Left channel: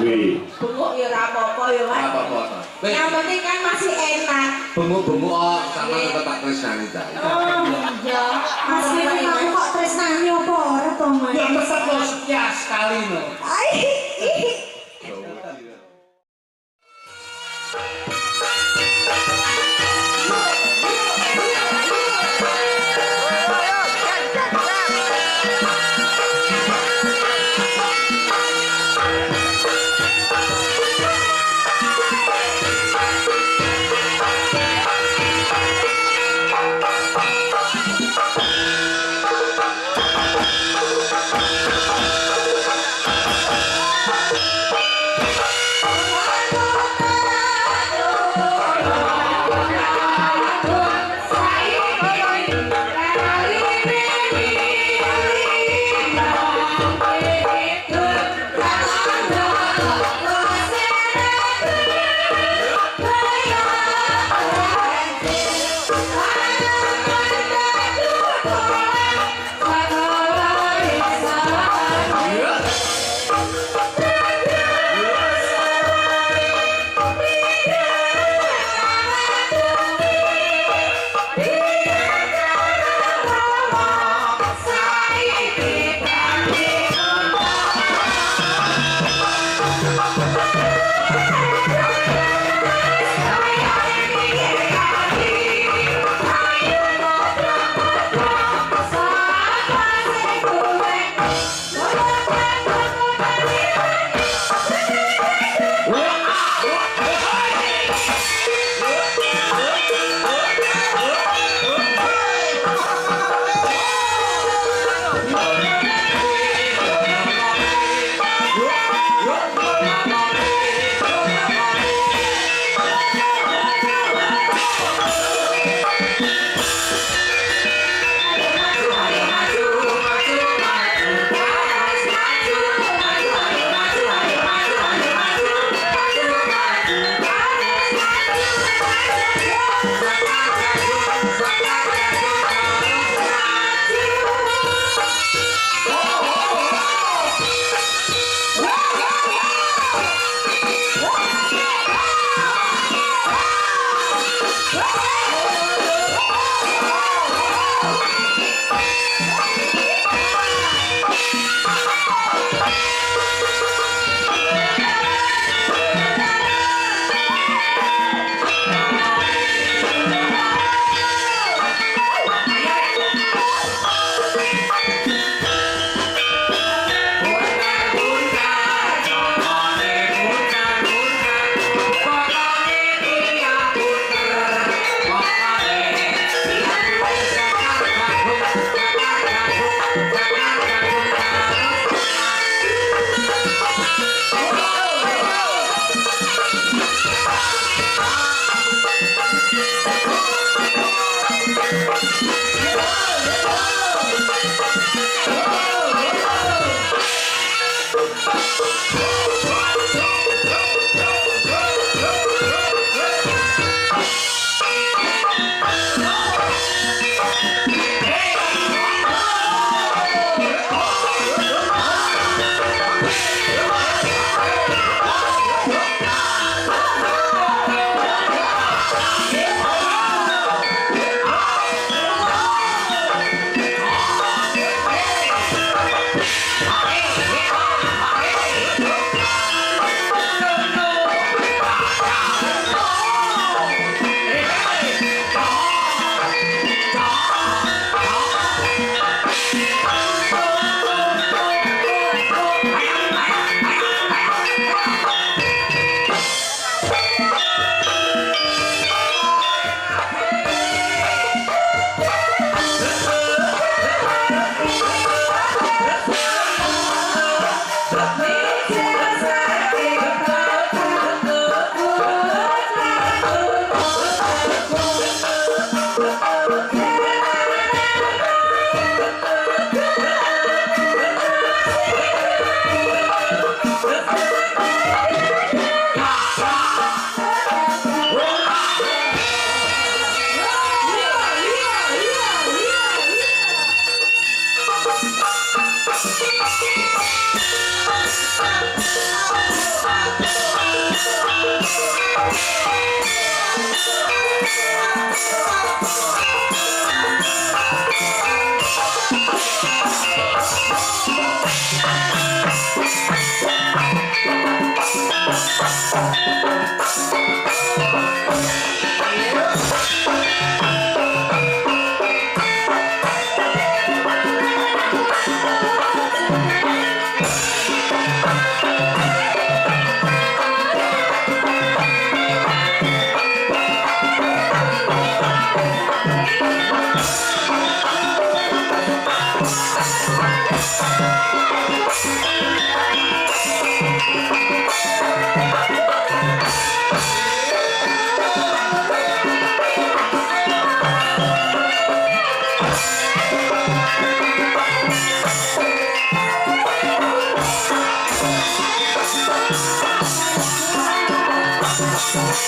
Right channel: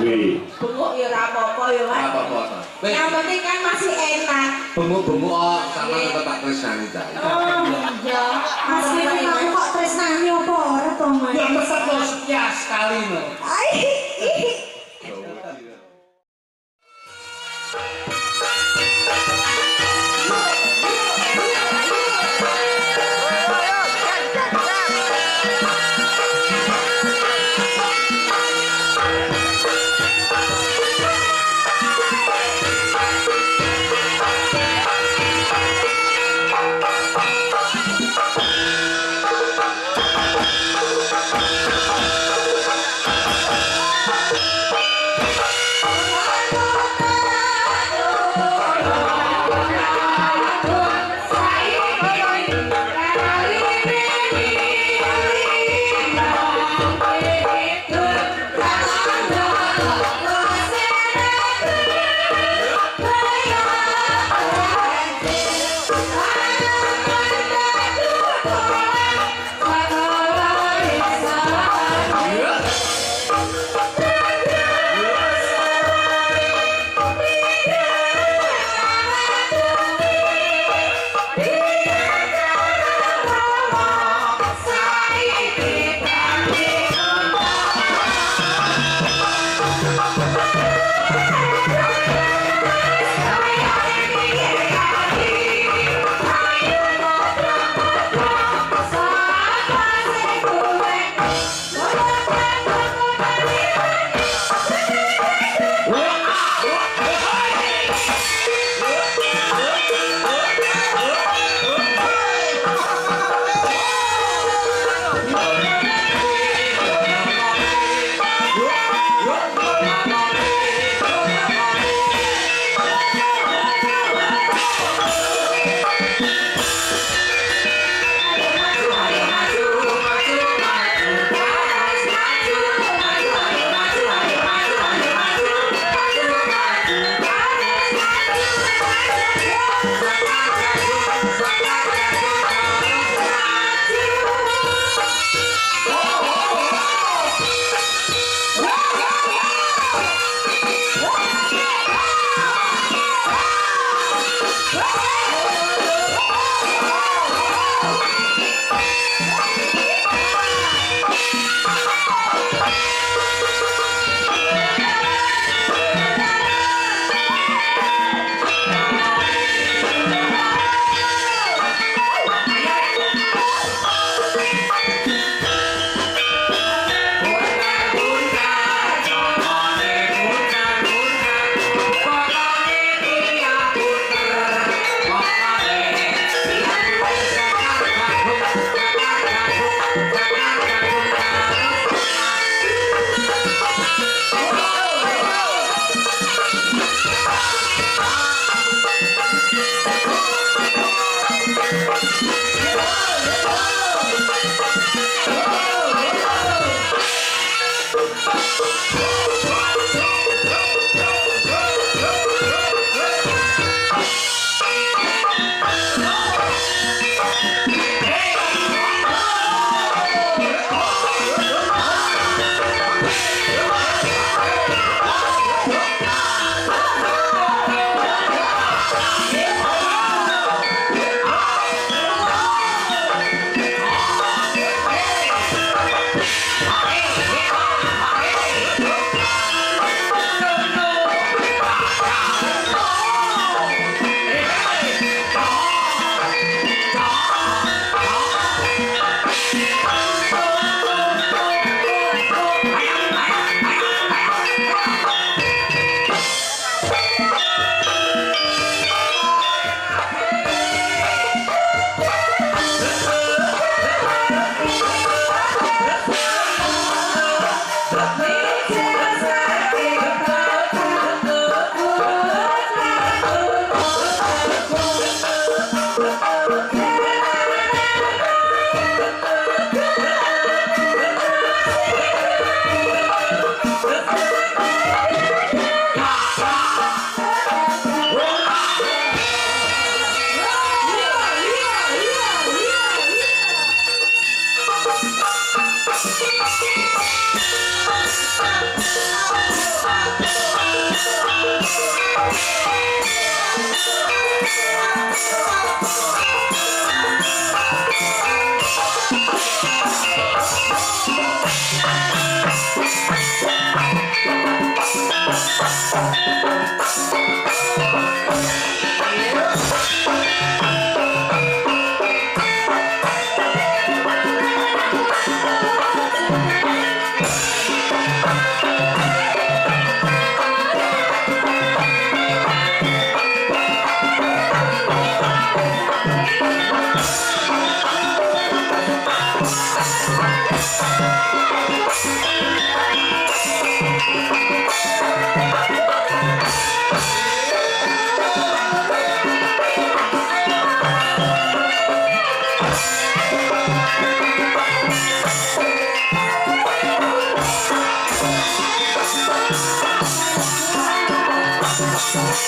Bengok ya ora apa-apa ya, Mas. Apa-apa. Yang penting kan masih enak. Bengok-bengok sama tetep tak tresnani ta. Oh, iya. Mas Wiwi kamu kok tresnani apa ora to, Mas? Ya tetep lo setia sekali lo. Ai.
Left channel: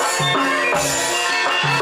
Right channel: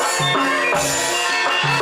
Hãy subscribe cho kênh Ghiền Mì Gõ để không bỏ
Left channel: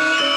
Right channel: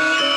lỡ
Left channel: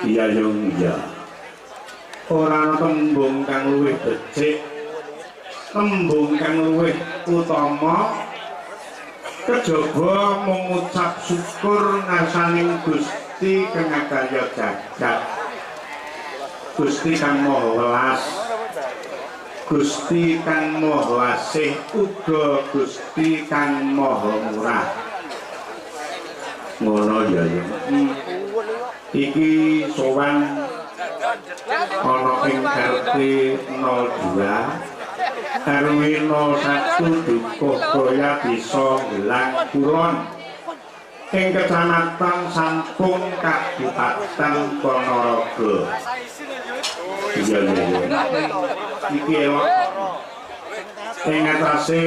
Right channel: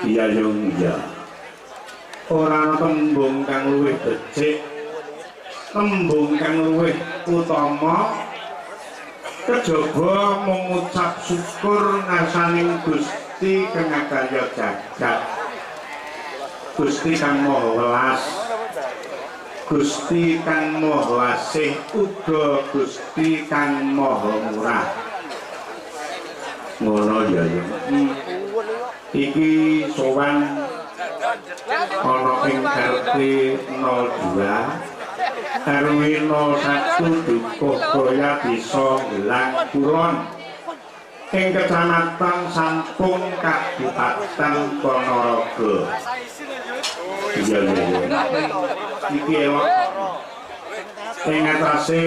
Iya yung iya. Ora tembung kang luwih becik, tembung kang luwih utama kejaba mengucap syukur ngasaning Gusti kang karya jagat. Gusti kang Maha Welas, Gusti kang Maha Wasih, uga Gusti kang Maha Murah. Ngono ya ya. Iki sowan ana ing RT 02 RW 01 Dukuh Kroya Desa Gelang Kulon ing Kecamatan Sampung Kabupaten Ponorogo. Iya iya iki elok ing atase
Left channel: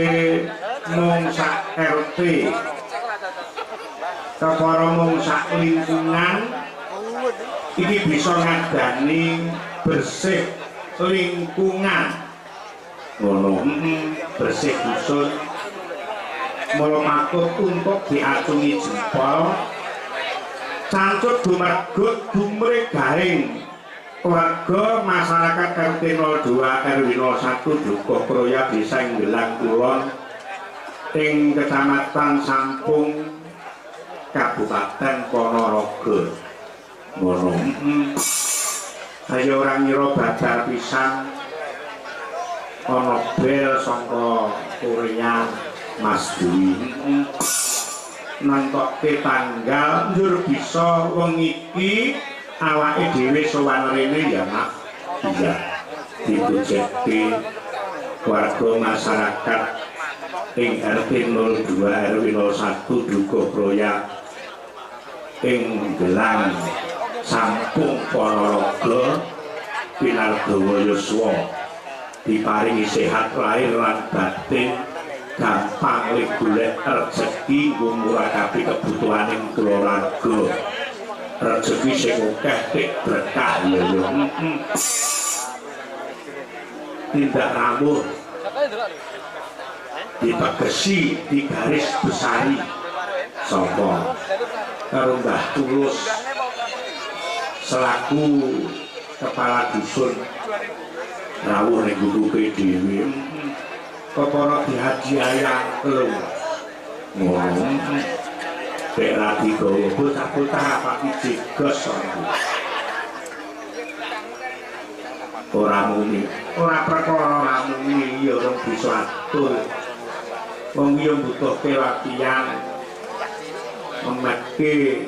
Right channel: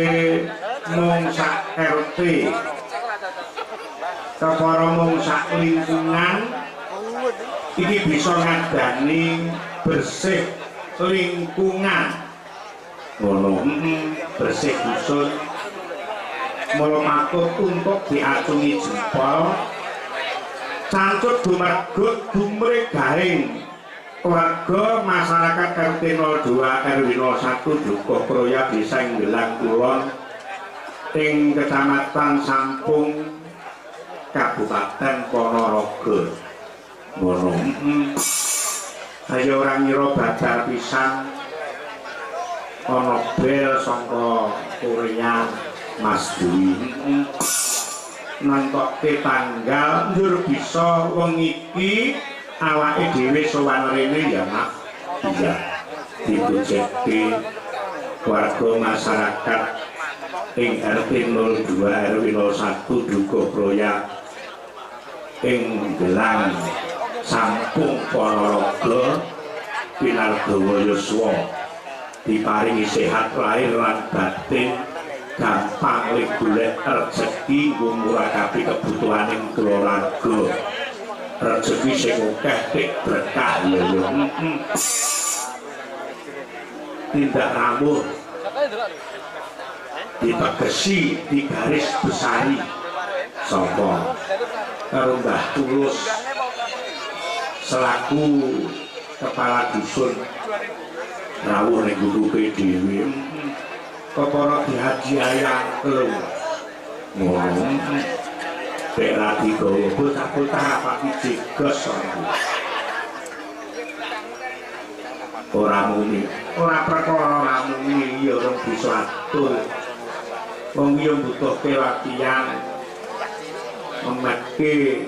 mung sak RT kepara mung sak lingkungan iki bisa ngadani bersih lingkungan ngono bersih dusun mula patut untuk diacungi jempol cancut dumargut gumregahing warga masyarakat RT 02 RW 01 Dukuh Kroya Desa Gelang Kulon ing Kecamatan Sampung Kabupaten Ponorogo. Ngono. Ayo ora ngira badar pisan ana bel saka Korea Mas Dwi. Nantoke tanggal njur bisa wong iki awake dhewe sowan rene ya Mak. Iya. Ditujekke warga masyarakat ing RT 02 RW 01 Dukuh Kroya ing Gelang Sampung Ponorogo pinardawa yuswa diparingi sehat lahir lan batin gampang ling golek rezeki ngumurah kabeh kebutuhaning keluarga. Rezeki sing akeh tik berkah ya. Tindak rambut ditegesi di garis besari sapa karo Mbah Tulus selaku kepala dusun rawuh ning guguke dhewe kepara dihadiahkan telu ngono nek lagi gawa bocah-bocah apa iki jegos ora muni ora perkara muni ya ora bisa atur wong yo butuhke latihan memetke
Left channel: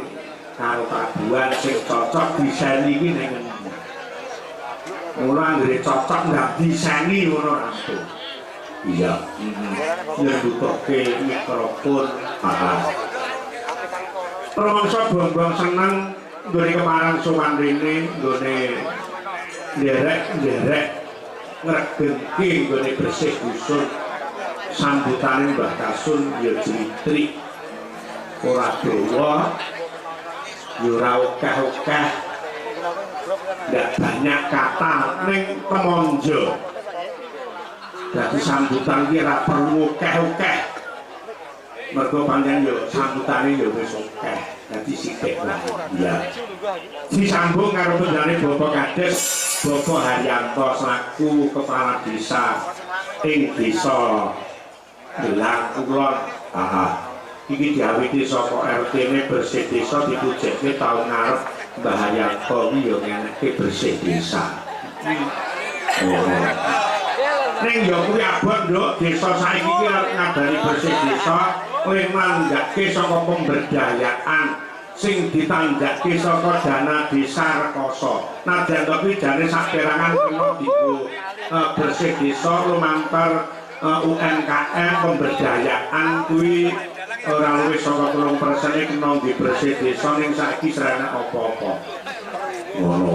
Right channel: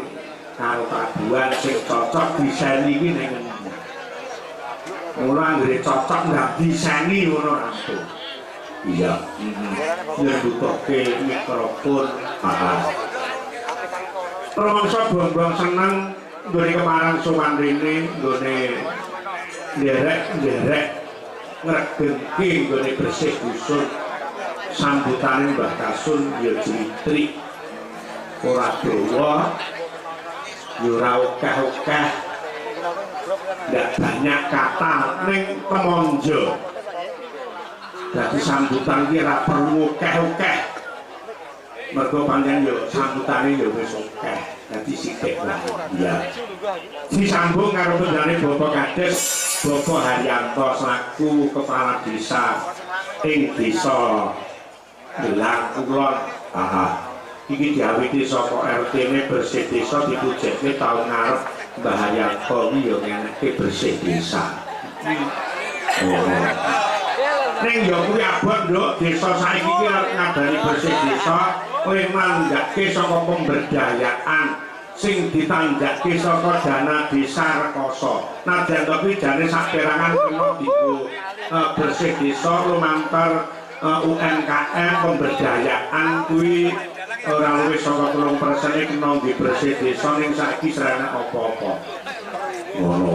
karo paduan sing cocok diseni iki ning mula anggere cocok ndak diseni ngono rampung iya yo butuhke mikrofon rumangsa bong-bong seneng nggone kemarang sowan rene nggone nderek ngregengke nggone bersih dusun sambutane Mbah Kasun ya jitrik ora dawa ya ora akeh-akeh ndak banyak kata ning kemonjo dadi sambutan iki ora perlu akeh-akeh mergo pancen yo sambutane yo wis akeh dadi sithik wae ya disambung karo pendane Bapak Kades Bapak Haryanto selaku kepala desa ing desa Delang Kulon iki diawiti saka RT-ne bersih desa dipujekne taun ngarep Mbah Haryanto iki yo ngeneke bersih desa ning yo kuwi abot nduk desa saiki iki arep ngabari bersih desa kowe manggake saka pemberdayaan sing ditanggake saka dana desa rekoso. Nadyan kuwi jane saperangan kena dienggo bersih desa lumantar UMKM pemberdayaan kuwi ora luwih saka 3% kena di bersih desa ning saiki serana apa-apa. Ngono.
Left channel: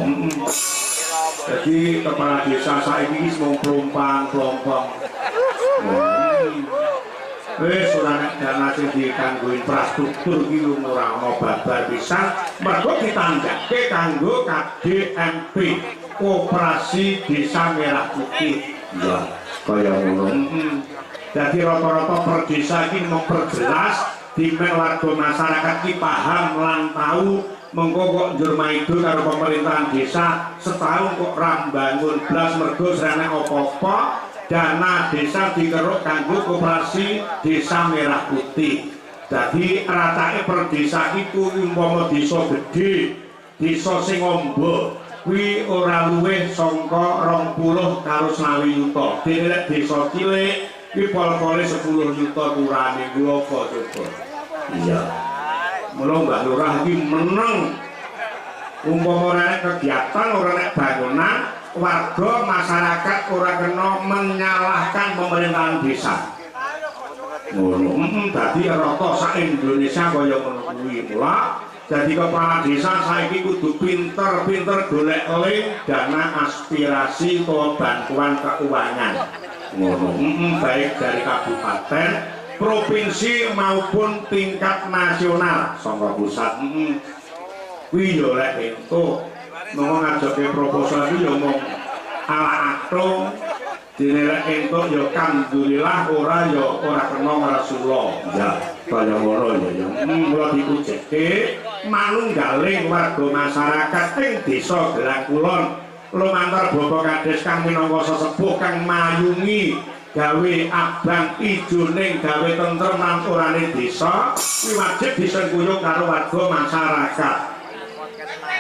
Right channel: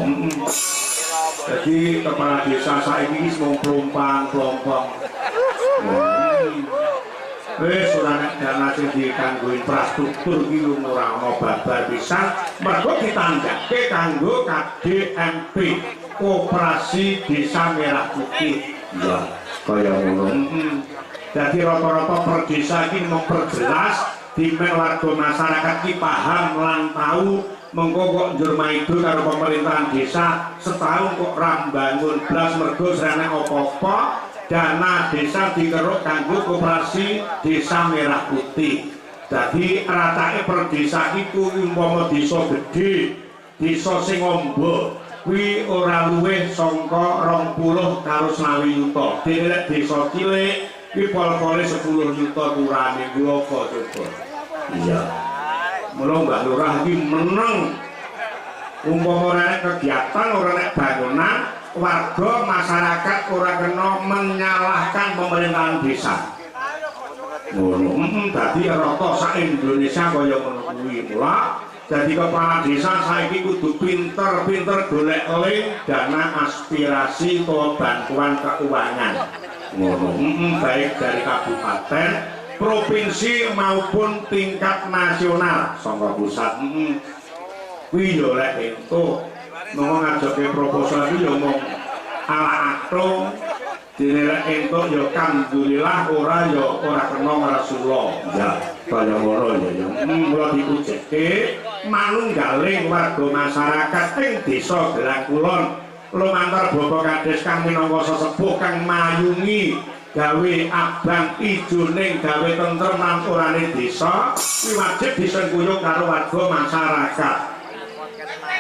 Jadi kepala desa saiki wis mung plompang-plompong. Wis ora nek dana sing dikanggo infrastruktur iki ora ana babar pisan, mergo ditanggake kanggo KDMP, Koperasi Desa Merah Putih. Ya, kaya ngono. Jadi rata-rata per desa iki memperjelas dimen warga masyarakat iki paham lan tahu mengko kok njur maido karo pemerintahan desa setahun kok ra mbangun blas mergo serene apa-apa dana desa dikeruk kanggo Koperasi Desa Merah Putih. Jadi ratake per desa iku umpama desa gedhe, desa sing amba kuwi ora luwih saka 20 karo 20 yuta. Dene desa cilik kuwi pol-pole 10 yuta kurane kuwi apa coba. Iya. Mula Mbah Lurah iki meneng umpama ora nek kegiatan ora nek bangunan warga masyarakat ora kena menyalahkan pemerintahan desa. Ngono. Dadi rata sak Indonesia kaya ngono kuwi. Mula dadi kepala desa saiki kudu pinter-pinter golek link dana aspirasi utawa bantuan keuangan. Ngono. Baik dari kabupaten, provinsi maupun tingkat nasional saka pusat. Kuwi yo lek entuk mau ngajoke proposal iki yo mung ala akto dinilai entuk yo alhamdulillah ora yo ora kena ngrasula ya kaya ngono ya mula dipujeke manunggaling warga masyarakat ing desa Delang Kulon lumantar Bapak Kades kang minangka sesepuh kang mayungi gawe abang ijoning gawe tentrem lan orane desa kuwi wajib disengkuyung karo warga masyarakat.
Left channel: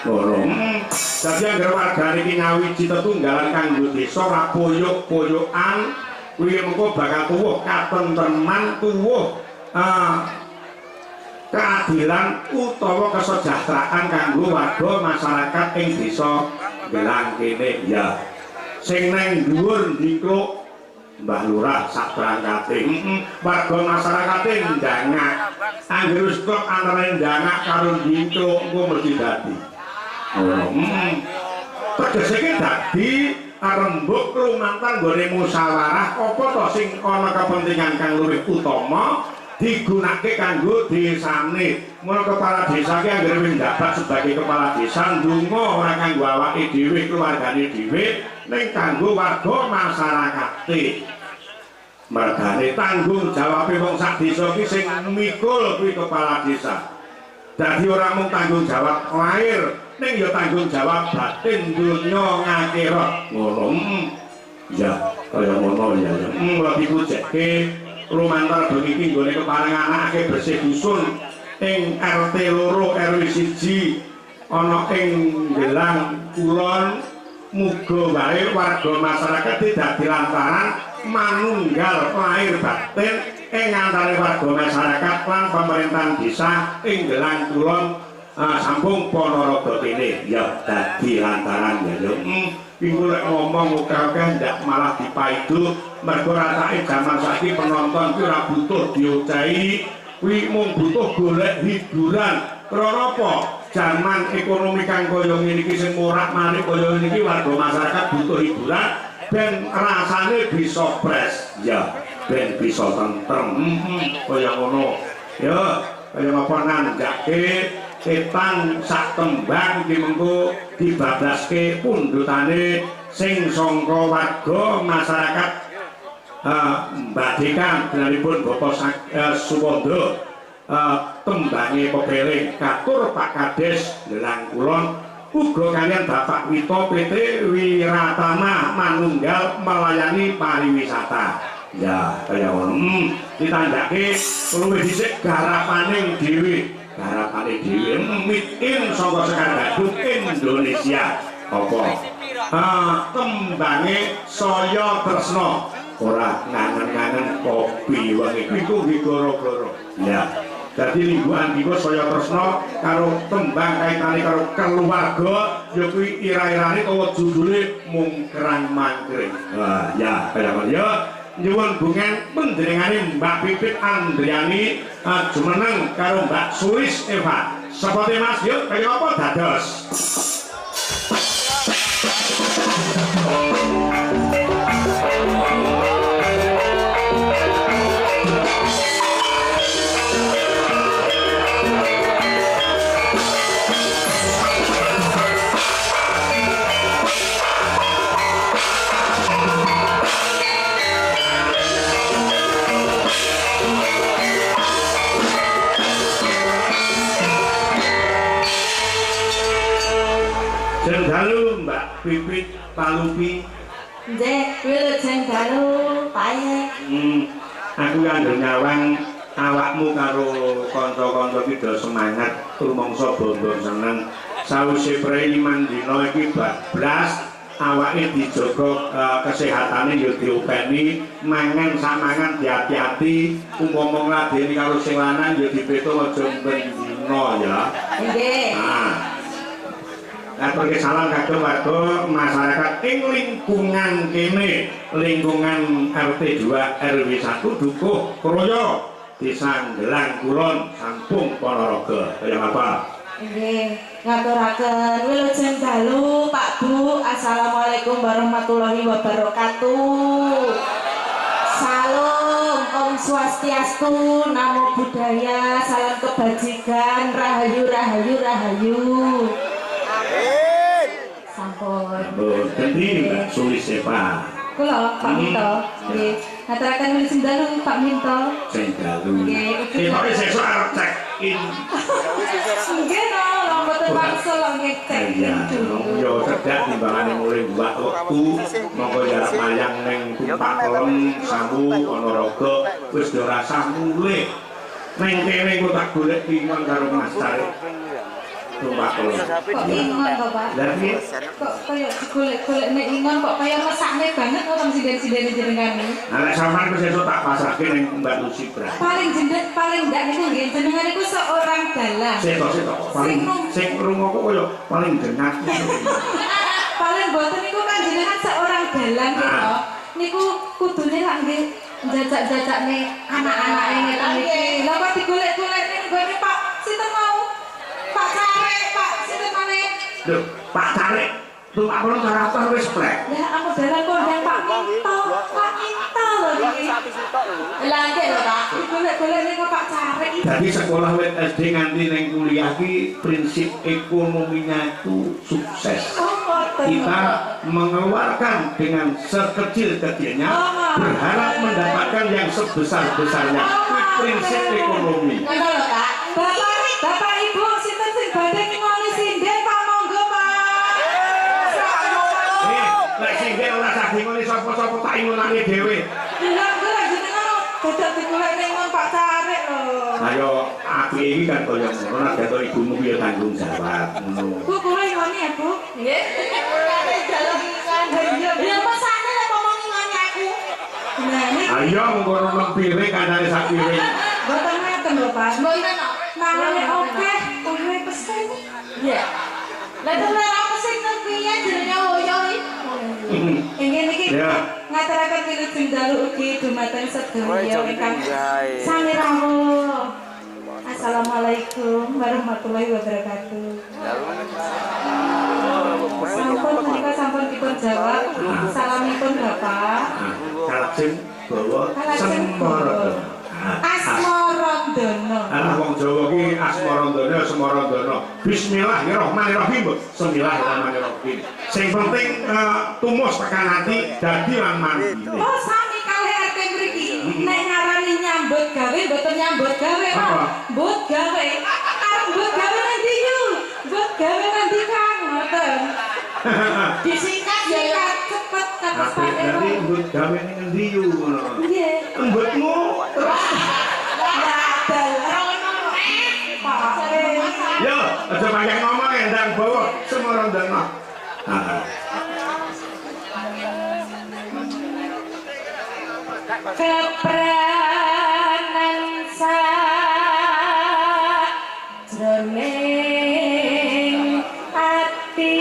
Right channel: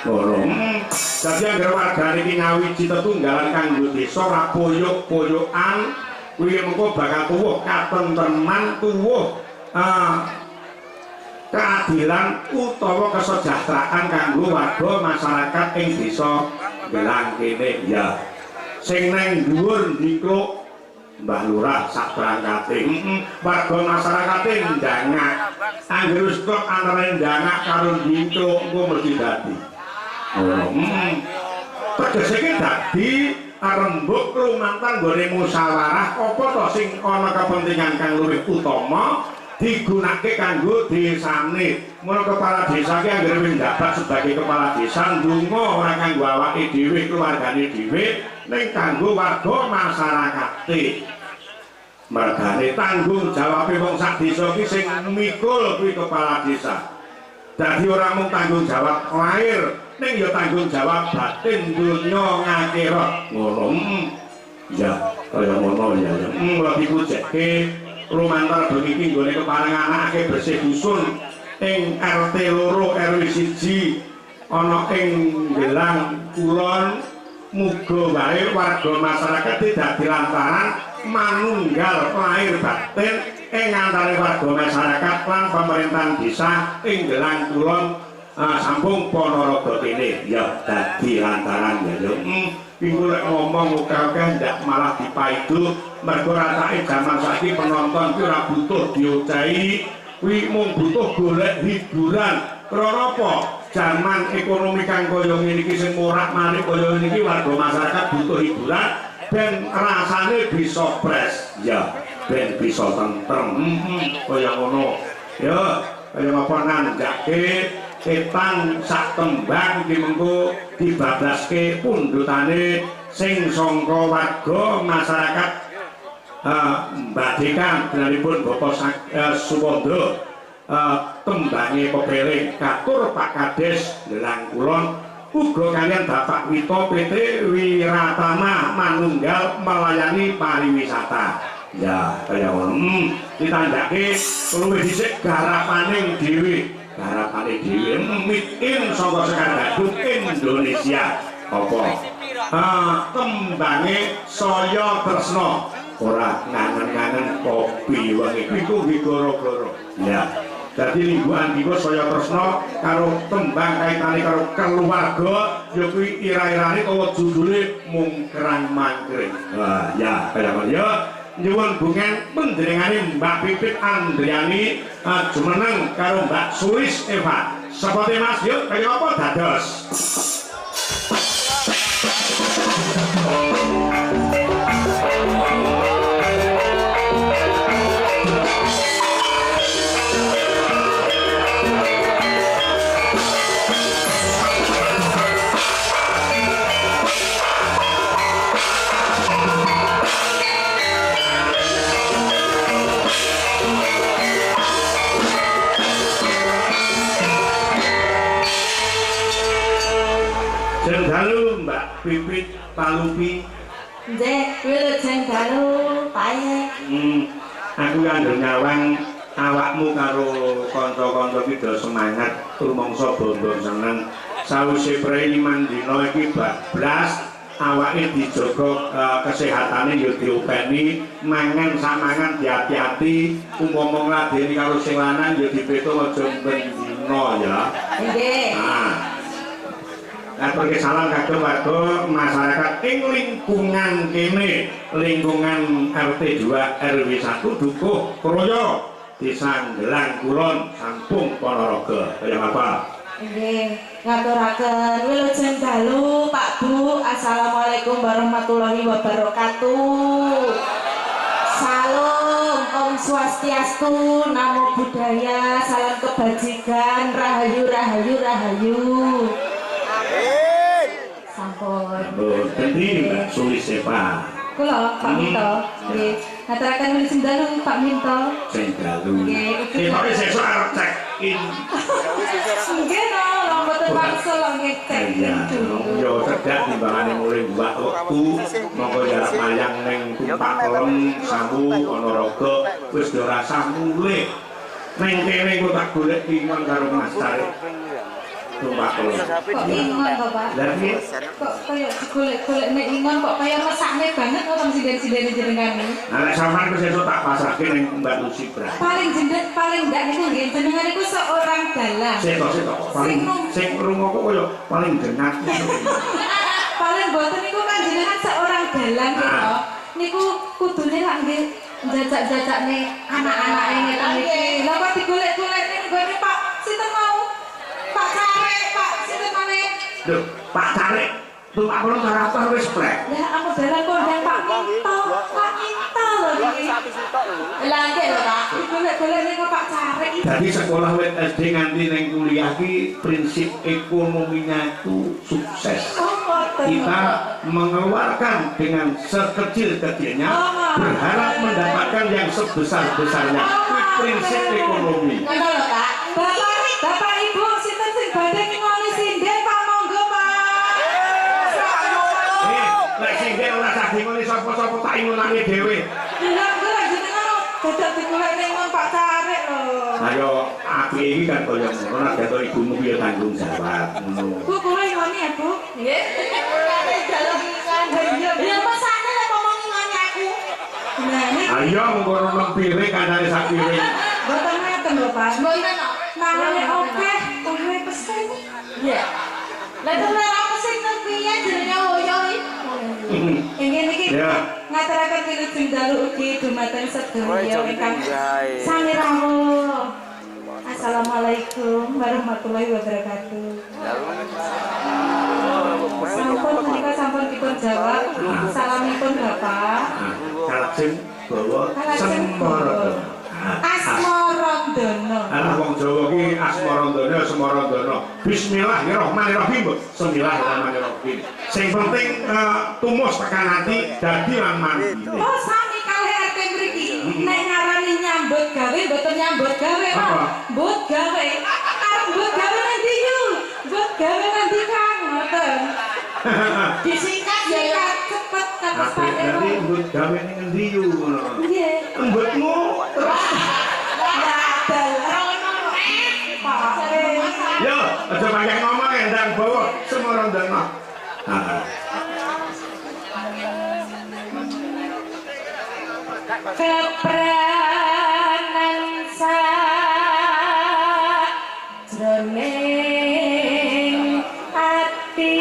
Dadi anggere wargane iki ngawiji tetunggalan kanggo desa ora poyok-poyokan kuwi mengko bakal tuwuh katentreman tuwuh keadilan utawa kesejahteraan kanggo warga masyarakat ing desa Delang kene ya. Sing nang dhuwur niku Mbah Lurah sak berangkate warga masyarakate ndangak anggere wis kok antara ndangak karo ndingkluk engko mesti dadi tegese iki dadi rembug lumantar nggone musyawarah apa to sing ana kepentingan kang luwih utama digunakake kanggo desane. Mula kepala desa ki anggere wis njabat sebagai kepala desa ndonga ora kanggo awake dhewe keluargane dhewe ning kanggo warga masyarakate. Mergane tanggung jawabe wong sak desa ki sing mikul kuwi kepala desa. Dadi ora mung tanggung jawab lahir ning ya tanggung jawab batin dunya ngakhirat. Ngono. Ya, kaya ngono ya. Lagi kuceke lumantar bengi iki nggone keparenganake bersih dusun ing RT 2 RW 1 ana ing Gelang Kulon. Muga wae warga masyarakat dadi lantaran manunggal lahir batin ing antara warga masyarakat lan pemerintahan desa ing Gelang Kulon Sampung Ponorogo kene ya dadi lantaran ya yo. Iku lek ngomong oke-oke ndak malah dipaidu mergo rasane jaman saiki penonton ki ora butuh diocahi, kuwi mung butuh golek hiburan. Krana apa? Jaman ekonomi kang kaya ngene iki sing morak-marik kaya ngene iki warga masyarakat butuh hiburan ben rasane bisa pres. Ya, ben bisa tentrem. Kaya ngono. Ya, kaya apa nandhake Etan sak tembang iki mengko dibablaske pundutane sing sangka warga masyarakat Mbadikan denanipun Bapak Suwondo tembange pepeling katur Pak Kades Gelang Kulon uga kalian Bapak Wito PT Wiratama manunggal melayani pariwisata. Ya kaya ngono. Ditandhake luwih dhisik garapaning dhewe. Garapane dhewe mitin saka Sekar Gadung Indonesia. Apa? Tembange saya tresna. Ora ngangen-ngangen kopi wae iku nggih goro-goro. Ya. Dadi lingguhan iki saya tresna karo tembang kaitane karo keluarga ya kuwi ira-irane utawa judule mungkrang mangkring. Wah, ya kaya ngono ya. Nyuwun bungan panjenengane Mbak Pipit Andriani jumeneng karo Mbak Sulis Eva. Seperti Mas yuk kaya apa dados? Dalu Mbak Pipit Palupi. Nggih, wilujeng dalu pae. Aku kandha nyawang awakmu karo kanca-kanca ki do semangat rumangsa bondo seneng. Sawise prei 5 dina iki bablas awake dijaga kesehatane ya diopeni, mangan samangan diati-ati, umpama ngladeni karo sing lanang ya dipeto aja ben dina ya. Nggih. Pergi salam kagem warga masyarakat ing lingkungan kene, lingkungan RT 2 RW 1 Dukuh Kroyo Desa Gelang Kulon Sampung Ponorogo. Kaya apa? Nggih, ngaturaken wilujeng dalu Pak Bu. Assalamualaikum warahmatullahi wabarakatuh. Salam Om Swastiastu, Namo Buddhaya, salam kebajikan, rahayu rahayu rahayu. Sampun. Dadi Mbak Sulis Eva. Kula Pak Minto. Nggih. Ngaturaken wilujeng dalu Pak Minto. Sing dalu. Nggih, Ketoke sesuk arep check in. Nggih no, lho mboten wangsul nggih cek dulu. Yo cedak timbangane mulai mbak wektu monggo jarak mayang ning Tumpak Kelem Sambu Ponorogo wis ora rasa mulih. Ning kene kok tak golek ingon karo Mas Tarik. Tumpak Kelem. Kok ingon kok Pak? Lah piye? Kok kaya digolek-golek nek ingon kok kaya mesakne banget kok teng sinden-sindene jenengan iki. Nah nek sampean wis esuk tak pasrahke ning Mbak Lucy Bra. Paling ndak niku nggih jenengan iku seorang dalang. Setok sing rungoku kaya paling dengat. Paling boten niku kan jenengan seorang dalang gitu. Niku kudune lak nggih njajak-jajakne anak-anake ngeten iki. Lah kok digolek-golek ning nggone Pak sinten mau? Pak Carek, Pak sinten maneh? Lho, Pak Carek. Tupak kono karakter wis plek. Ya aku dalan kondang Pak Minto lho iki. Lah nggih lho Pak. Golek-golek niku Pak Carek iki. Jadi sekolah wit SD nganti ning kuliah ki prinsip ekonominya itu sukses. Kita mengeluarkan dengan sekecil-kecilnya berharap mendapatkan yang sebesar-besarnya. Itu prinsip ekonomi. Ngono lho Kak. Bapak Ibu sinten sing badhe ngoni sinden Pak monggo Pak. Nek sinden ora saking ngene sapa-sapa tak ingunake dhewe. Lha kok jenengan dadak digolek ning Pak Carek lho. Ayo apike iki kan kaya ngono nek dadak ibumu piye tanggung jawab ngono. Bu kula ngoni ya Bu. Nggih. Dalam ya pasane lek ngomong ngene aku. Nah ini Ayo ngono nang piring kanane sak piring. boten ngeten lho Pak. Mboten kok. Mangane oke, kowe pesen. Iya. Lah terus ora mesti piye jenenge hoyo iki. Ingin iki Ya. ngaturaken wilujeng dalu ugi dumateng sedaya ingkang sami rawuh. Assalamualaikum warahmatullahi wabarakatuh. Sampun menika sampun dipun jawab. Salamipun Bapak. Kalajeng bawa semoro. Asmarandono. Anak wong Jawa ki asmarandono semarandono. Bismillahirrahmanirrahim. Bismillahirrahmanirrahim. Sing penting tumus tekan ati dadi lan mandi. Oh sami kalih RT mriki. Nek ngarani nyambut gawe mboten nyambut gawe, Pak. Apa? Mbut gawe. Arep mbut gawe nanti yu. Mbut gawe nanti Kang ngoten. Disingkat ya ya. Cepet kados Apik Pak Ero. dadi mbut gawe ning endi yu ngono. Nggih. Mbutmu terus Wadal. Pak. yo aja banyak ngomong endang bawa semarandono. Kepranan sajroning ati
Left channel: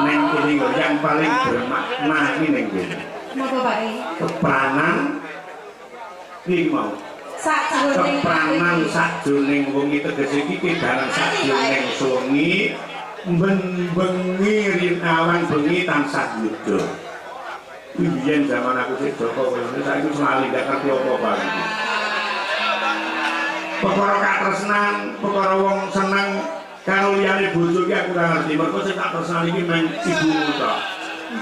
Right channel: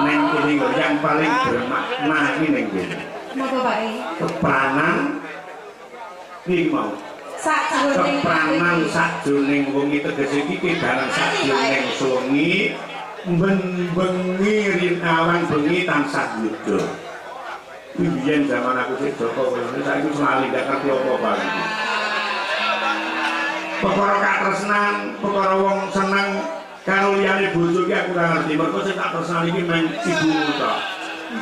Neng kene kok yang paling bermakna iki ning kene. Napa Pak? Kepranan iki mau. Sajroning Kepranan sajroning wengi tegese iki kedaran sajroning wengi bengi rinawan bengi tansah yuda. Biyen zaman aku sik Joko koyo ngene saiki selali gak ngerti apa-apa iki. Perkara katresnan, perkara wong seneng karo liyane bojo ki aku ora ngerti. Mergo sing tak tresnani iki mung ibumu tok.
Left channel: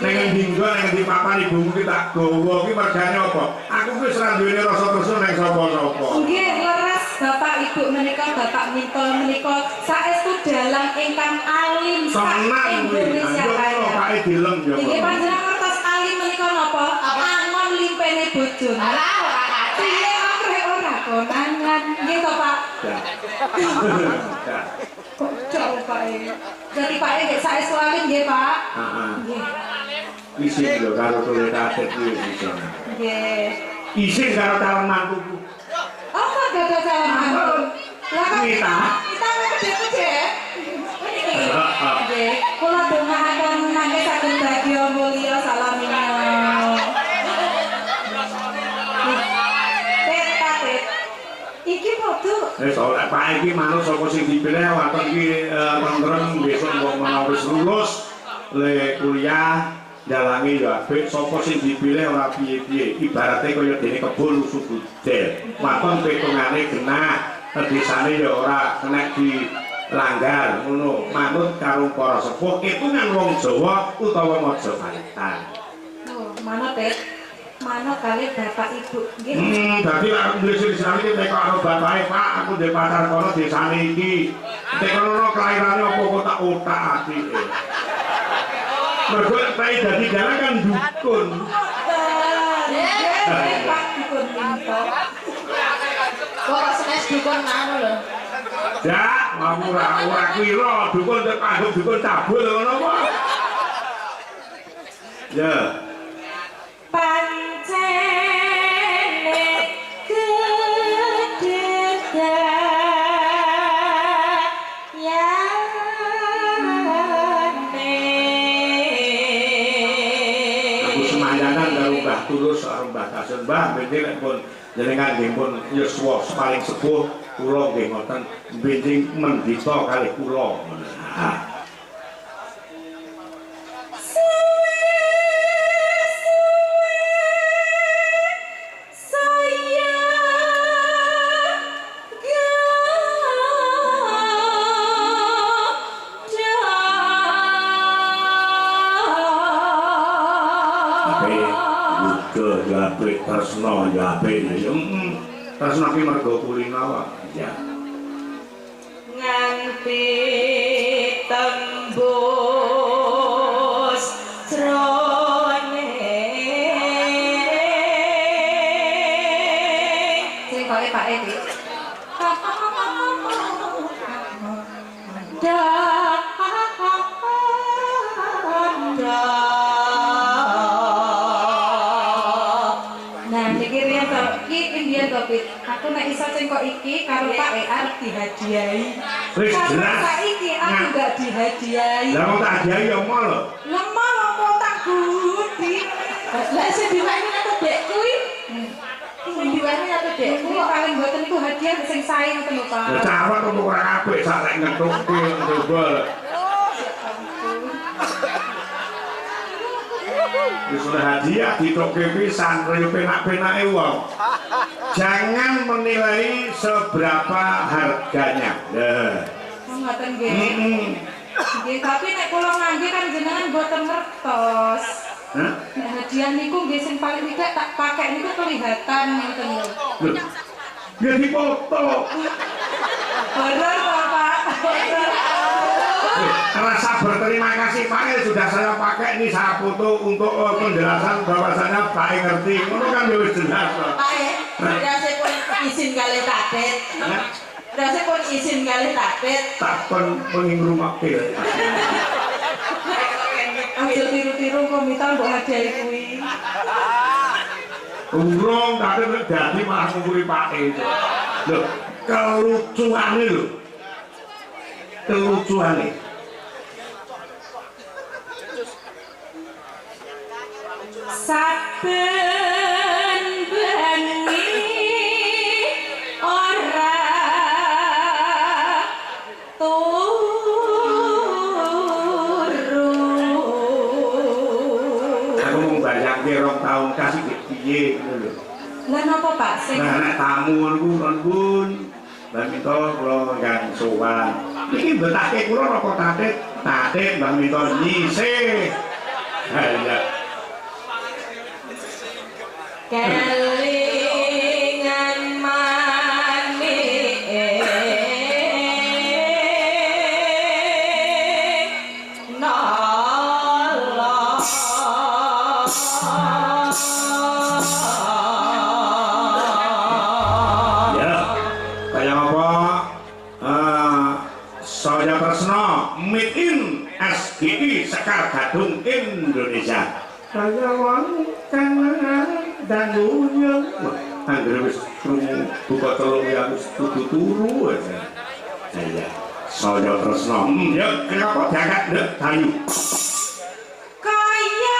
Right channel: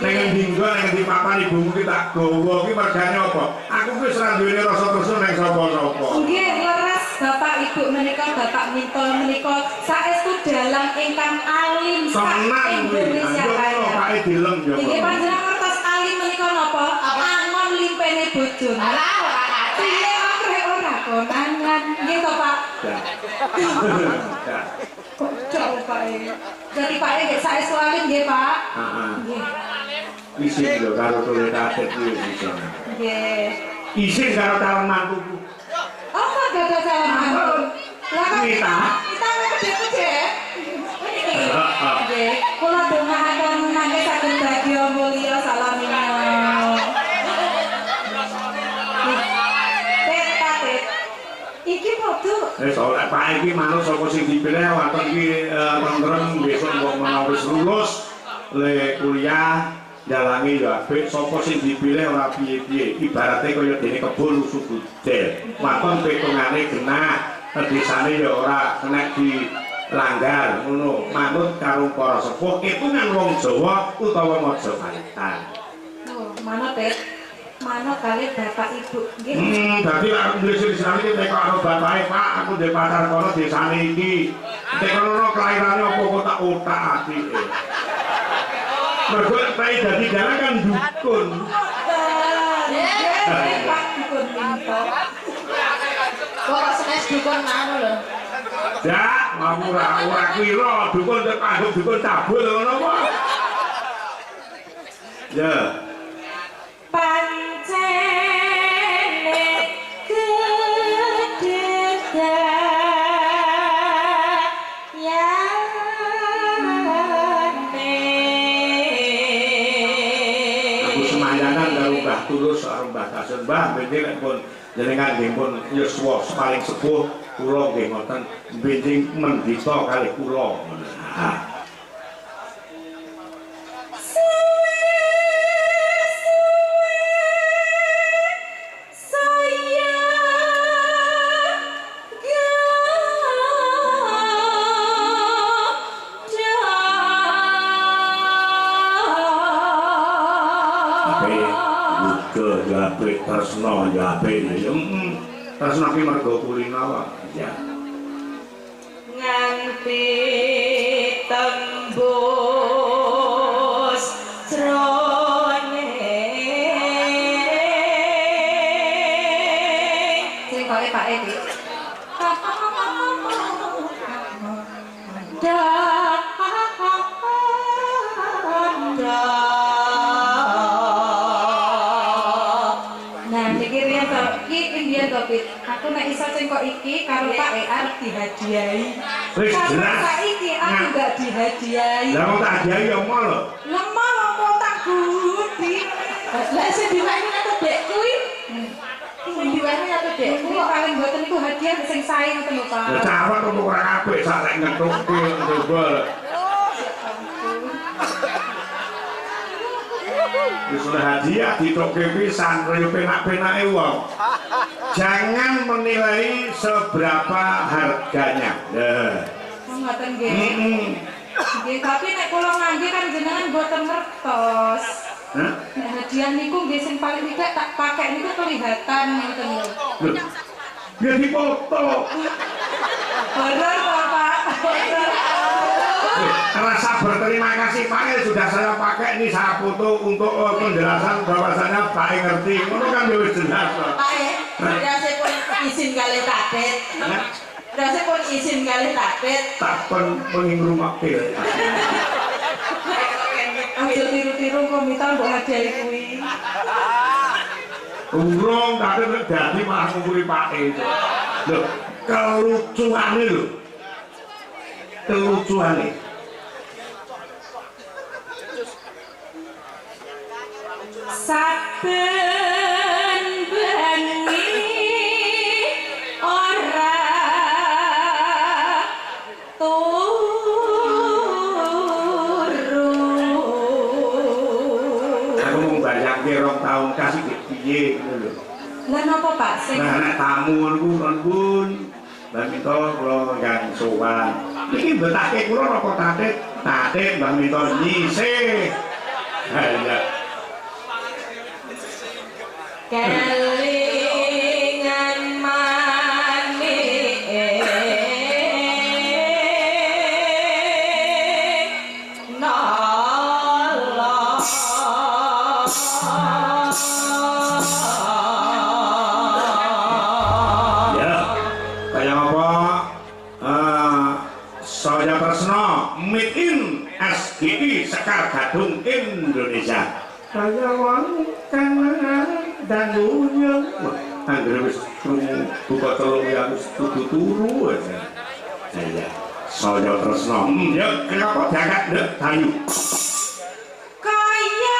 Ning endi nggon ning endi papan ibumu ki tak gawa ki mergane apa? Aku wis ora duweni rasa tresna ning sapa-sapa. Nggih, leres Bapak Ibu menika Bapak Minto menika saestu dalang ingkang alim sak Senang kuwi. Indonesia Ayo Raya. Pak dilem yo. Nggih panjenengan ngertos alim menika napa? Angon limpene bojone. Alah ora kate. Piye akrek ora konangan. Nggih to Pak? Ya. Kok jauh Pak E? Jadi Pak E nggih saestu alim nggih Pak? Heeh. Nggih. Isin lho karo tole kadet kuwi isin. Nggih. Isin karo calon mantuku. Apa gada calon mantu? Lah kan Kita. kita gede-gede. Nggih, kula dongaaken mangke saged bagya mulya salamina. Tet. Iki foto. Wis ora Pak iki manut sapa sing dipilih wonten iki tentrem besok wong menawa wis lulus le kuliah jalangi ya apik sapa sing dipilih ora piye-piye ibarate kaya dene kebon usuk budel waton petungane genah desane ya ora kena dilanggar ngono manut karo para sepuh itungan wong Jawa utawa Majapahit. Oh, mana Tet? Mana kali Bapak Ibu nggih? Dadi lek aku nulis di sana iki nek karo bapake Pak aku ndek pacar kono desane iki. Nek kono kelairane apa kok tak otak atike. Mergo pai dadi dalan kan dukun. Nggih, Pak Dukun Minto. Kok senes dukun anu lho. Ya, ora kira dukun tek anggap dukun cabul ngono apa? Ya. Pancene semayanan karo Mbah Tulus karo Mbah Kasun. Mbah benjing nek pun jenengan nggih pun yuswa paling sepuh kula nggih ngoten benjing mendita kalih kula. Tresno ya ape tresno ki mergo kulina wae ya nganti tembus jroning sing kok Pak iki aku nek iso sing kok iki karo Pak arep dihadiahi. Wis Karena jelas. saiki aku gak dihadiahi. Lah wong tak hadiahi ya mau lho. Lemah apa tak budi. lah sing diwani atau dek kuwi sing diwani atau dek Iku paling mboten iku hadiah sing sae ngoten lho Pak. Ya cawet kok ora apik sak lek ngetuki coba. Wis oleh hadiah ditokke pisan kaya penak-penake wong. Jangan menilai seberapa harganya. Ngoten nggih. Nggih, tapi nek kula ngangge kan jenengan mboten ngertos. Hah? Nek hadiah niku nggih sing paling tidak tak pakai niku kelihatan ngoten lho. Loh. Ya dipoto. Bener kok Pak. Bener. Rasa berterima kasih Pak sudah saya pakai ini saya foto untuk penjelasan bahwasanya Pak ngerti. Ngono kan ya wis jelas. Pak berasa pun izin kali tadet berasa pun izin kali tadet Tak pengin rumah pil. Ayo tiru-tiru kok minta mbok hadiahi kuwi. Urung tapi dadi malah ngumpuli Pak itu. Lho, kelucuane lho. Kelucuane. Saben bengi ora turu. Aku mau bayangke 2 tahun kasih piye ngono lho. Lah napa Pak sing Nah, nek tamu niku nuwun. Lah minta kula kang sowan. Niki betake kula napa tatit? Tatit Mbah minta nyisih. Ha iya. kelingan manik nolong Ya, kaya apa? Saya Tresno Meet in SGI Sekar Gadung Indonesia. Kaya wong kang dangunya. Anggere wis krungu buka telung ya wis kudu turu aja. Iya, saya Tresno. Ya, kenapa diangkat ndek Dayu? kaya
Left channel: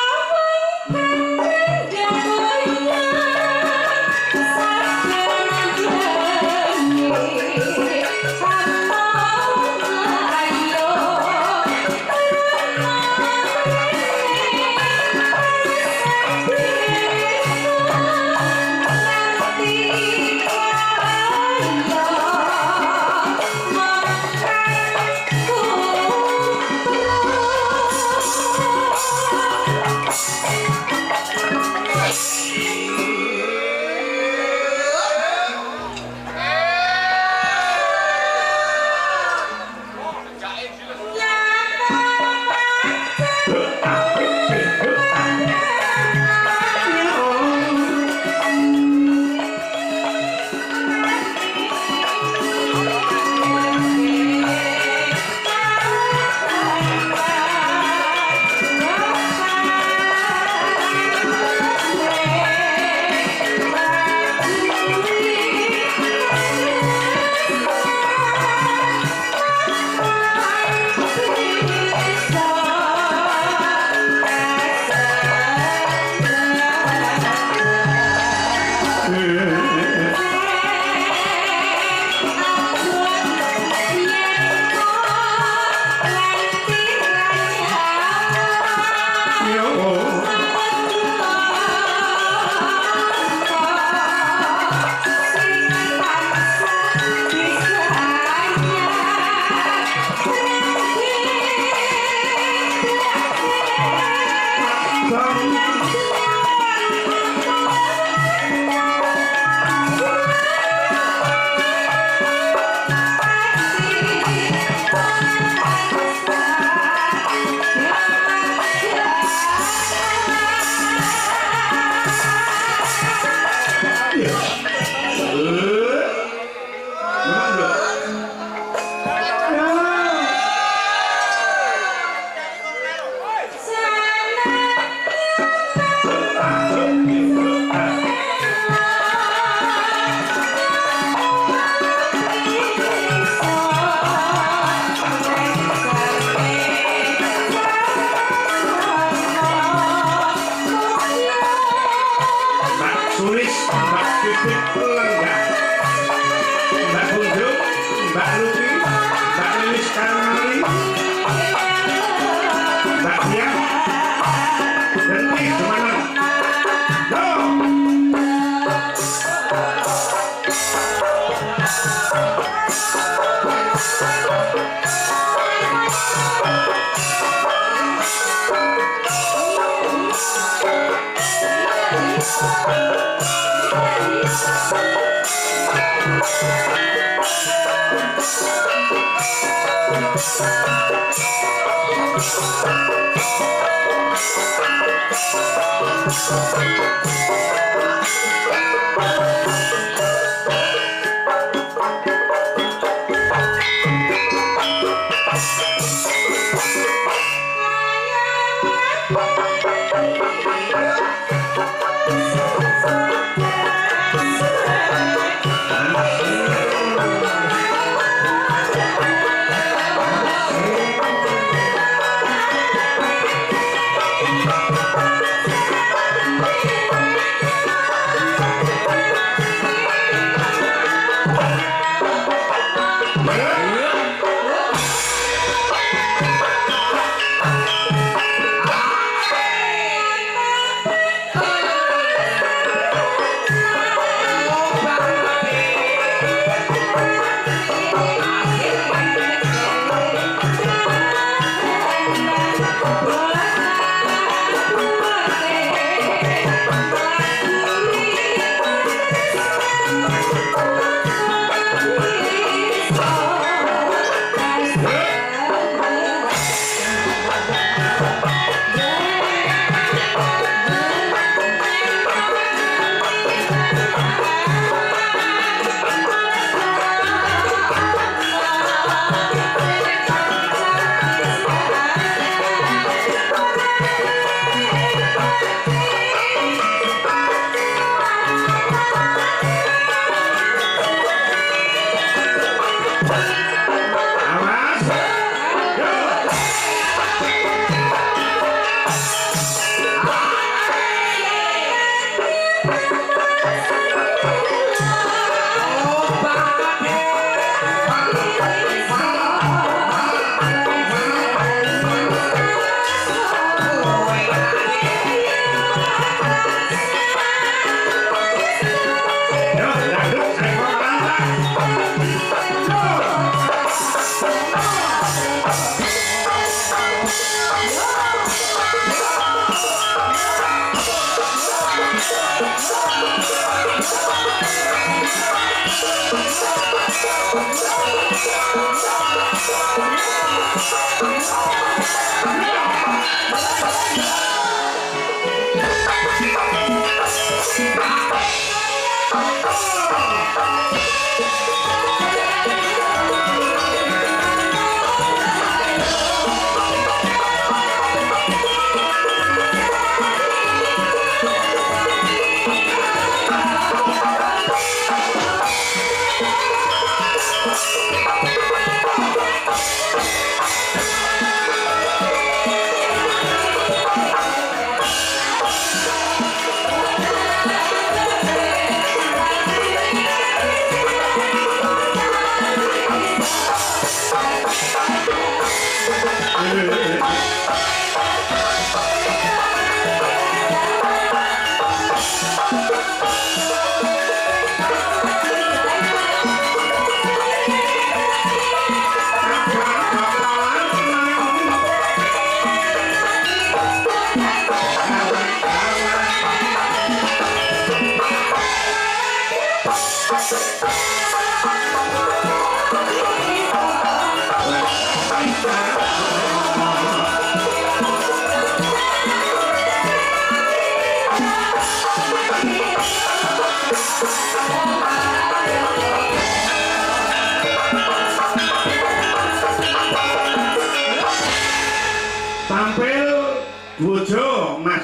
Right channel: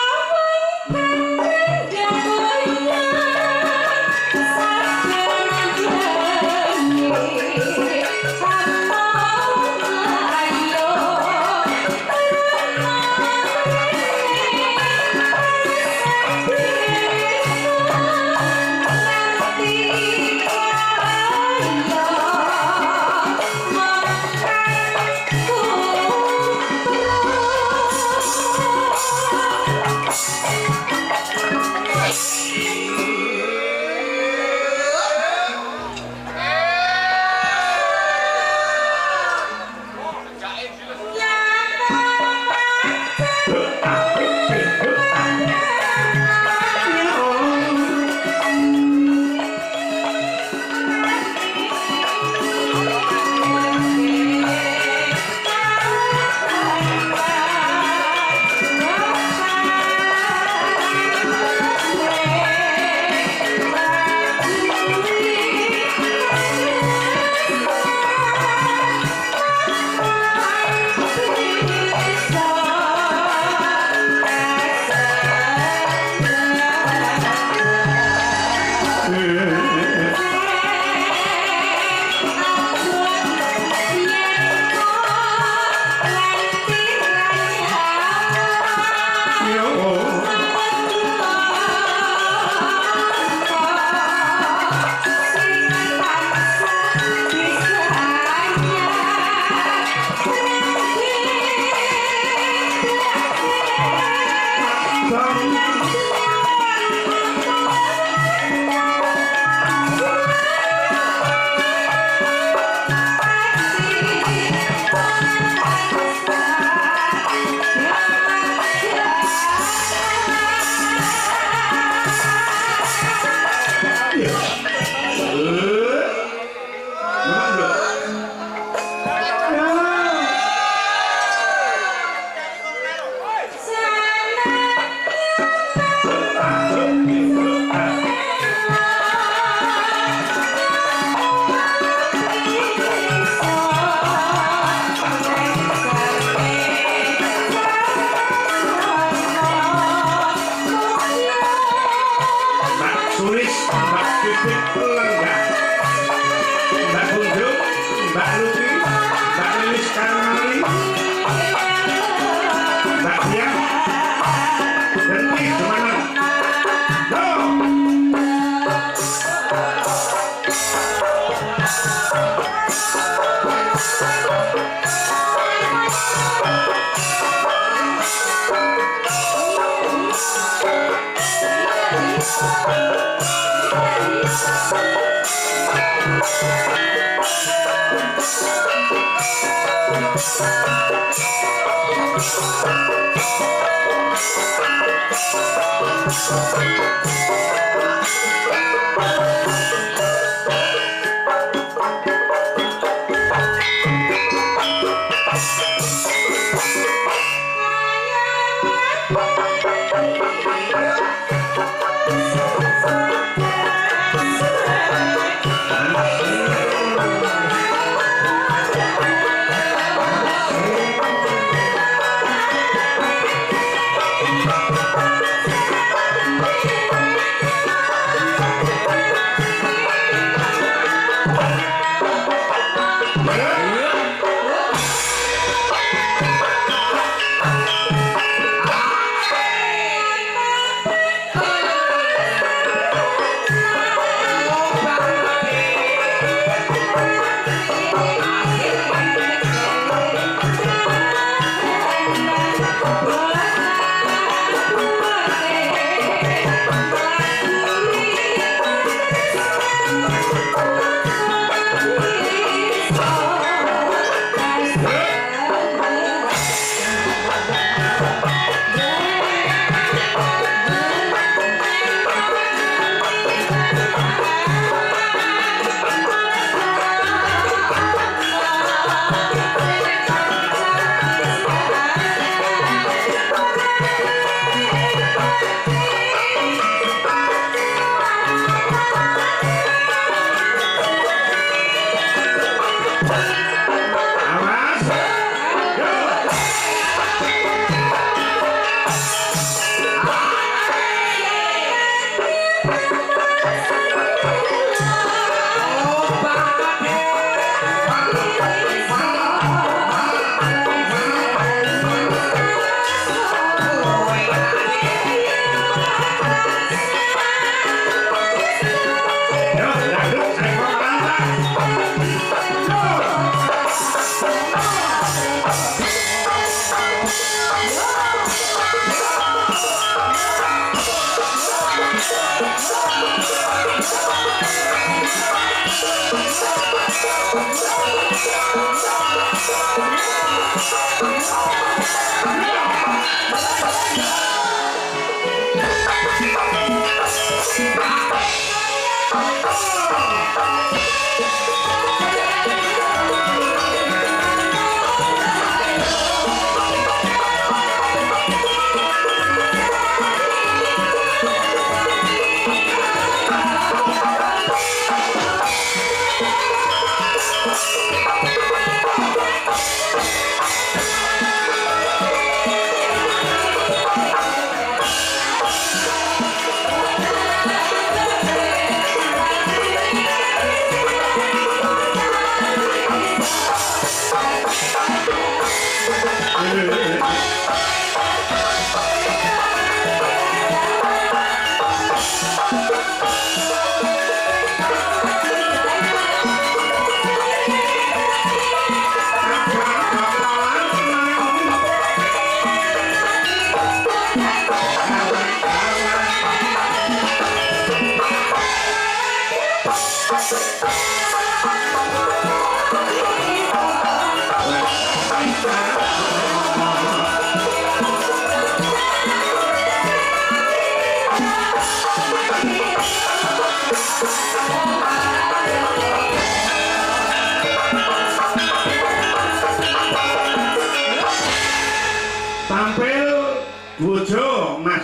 monggo Mas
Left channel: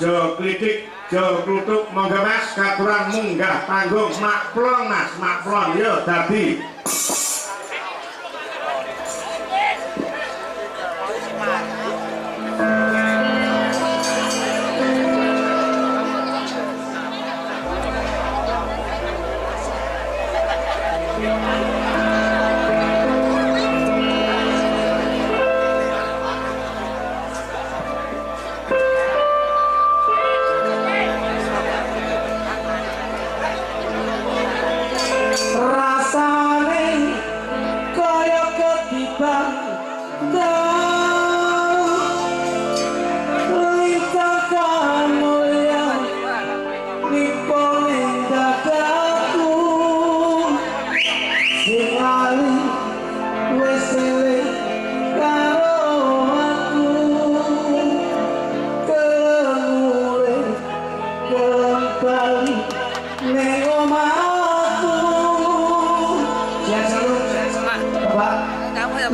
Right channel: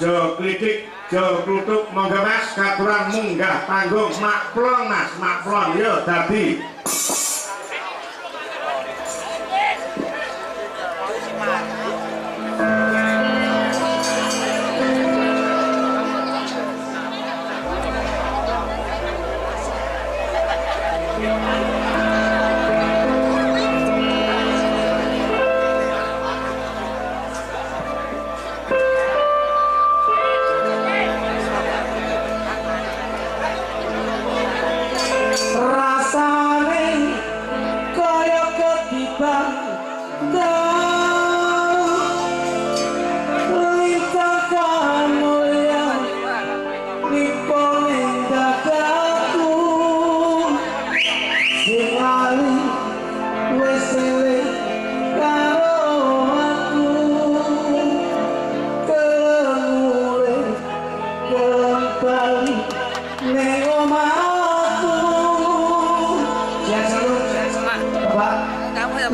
Jo Klitik Jo Klutuk monggo Mas katuran munggah panggung maklon Mas maklon yo dadi rasane kaya ketiban lintang kamulya nipone dadaku sing lali wis eling karo aku kemule kembali ning omahku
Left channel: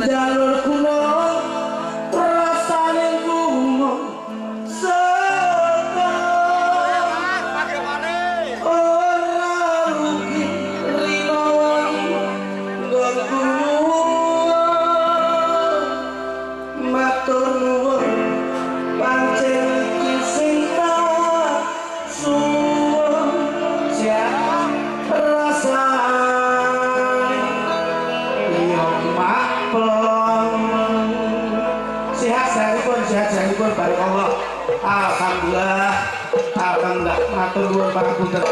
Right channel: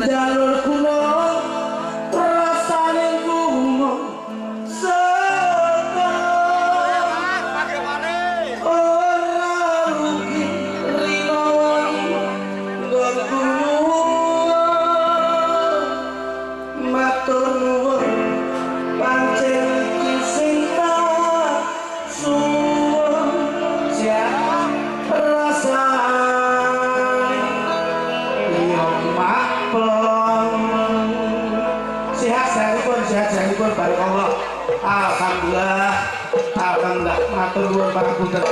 jalur gunung rasane gunung seka ora rugi rino nggon gunung matur nuwun pancen iki sing tak suwun jan rasane yo maklon sehat-sehatipun barakallah alhamdulillah matur nuwun pangapunten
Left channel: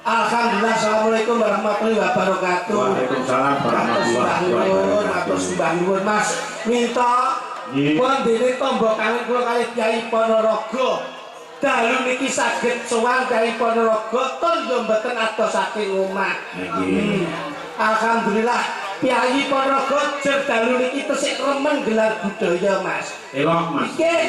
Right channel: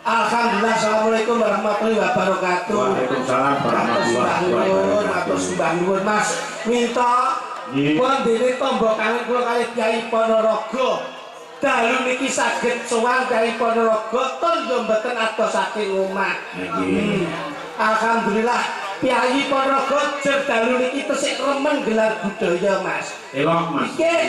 Alhamdulillah, assalamualaikum warahmatullahi wabarakatuh. Waalaikumsalam warahmatullahi wabarakatuh. Matur sembah nuwun Mas. Minta Nggih. pun dene tombo kangen kula kali Kyai Ponorogo. Dalu niki saged sowan Kyai Ponorogo tur yo mboten adoh saking omah. Nggih. Alhamdulillah Kyai Ponorogo jer dalu niki tesih remen gelar budaya Mas. Elok Mas. Nggih,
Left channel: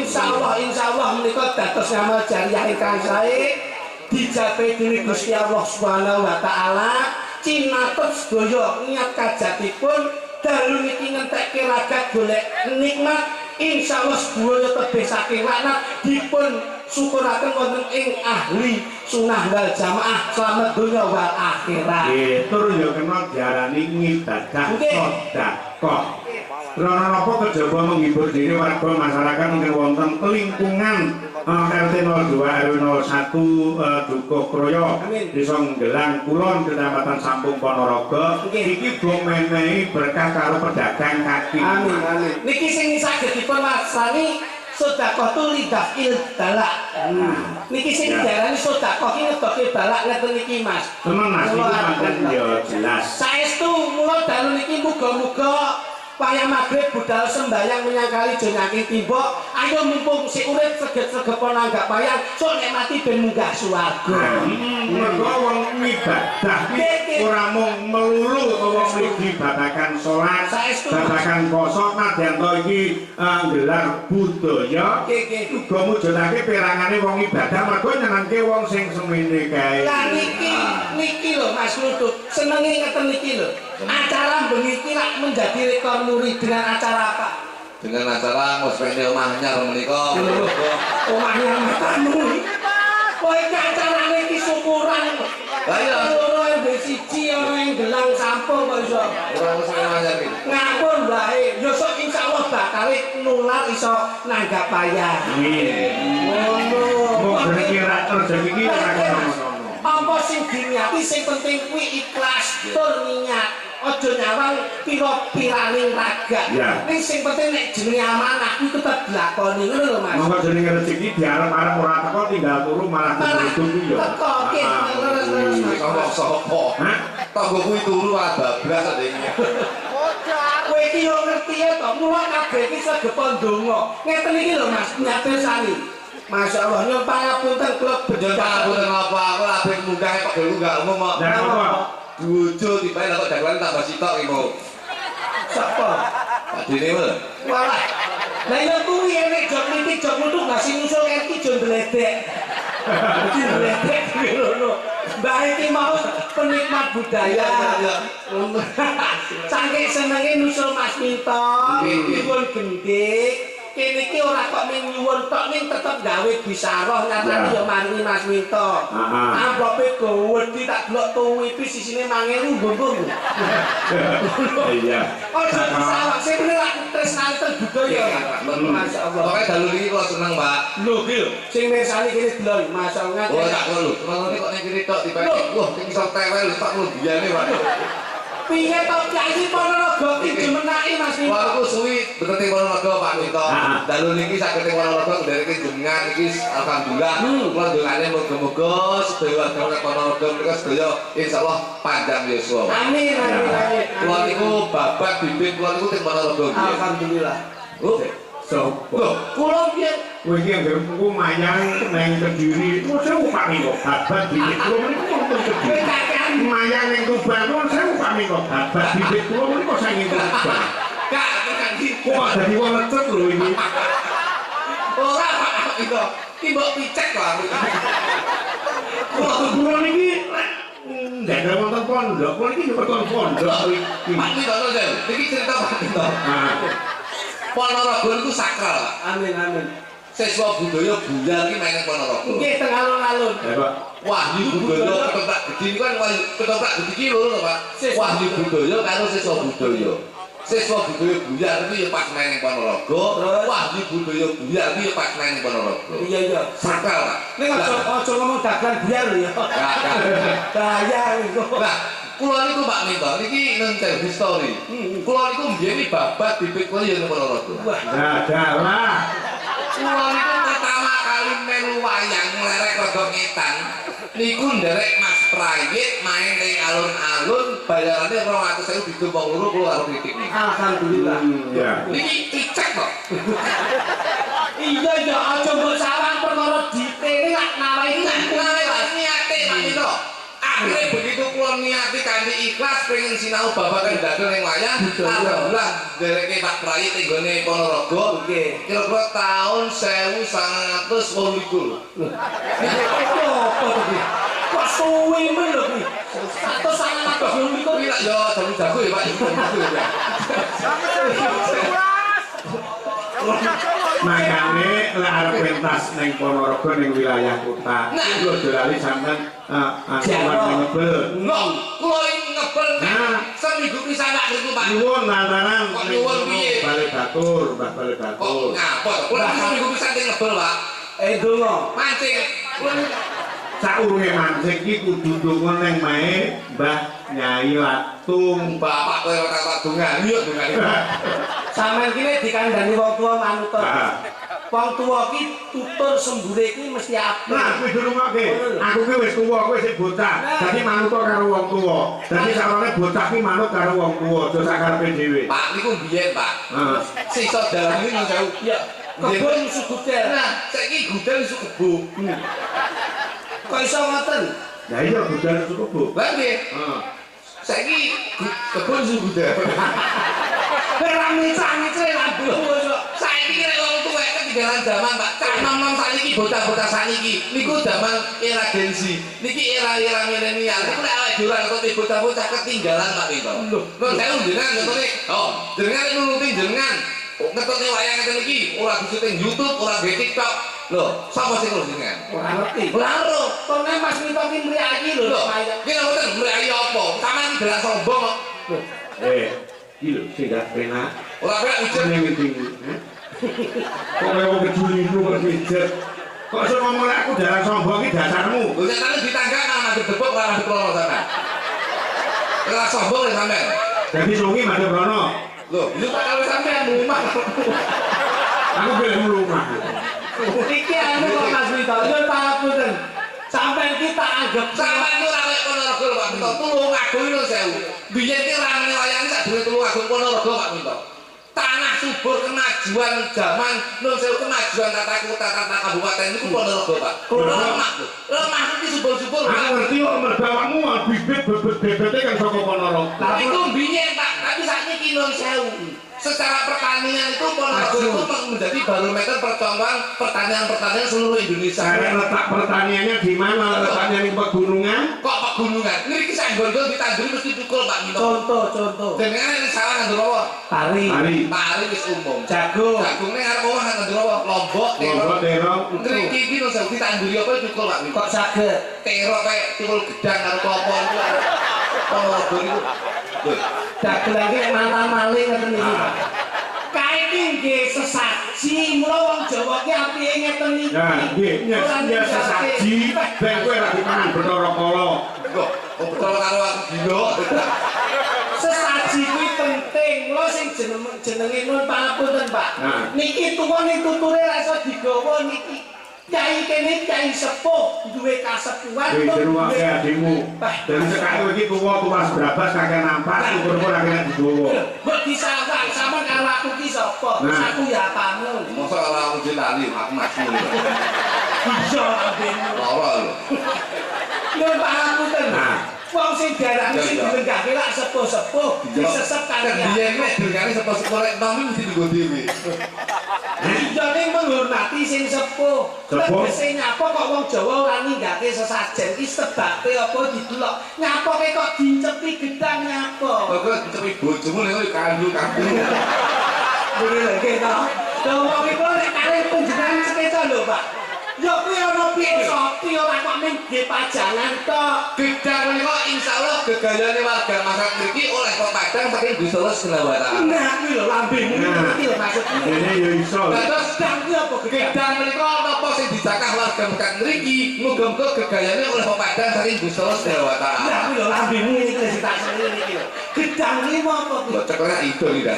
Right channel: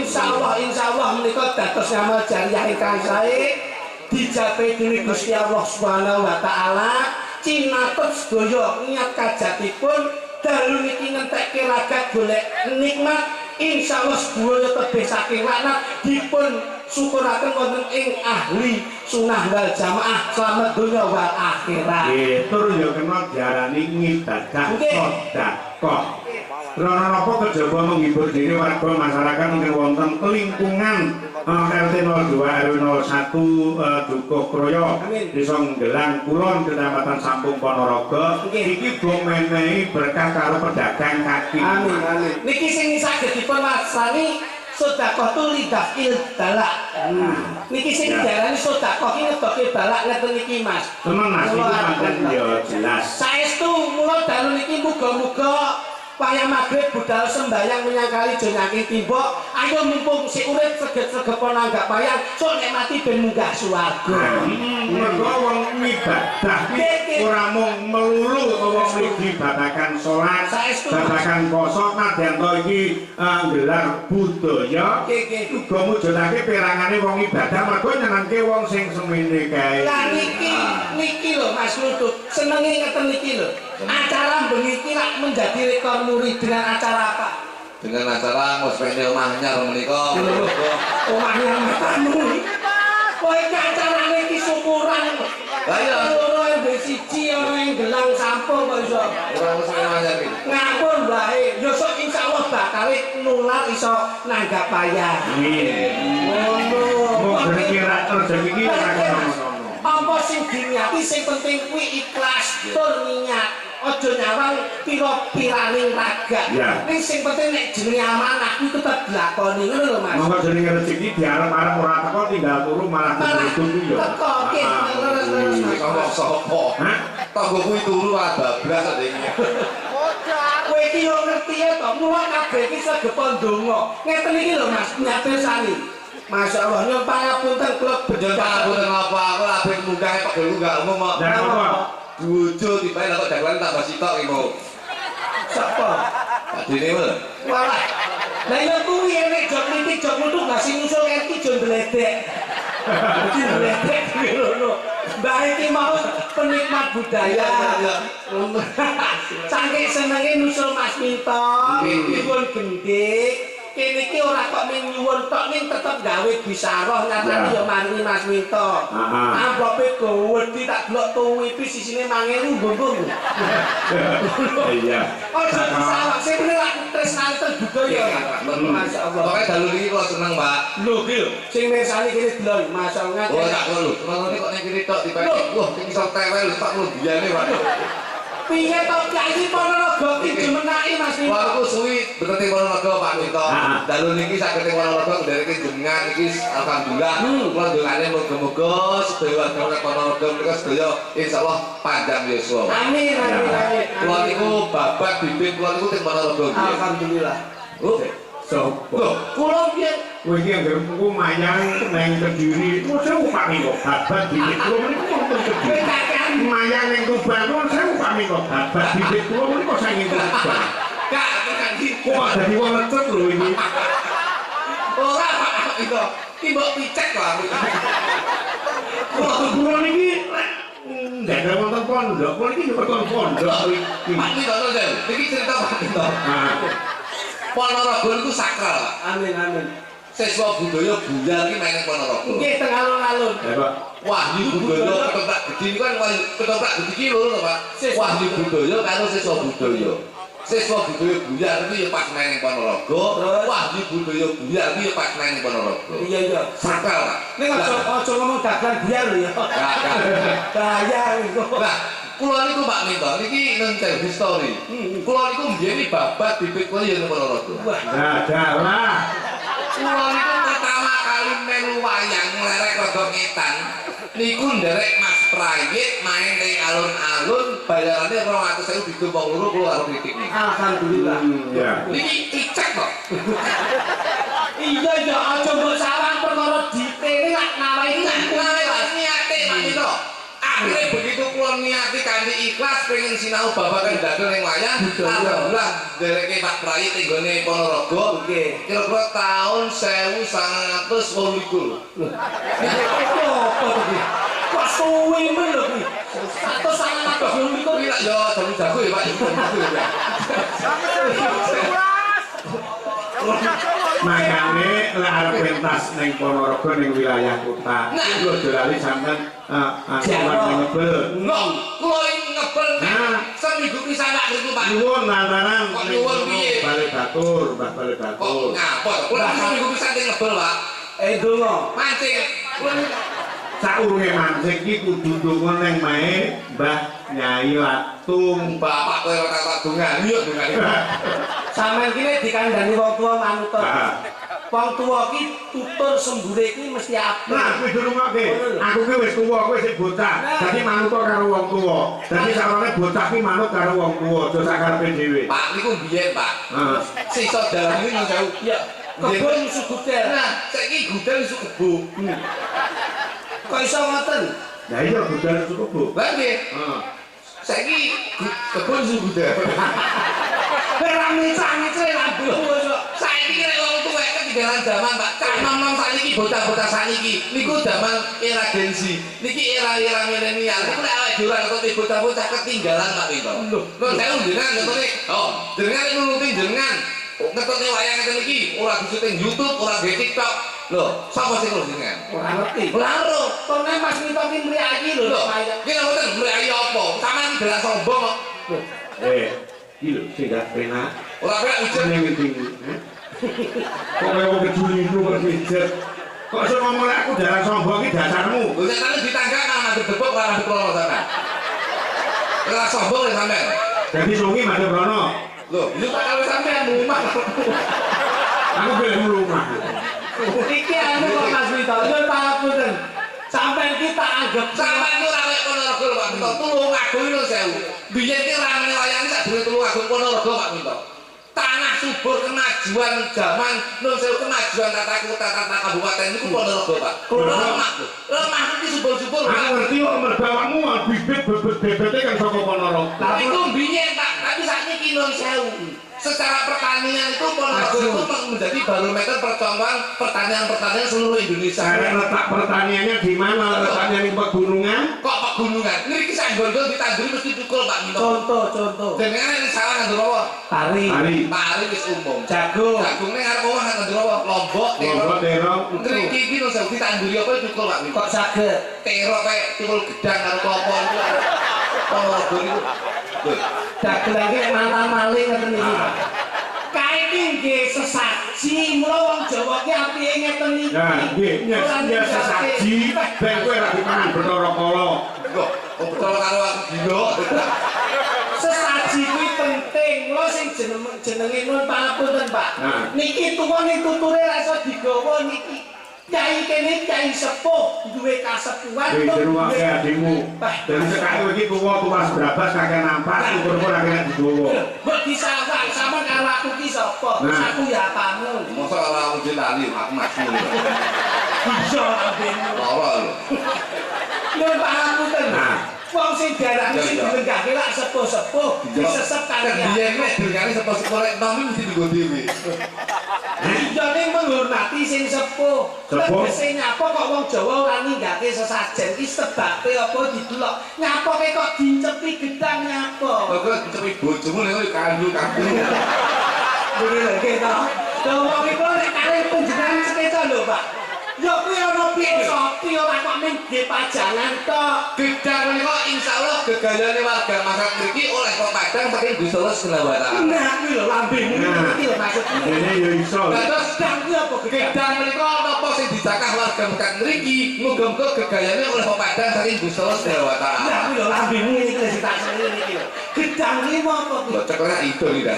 insyaallah menika dados ngamal jariah ingkang sae dijape dening Gusti Allah Subhanahu wa taala. Cinatut sedaya niat kajatipun dalu niki ngentekke ragat golek nikmat. Insyaallah sedaya tebih saking laknat dipun syukuraken wonten ing ahli sunah wal jamaah selamat dunya wal akhirat. Nggih, tur yo kena diarani ngibadah Nggih. sedekah. Karena napa kejaba menghibur diri warga masyarakat ingkang wonten lingkungan RT 02 RW 01 Dukuh Kroyo Amin. Desa Nggelang Kulon Kecamatan Sampung Ponorogo. Nggih. Iki go menehi berkah karo pedagang kaki. Amin amin. Niki sing saged dipun wastani sedekah tu lidafil balak. Niki sing diarani sedekah ki ngedoke balak ngeten iki Mas. Temen Mas Mula iki pancen yo jelas. Saestu mula dalu niki muga-muga wayah magrib budal sembayang menyangkali jonyaking timbok. Ayo mumpung sik urip seget-segepon anggap wayang sok nek mati ben munggah swarga. Mergo wong ibadah iki ora mung melulu wong iki babagan salat, Saestu. babagan poso nadyan to iki nggelar budaya. Nggih. Uga mujudake perangane wong ibadah mergo nyenengke wong sing semene kae. Lah niki lho Mas Lutut, senenge ngeten niki lho. Acara bengi iki lak menjadi rekor muri dengan acara apa? Dengan acara ngospene omah anyar menika. Omahnya matamu. Kowe iki acarane iki syukuran. Lah iya. Loro mbek siji ana ing Gelang Sampung kok iso. Ora ngospene omah anyar iki. Ngampun bae. Ya sok insyaallah bakal nular iso nanggap wayah. Ngono. Mau kira rezeki iki ora ngono-ngono. Apa sing diniati sing penting kuwi ikhlas tur niat. Aja nyawang pira-piraning raga. Ya. Ning sing penting nek jenenge amanah kuwi tetep dilakoni ngono lho Mas. Monggo jenenge rezeki diarep-arep ora teko tinggal turu malah dihitung iki yo. Teko ki leres-leres Mas. Sapa? Hah? Tanggo kuwi turu bablas ndek. Kowe iki yo ngerti ya to, mula kabeh iki segepon donga. Ngeten iki lho Mas, nyatersani. Masyaallah nyuwun pangapunten kula bedhel Pangapunten apa aku labeh munggah kok dulu enggak umum kok. Dan apa? Bojo tibae kok dagelan tambah sitok iki mau. Sapa? Padine lho. Walah. Lah ya kuwi enek jok kritik jok nutuk gak sing ngusul iki jo ndledek. Iki ndledek ngono. Mbah iki mau penikmat budaya. Saking senenge nusul Mas Minto, dipun gendik kene iki ora kok ning nyuwun tok ning tetep gawe bisaroh nyatane ya mari Mas Minto. Amplopé gowedi tak delok tuwipi sisine 5.000 mbung. Iya. Ojo disawak sing bener lak tresnane ten budaya. Masyaallah. Pokoke dalu niki kula seneng, Pak. Lho iki lho, sing mirsani kene delok masyaallah. Oh, tak kula lho. Terus kok ning kene tok dipake. Wah, iki iso tewel lho tak lubiyane, Pak. Piye to Kyai Ponorogo iki menaki Mas Minto? Wah, aku suwi betete Ponorogo Pak Minto. Dalu niki saged teng Ponorogo ndereke jenengan iki alhamdulillah. Kula ndongane muga-muga sedaya warga Ponorogo menika sedaya insyaallah panjang yuswa. Amin amin amin. Kula niku babat bibit kula niku teng Ponorogo. Alhamdulillah. Oh, Sopo? lho, Kula piye? Kowe iki anggere ku mayang nang Kediri. Kok sewu pami kok babat bibit kula niku wonten Kediri. Mayang ning Tuban kok sewu pami kok babat bibit kula niku saking Tuban. Kak, tekan iki. Kok dadi wong lecet lho iki. Ora Pak itu. Ki mbok picek kok aku. Kula niki ndak ada wonten pondok. Kula niki wonten pondok iki. Pak Minto lho, iki cerita Pak Minto. Ponorogo itu sakral, Pak. Amin amin. Siswa budaya buyar iki main ning Ponorogo. Nggih teng alun-alun. Ya, Pak. Wahyu budaya ketoprak gede ini kan ketoprak gede iki lho Pak. Wahyu budaya karo siswa budaya. Siswa budaya buyar itu ya pas main ning Ponorogo. Wahyu budaya buyar itu ya pas main ning Ponorogo. Iya iya. Sakral, Pak. Ning aja ngomong dagang biar lho ya. Bahaya iku. Nah, kula niku Pak Minto niki nenten history. Kula niku mbiyen iki babat bibit kula ya ning Ponorogo. Nah, dalah. Kula niku pertama kali melu wayang nglerek rada ngetan. Niku nderek Mas Prayit main ning alun-alun bayarane 200.000 ditu wong loro kula karo kritik niki. Alhamdulillah. Ya. Niki icek kok. Iya ya aja mbok sawang perkara ditene lak nawahi Niate Pak Minto. Akhirnya begitu kula niati kanthi ikhlas pengen sinau babagan dadel ning wayang, alhamdulillah dereke Pak Prayit ning gone Ponorogo. Nggih. Kira-kira tahun 1928. Apa iki? Kok suwi men lho iki. 100 Kuwi lak yo jago ya Pak. Makane lek arep pentas ning Ponorogo ning wilayah kota, kula aja lali sampean ngebel. Nong, kula ngebel seminggu pisan tak niku Pak. Nyuwun lantaran Kok nyuwun piye? Bale Batur, Mbah Bale Kok Batur. ngapa? Kula seminggu pisan teng ngebel Pak. donga. Mancing. Kula Saurunge mancing iki kudu ndonga ning mae Mbah Nyai Latung. bapak kowe ora tak dongan, yo dongane. Sampeyan kene dikandani wong tuwa manut. Wong tuwa ki tutur sembure iki mesti apik. Nah, kuwi dirungokke. Aku ki wis tuwa, kowe sing bocah. Dadi manut karo wong tuwa. Dadi sarane bocah ki manut karo wong tuwa, aja sakarepe dhewe. Pak niku biyen, Pak. Sisa dalan iki nang jauh. Ya, kebon musuh gudel. Nah, saiki gudel iso kebo. Kok iso ngoten? Lah iya budal cukup, Bu. Lah nggih. Saiki kebon iso gudel. Ora ngecang-ngece lambu kok. Saiki nek wong tuwek ketinggalan zaman, Pak. Cah nom-nom sakniki bocah-bocah sakniki niku zaman era Gen Z. Niki era milenial. Niku nek awake dhewe ora ngerti bocah-bocah ketinggalan, Pak Winto. Lho, saya jenengan ngerti. Oh, jenengan nuruti jenengan. Ngetokne wayang ngeten iki ora disuting YouTube, ora di TikTok. Lho, sapa sing ngerti jenengan? Ora ngerti. Ora ngerti. Kone Mas Mito ki mriyaki lho. Lho, ki ngoten mriyaki apa? Sampeyan gerak sombong kok. Iki lho sing gak penak. Ora penak ujen. Jenenge winting. Kok kowe wong kejuli lu kok pijet. Kok iso ngomong lek aku dalan sombong iki dasarmu. Lho nek kalian ditangga nang madhep debok ora madhep klono sampean. Ora sombong lho sampean. Dadi sungi madhep rono. Lho, itu tak kalau sampean rumah. Aku gelem rumah. Iki anu kok Mas Mito, yo pangapunten. Sampeyan ki tak anggap Sampeyan ku ora kaya Ponorogo lho Pak Minto. Tulungagung lho sewu. Biyen ki ramene wayang sak durung Tulungagung Ponorogo Pak Minto. Tanah subur kemajuan zaman nun sewu kemajuan tata kota tata kabupaten niku Ponorogo Pak. Lemah. Lemah iki subur-subur. Aku ngerti kok mergo awakmu bibit bebet-bebete kan saka Ponorogo. Tapi ku biyen Pak, tapi sakniki nun sewu. secara pertanian itu Ponorogo itu menjadi barometer percontohan pertanian seluruh Indonesia. Cara letak pertaniannya di mana? Letaknya di pegunungan? Kok pegunungan? Ini kisah gondol ditanduri mesti tukul Pak Minto. Contoh. Dengan ini salah ngandur apa? Pari. Pari wis umum. Jagung. Jagungnya ngarep omah ngandur apa? Lombok, terong. Ngriki iki lho sing ditanduri apa tukul Pak Minto. Kok saged? Terok kayak tukul gedang karo klopo itu. Ponorogo itu. Dagel iki mantan maling ngoten iki. Kae iki nggih sesaji, mula wong Jawa ki apike ngeten iki. Nah, nggih, ya sesaji, ben kowe ra dipangan Bathara Kala. Kok betul karo aku gila. Sesaji kuwi penting. Mula sing jenenge nun pangapunten, Pak. Niki tuwa ning tuture ra iso digawa niki. Kyai kene kyai sepuh duwe kasepuhan Wis ruwake adikmu. Dari sekarang iki tuwa sebrabas kakek nampak ukur-ukur akeh digowo. Mbok disalah sampean karo aku ki sapa? Aku ya tamu. Masa kalau aku dilali aku mati. Bisa ambene. Lara lho. Nun pangapunten. Wong sing diarani sing dilenggahke lak sepuh-sepuh disesep kali ya. Dia iki dengane sepuh-sepuh lek nom mesti digo dhewe. Ijane menghormati sing sepuh. Tegese nyapa kok wong Jawa ora ninggake sesajen iki sebabe apa didelok. Nyapoke kok dicepi gedang nyapa. Kok dicepi bojomu nek kandu-kandu. Bener lagi to. Dawa iki nek kalih panjenengan sekeca lho, Pak. Ya kuwi ana piye sopi ora kok mung nggih pajangan tok. Gedang menika insyaallah gegayane warga masyarakat mriki oleh kok Padang saking Gusti Allah Subhanahu. Nah, kuwi lho lambemu iki lho maksudku. Dene ya iso. Terus Gedang kuwi apa gedang menika napa sing dijakah warga masyarakat mriki muga-muga gegayane oleh kok Padang saking Gusti Allah Subhanahu. Nah, kuwi lho lambemu iki lho tak seneng iki lho. Gedang iki apa kuwi? Kok cekelek itu tidak.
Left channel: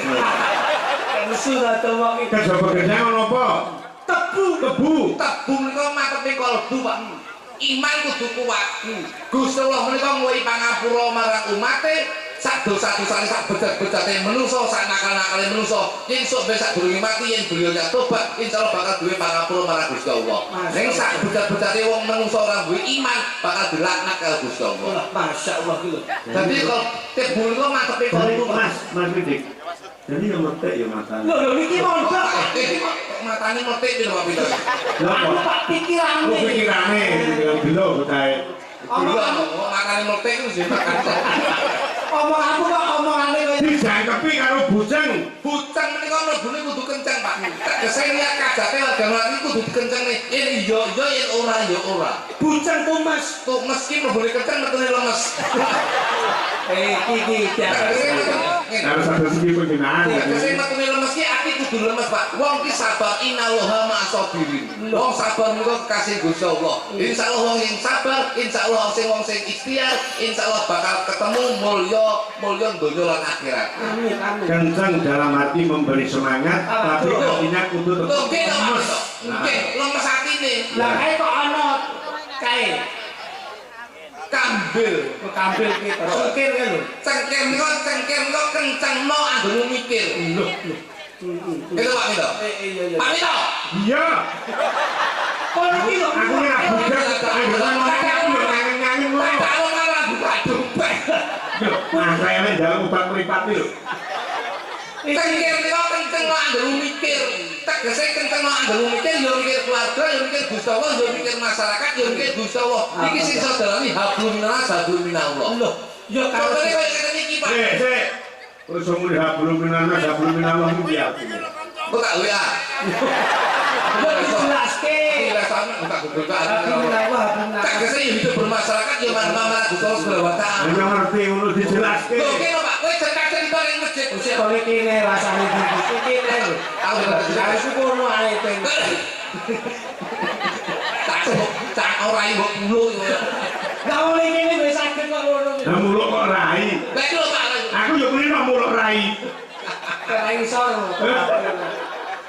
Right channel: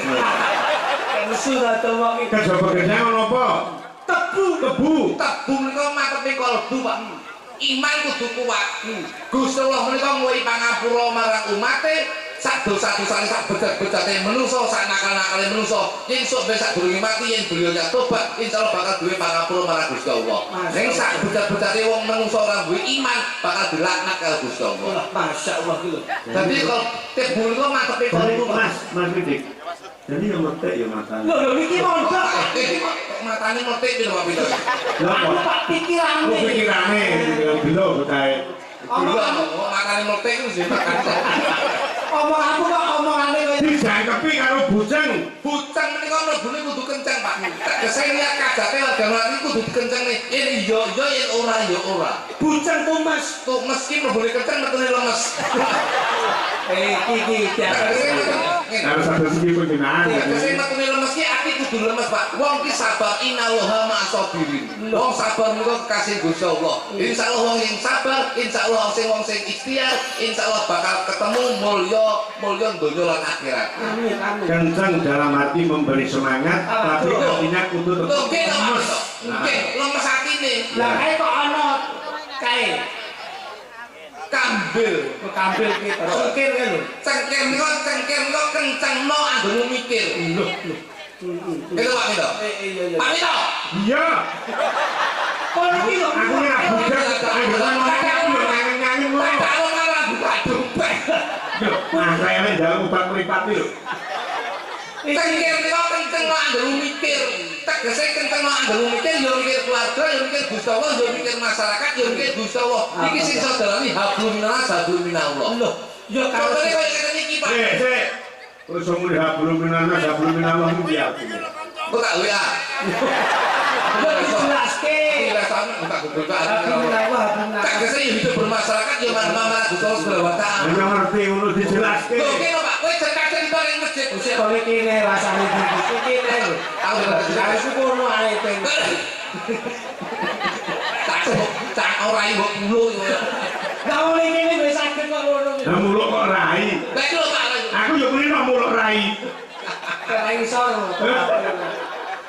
Musuh ta to wong iki. Kejaba gedang ono apa? Tebu. Tebu menika mateme kalbu, Pak. Iman kudu kuat. Gusti Allah menika nguwi pangapura marang umate sak dosa-dosane sak bejat-bejate menungso, sak nakal-nakale menungso. Yen sok ben sak durunge mati yen beliau tobat, insyaallah bakal duwe pangapura marang Gusti Allah. Ning sak bejat-bejate wong menungso ora duwe iman bakal dilaknat karo Gusti Allah. Masyaallah iki lho. Dadi kalau tebu menika matepe kalbu, Mas Widik. Jadi yang metek ya matane. Lho iki mondok. matane metik piro Pak Pito. Aku tak pikirane. Oh pikirane gelo botahe. Matane metik wis makan. Omong aku kok omongane kowe Dijangkepi karo bujang. Bujang menika mlebune kudu kenceng Pak. Tegese niat kajate warga mlaku kudu dikencengne. Yen iya iya yen ora ya ora. Bujang tumes. Tumes ki mlebune kenceng metune lemes. Iki Harus ada segi penggunaan. Tegese metune lemes ki ati kudu lemes Pak. Wong ki sabar innallaha ma'asabirin. Wong sabar menika kasih Gusti Allah. Insyaallah wong sing sabar, insyaallah wong sing ikhtiar, insyaallah bakal ketemu mulya donya lan akhirat. Amin amin. Kenceng dalam hati memberi semangat, tapi hatinya kudu tetap lemes. Nggih, lemes atine. Lah kae kok ana kae Kambil ki cengkir kan lho. cengkir niku kencengno anggone mikir. Lho. Itu Pak Mito. Iya. Pak Mito. Iya. Kono iki lho Aku ora bujang aku nyanyi mulai. Kalau malah buka dompet. Nah, saya nek dalam obat mripat lho. Cengkir niku kencengno anggone mikir. Tegese kencengno anggone mikir yo mikir keluarga, yo mikir Gusti Allah, yo mikir masyarakat, yo mikir Gusti Allah. Iki sing iso dalani hablum minallah, hablum minallah. Lho, yo Kalau karo kowe ngene iki Pak. Sik. Wis muni hablum minallah iki ya. Kok tak WA. yo dijelaske. Rasane tak gogokan. Alhamdulillah. Tegese hidup bermasyarakat yo manfaat Gusti Allah Subhanahu wa taala. Nek ngerti ngono dijelaske. Lho kene Pak, kowe cerita ning masjid. Wis kene kene rasane iki kene lho. Aku Aku kono ae teng. tak ora mbok pulo yo. Lah oleh kene wis saged kok ngono. Lah muluk kok rai. Lah iki lho Pak. Aku yo muni nek muluk rai. Ora iso.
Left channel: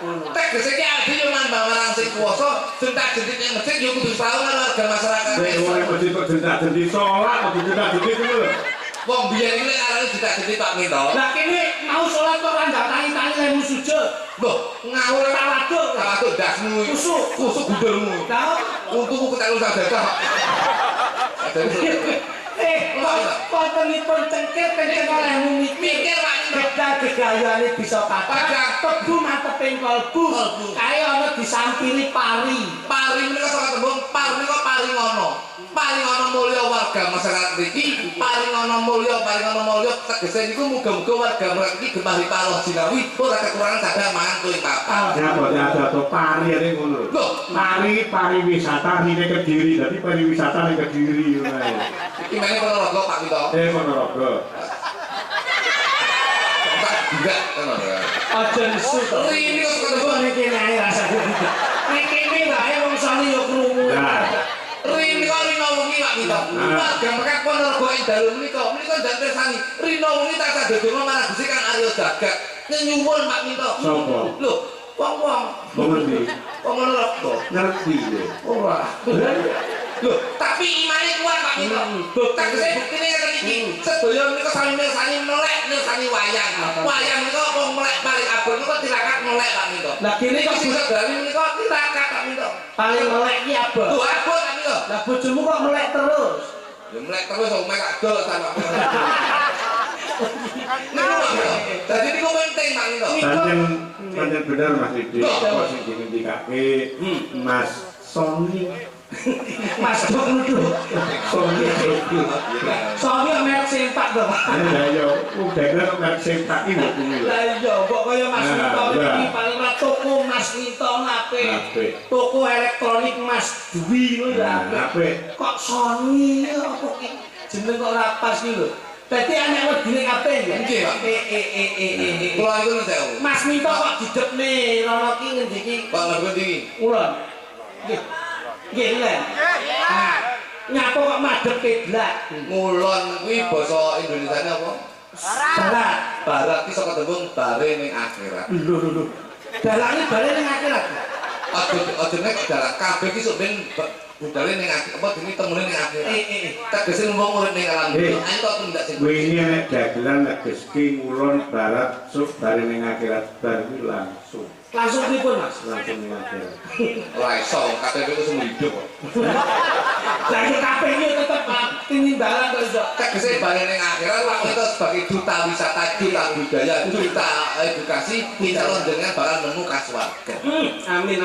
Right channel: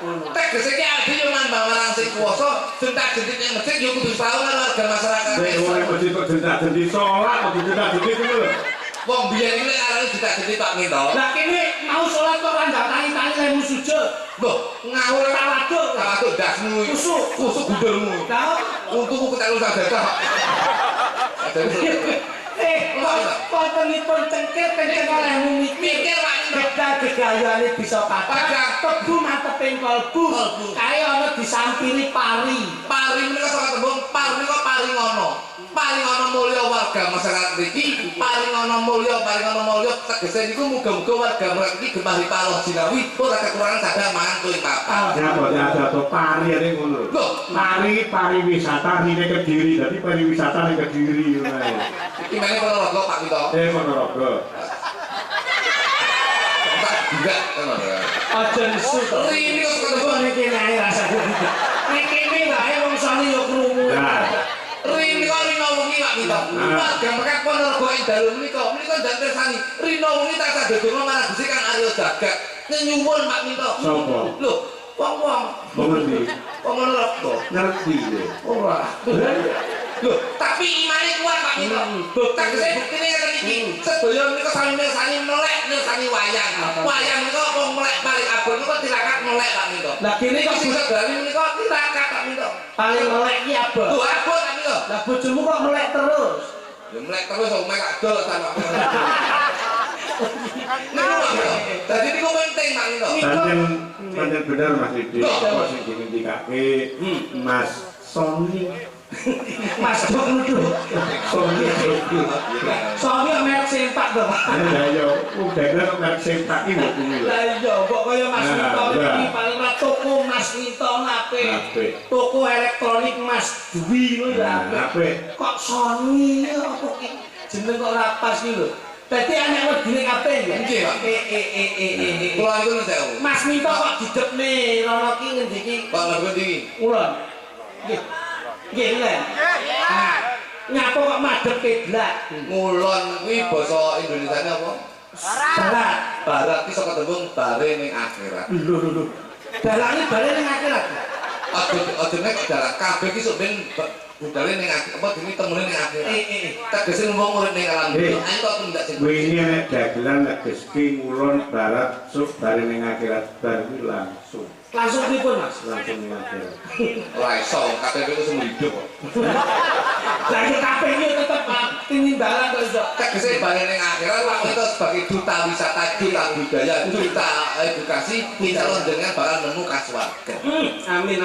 Tegese ki ade yo manfaat marang sing kuwasa, jentak-jentik ning masjid yo kudu tahu karo warga masyarakat. Nek ora mesti kok jentak-jentik salat kok jentak-jentik ngono lho. Wong biyen iki lek arane jentak-jentik Pak Mito. Lah kene mau salat kok ora ndatangi-tangi lemu sujud. Loh, ngawur tawaduk dasmu iki. Kusuk gundulmu. Lah untukku ketelu sadaqah. kontenipun cengkir kenceng oleh mikir Pak Minto. gegayane bisa patah tebu manteping kalbu kaya ana disampiri pari Menika saka tembung menika paringono mulya warga masyarakat mriki paringono mulya tegese niku muga-muga warga mriki gemah ripaloh jinawi ora kekurangan sadang mangan kuwi papan. Ya kok ada pari ini ngono. Loh, Pariwisata rine Kediri, dadi pariwisata ning Kediri ngono ae. iki meneh Ponorogo Pak Minto. Ponorogo. Tak juga ngono. aja nesu to Rini kok saka tembung niki ae rasane nek kene wae wong sane yo krungu Rini kok rino wengi Pak Minto. Warga mekat Ponorogo ing dalu menika ndak tersani. Rino wengi tak sadodonga marang Gusti Kang Aryo Jagak. Nyuwun Pak Minto. Sopo? Lho, wong-wong Mengerti? Ponorogo. Ngerti lho. Ora. Loh, tapi imane kuat Pak Minto. Tak kese buktine ngeten iki. Sedaya menika sami mirsani melek mirsani wayang. Wayang menika wong melek paling abot menika tirakat melek Pak Minto. lah kene kok Iki sedaya menika tirakat Pak Minto. paling melek iki abot Lho, abot Pak Minto. lah bojomu kok melek terus Ya melek terus wong mek adol sama. Niku Pak Minto. Dadi niku penting Pak Minto. Pancen bener Mas Didi. Kok sing dingendikake Mas Sony. Mas Dok nuduh Sony. soalnya merek sempak to Ya ya, udah merek sempak iki lho kuwi lho. lah iya kok kaya Mas Nah, Minto iya. iki paling ra toko Mas Minto Apik. nape toko elektronik Mas Dwi ngono ya Apik. kok Sony apa ki jeneng kok ra pas iki lho dadi anak wedine kabeh ya Nggih, Pak. Kula niku nuwun sewu. Mas Minto kok didepne rono ki ngendi ki Pak Lagu ndi? ulun nggih nggih Len ah nyapa kok madhep keblak Ngulon kuwi basa Indonesiane apa? barat Barat iki saka tembung bare ning akhirat. lho dalane bare ning akhirat Aja nek dalan kabeh iki sok ben budale ning akhirat apa dene temune ning akhirat. Tegese wong urip ning alam dunya. Ayo kok tindak sing Wingi nek dagelan nek geski ngulon barat suk bare ning akhirat bar kuwi langsung pripun Mas ning akhirat. ora iso KTP ku sing hidup kok. lah iki kabeh iki tetep tinimbalan kok iso Tegese bare ning akhirat wong itu sebagai duta wisata, duta budaya, duta edukasi insya Allah dengan bakal nemu kasuwargan. amin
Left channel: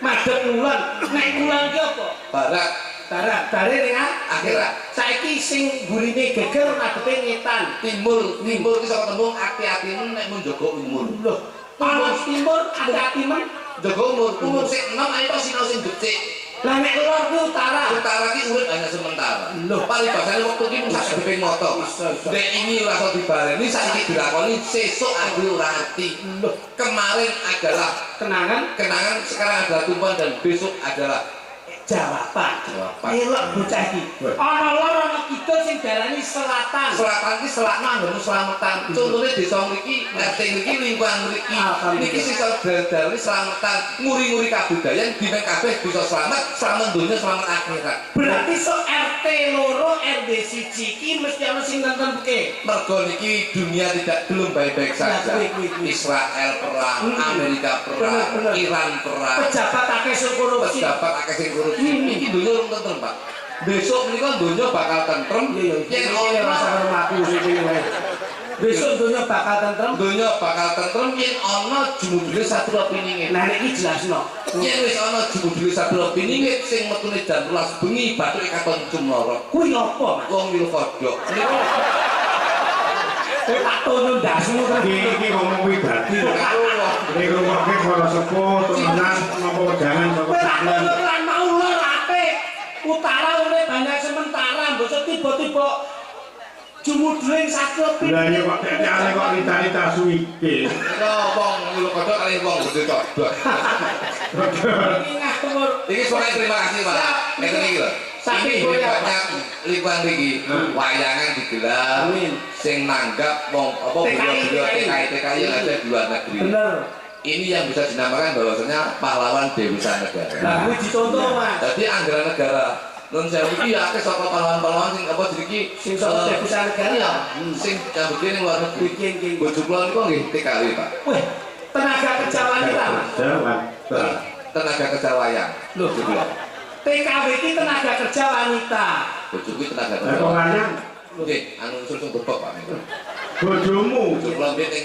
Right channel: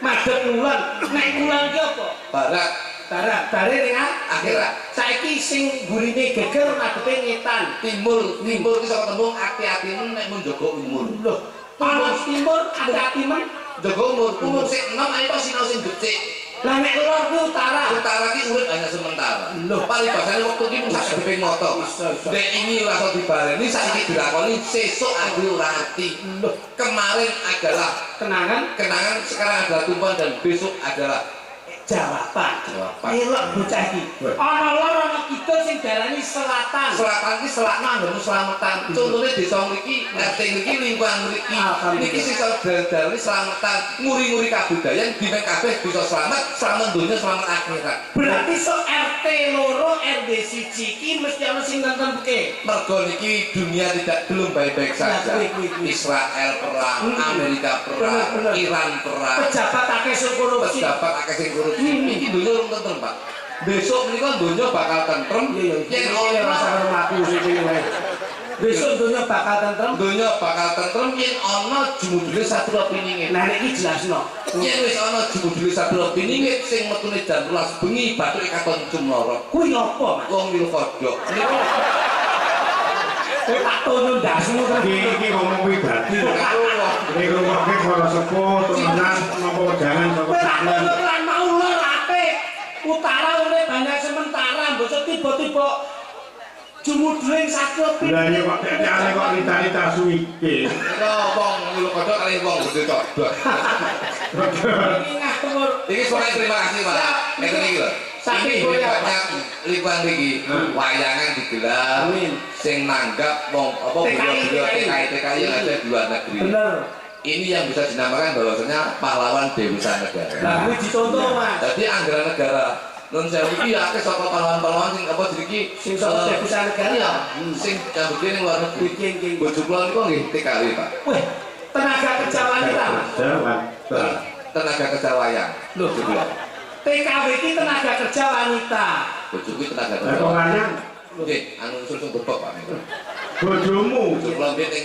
madhep ngulon nek ngulon ki apa Barat barat bare ning akhirat. saiki sing burine geger madhepe ngetan Timur iki saka tembung ati-atimu nek mun jaga umur. lho panas timur ati-ati men Jaga umur sik 6 ayo kok sinau sing becik. lah nek lor ku utara Utara ki urip hanya sementara. Loh. Paribasane wektu ki mung sak deping moto. Dek ini ora iso dibaleni saiki dilakoni sesuk aku ora ngerti. Loh. Kemarin adalah kenangan, sekarang adalah tumpuan dan besok adalah jawaban Jawaban. elok bocah iki ana lor ana kidul sing darani selatan selatan ki selakno anggone slametan. Contone desa mriki, RT mriki lingkungan mriki. Niki sing dalane slametan, nguri-nguri kabudayan dina kabeh bisa selamat donya, selamat akhirat. berarti so RT loro RD siji iki mesti ana sing nentemke Mergo niki dunia belum baik-baik saja. Israel perang, Amerika perang, Bener. Iran perang, pejabat akeh sing korupsi pejabat akeh sing korupsi. Iki dunia urung tentrem, Pak. Besok menika dunia bakal tentrem yen ora rasa karo mlaku sing wae besok dunia bakal tentrem dunia bakal tentrem yen ana jumudule Satria Piningit. nah nek iki jelasno Yen wis ana jumudule Satria Piningit sing metune jam 12 bengi bathuke katon cumloro. kuwi apa Mas Wong Wilkodok. Niku tak tono ndasmu Iki ngomong wibati. Nek rumokke para sepuh temenan napa wedangan saka tak sampeyan. tono lan mau lor apik utara urip banyak sementara mbok tiba-tiba jumudule Satria Lah ya kok tekane kok rita-rita suwike. Nika wong Wilkodok kali wong gede codot. iki ngatur Iki soalnya terima kasih Pak. Ngeten iki lho. Saking Ini goyang, banyak lingkungan iki wayangan digelar Amin. sing nanggap wong apa beliau TKI yang ada di luar negeri. bener Ini yang bisa dinamakan bahwasanya pahlawan Dewisa Negara. lah kuwi dicontoh Mas Jadi anggaran negara non sewu iki ya akeh saka pahlawan-pahlawan sing apa jadi iki sing saka Dewisa Negara iya, sing kabeh ning luar negeri. King. Bojo kula niku nggih TKI Pak. weh tenaga kerja wanita Mas Jawan. Tenaga kerja wayang. Loh, TKW ini tenaga kerja wanita. Bojo kuwi tenaga Lah kerja kok wayang. lanang Nggih, anu usul sing bebek Pak. Bojomu. Bojo kula mbek ning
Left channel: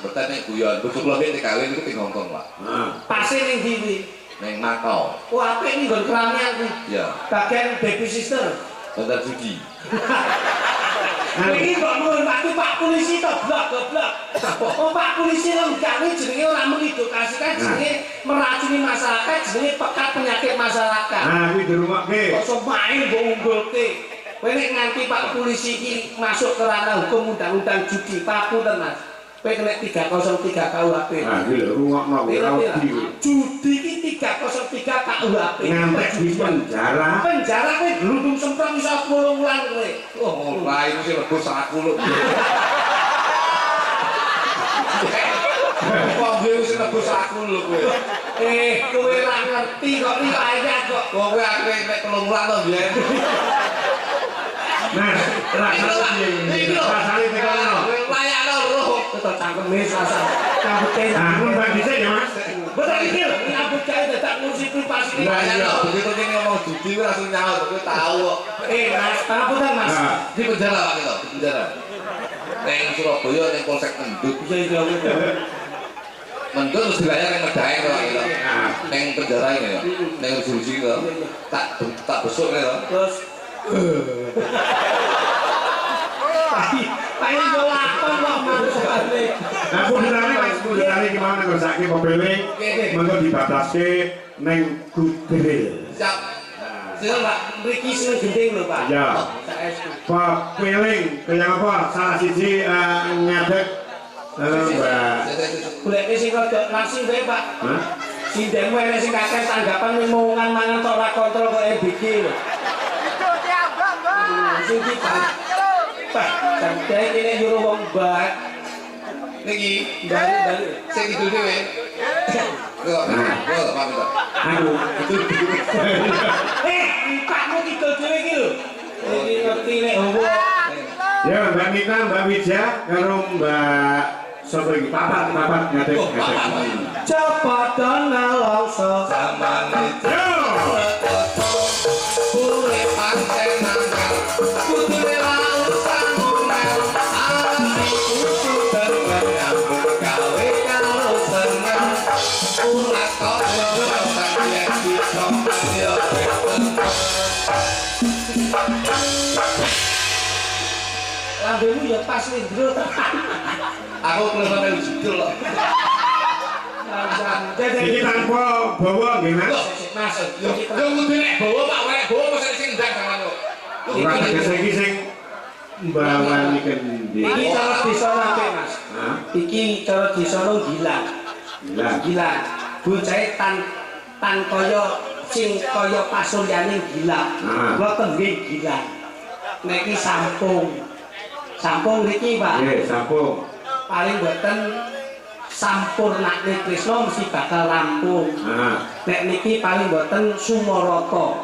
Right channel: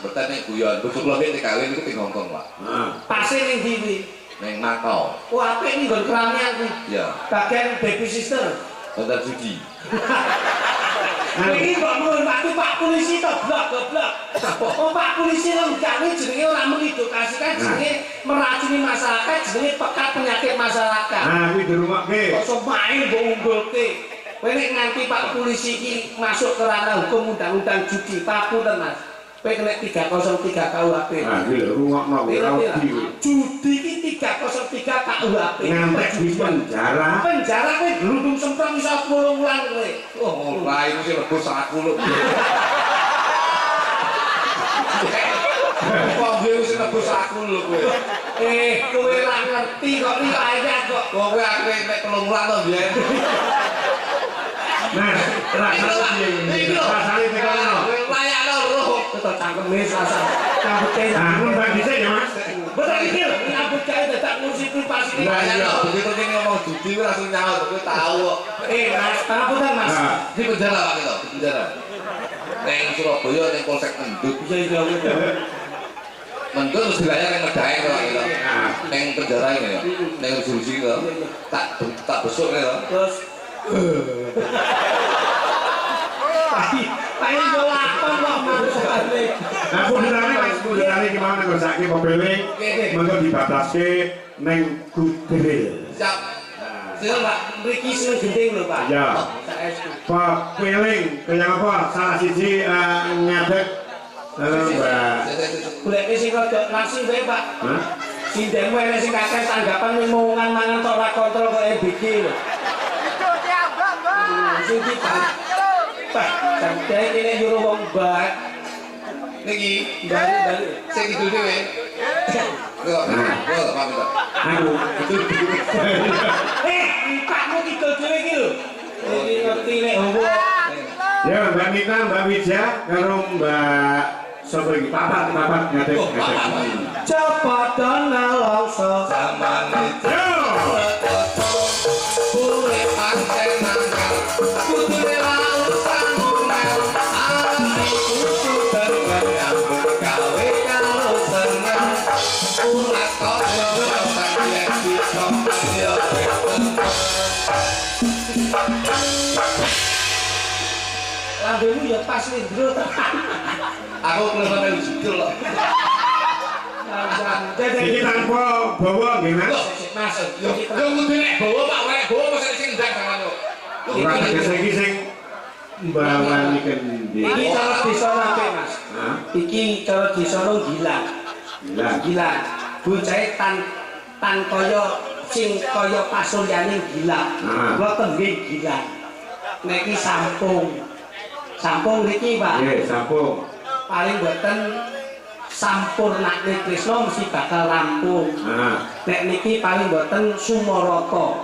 mboten ning guyon. Bojo kula mbek ning kawin niku teng Hongkong, Pak. Nah, Pase ning ndi? Ning Makau. Oh, apik ning nggon keramnya kuwi. Ya, Bagian baby sister. Bandar Judi. Ini kok nuwun Pak polisi to blok-blok. Oh Pak polisi lengkane jenenge ora mengedukasi kan jenenge meracuni masyarakat, jenenge pekat penyakit masyarakat. nah kuwi dirungokke. Kok main mbok unggulke. Kowe nek nganti Pak polisi iki masuk ke ranah hukum undang-undang judi, papunten Mas. Kowe kena 303 KUHP. Nah, iki lho rungokno kuwi ora wedi. Judi iki 303 KUHP. Ngantek di penjara. Penjara kowe glundung semprong iso 10 wulan kowe. Oh, ora itu sing lebur saku lho. Kok gue sing lebur saku lho kowe. Kowe ora ngerti kok riwayat kok. Kowe aku nek 3 wulan to biyen. Nah, rasane piye? Rasane tekono. Layakno roh. Tetep cangkeme rasa cambute. Nah, mun bagi sik ya, Mas. Betul iki lho, nyambut gawe dadak ngurusi privasi. Layakno begitu kene ngomong judi kowe langsung nyaut, kowe tahu kok. Mas, pangapunten Mas. Nah, Di penjara Pak kita, di penjara. Neng Surabaya neng Polsek Mendut. Iya. Mendut terus dilayar neng Medaeng Pak kita. Neng penjara ini ya. Neng resolusi kita. Tak besok ya. Terus Tapi yo lakon kok maksudane. nah pundane gimana kok saiki mobilnya mengko dibataske ning Gudril. Siap. Sing Pak, mriki sing gending lho Pak. Ya. Saestu. Pak Kweling, kaya apa? Salah siji ngadeg Mbak. Goleke sing rada langsing wae Pak. Hah? Sindeng wae sing kakek tanggapan ngomongan mangan tok ora kontrol kok EBG lho. Sing Pak, sampai kene nyuruh wong mbak. Niki Bali. sing kidul dhewe. Kok Pak kita. Aduh, itu Pakmu kidul dhewe iki lho. Iki ngerti nek homo. ya Mbak Nita, Mbak Wija, karo Mbak sapa iki? Papat ngadeg. Cepatan nalongso. Zaman itu. Yo! Urip pantenan. Kudune laut sangunel. Ati kudu tengen nyambut gawe karo seneng. Ulah kok nyoba yen bisa yo Lambemu ya pas lindro tekan. Aku kelihatan melu judul kok. Iki tanpa bawa nggih, Mas. Mas, Yo kudu nek bawa Pak, nek bawa mesti sing ndang sampean kok. Ora tegese iki sing mbawani kendi. iki cara desa nate Mas. Hah? Iki cara desa gilang. Gilang. Bocahe tan kaya sing kaya pasuryane gilang. Kula tengge gilang. Nek iki sampung. Sampung niki, Pak. Nggih, sampung. Paling boten sampurnane Krisna mesti bakal rampung. Nah, Nek niki paling boten sumarata.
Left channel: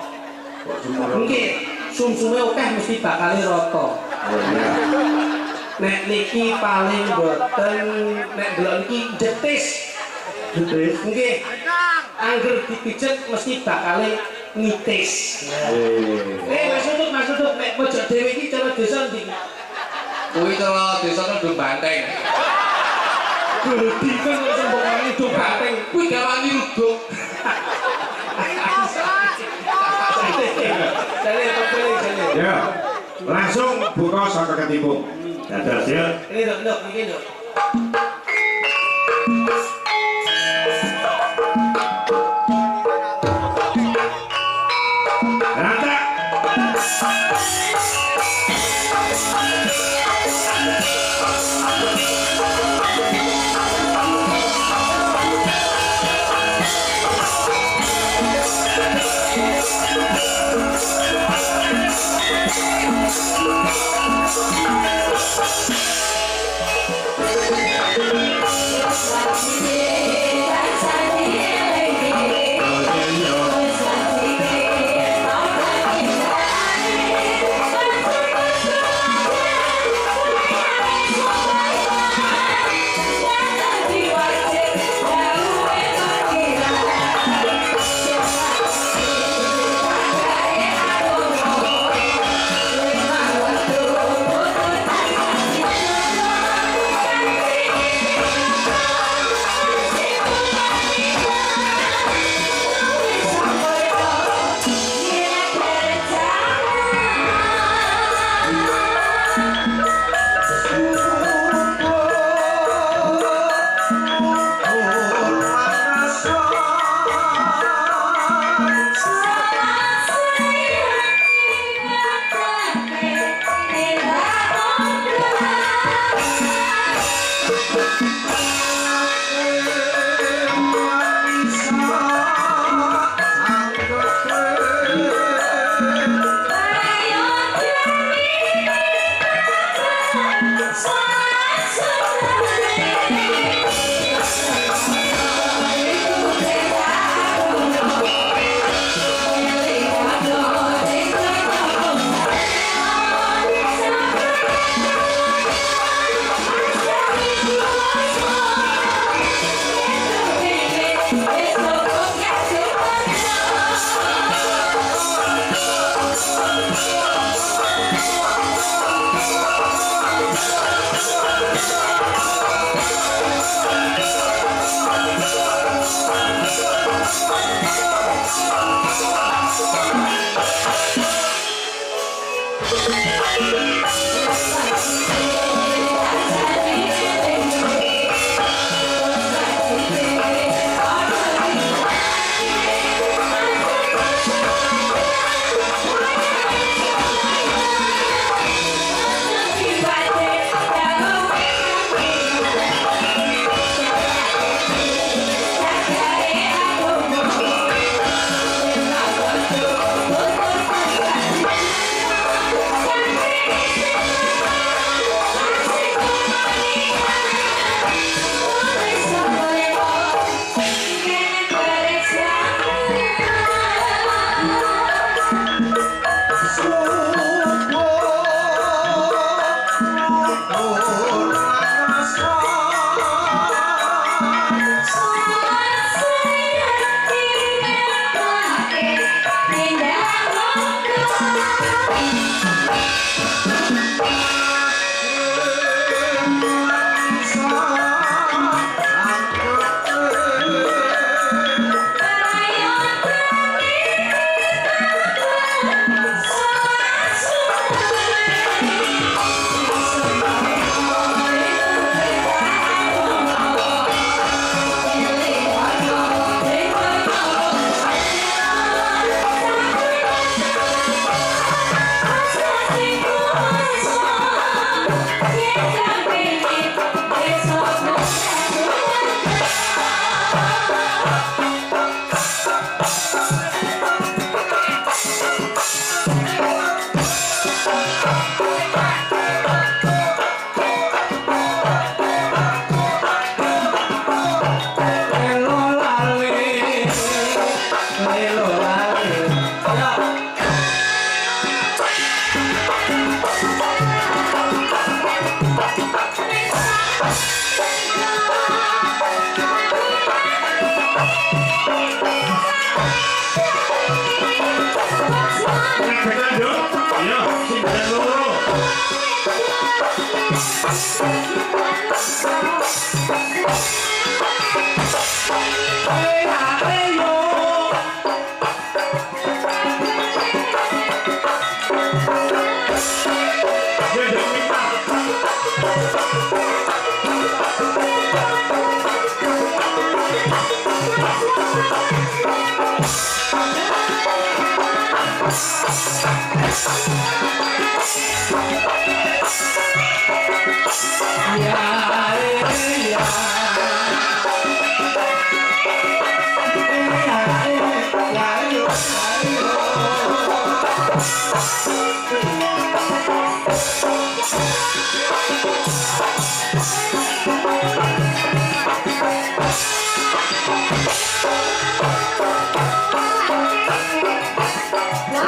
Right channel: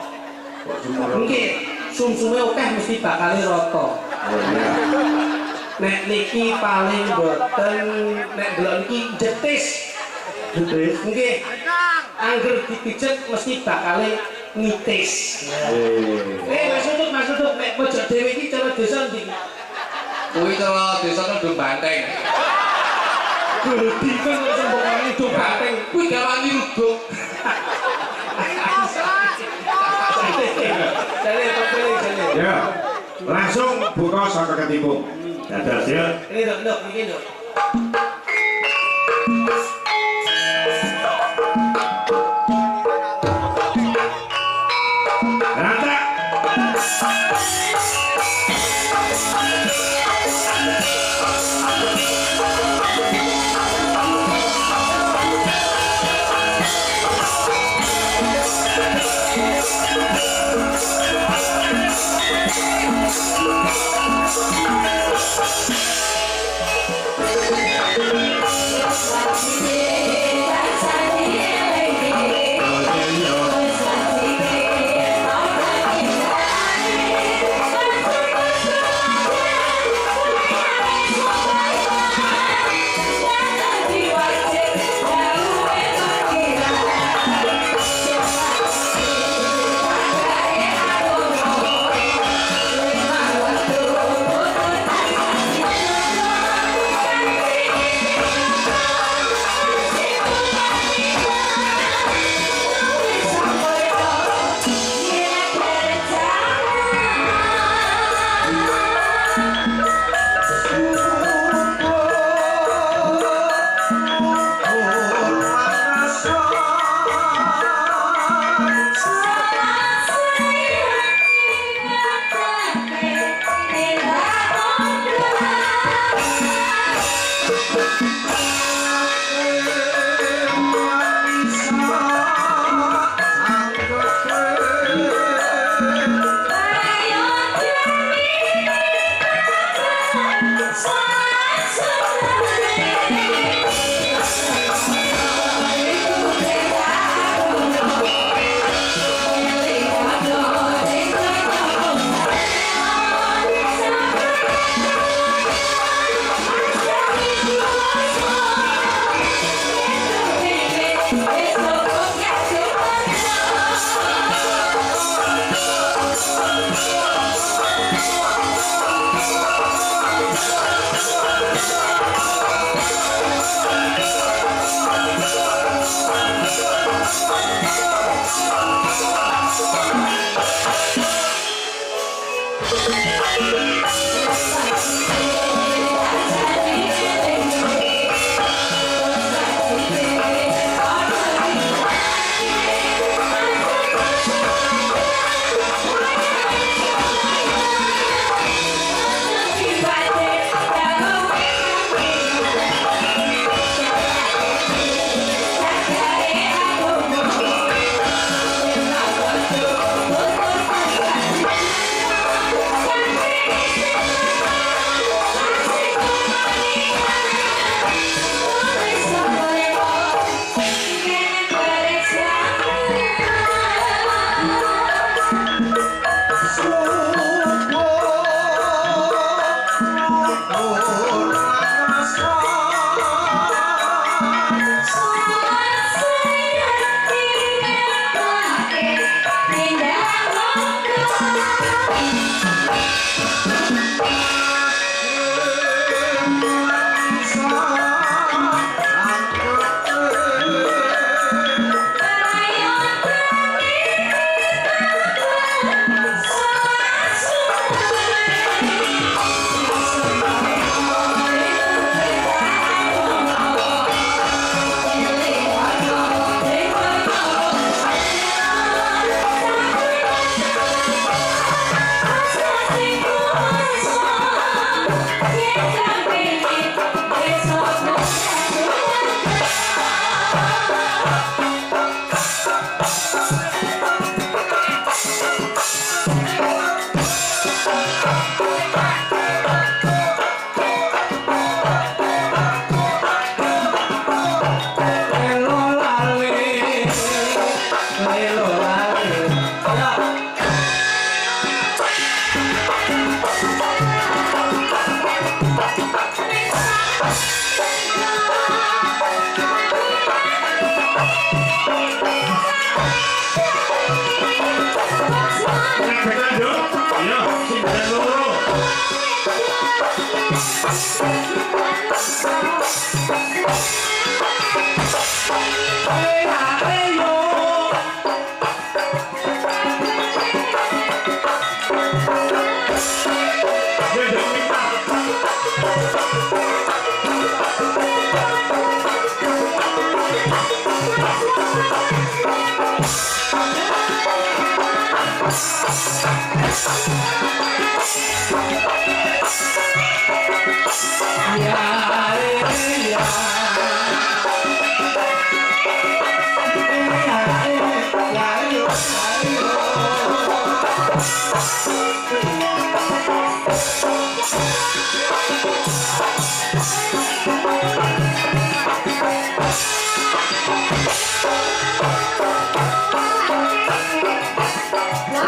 kok semua. Nggih, sumsume akeh mesti bakal rata. Oh iya. Nek niki paling boten nek delok niki jetis. Jetis. Nggih. Angger dipijet mesti bakal ngitis. Mas Udut, nek pojok dhewe iki cara desa ndi? Kuwi cara desane do banteng. Gedi kan sembokane do banteng. Kuwi gawani ruduk. Jale. Ya. Langsung buka saka ketipung. Dadas ya. Ini nduk, iki nduk. Rata. Thank you.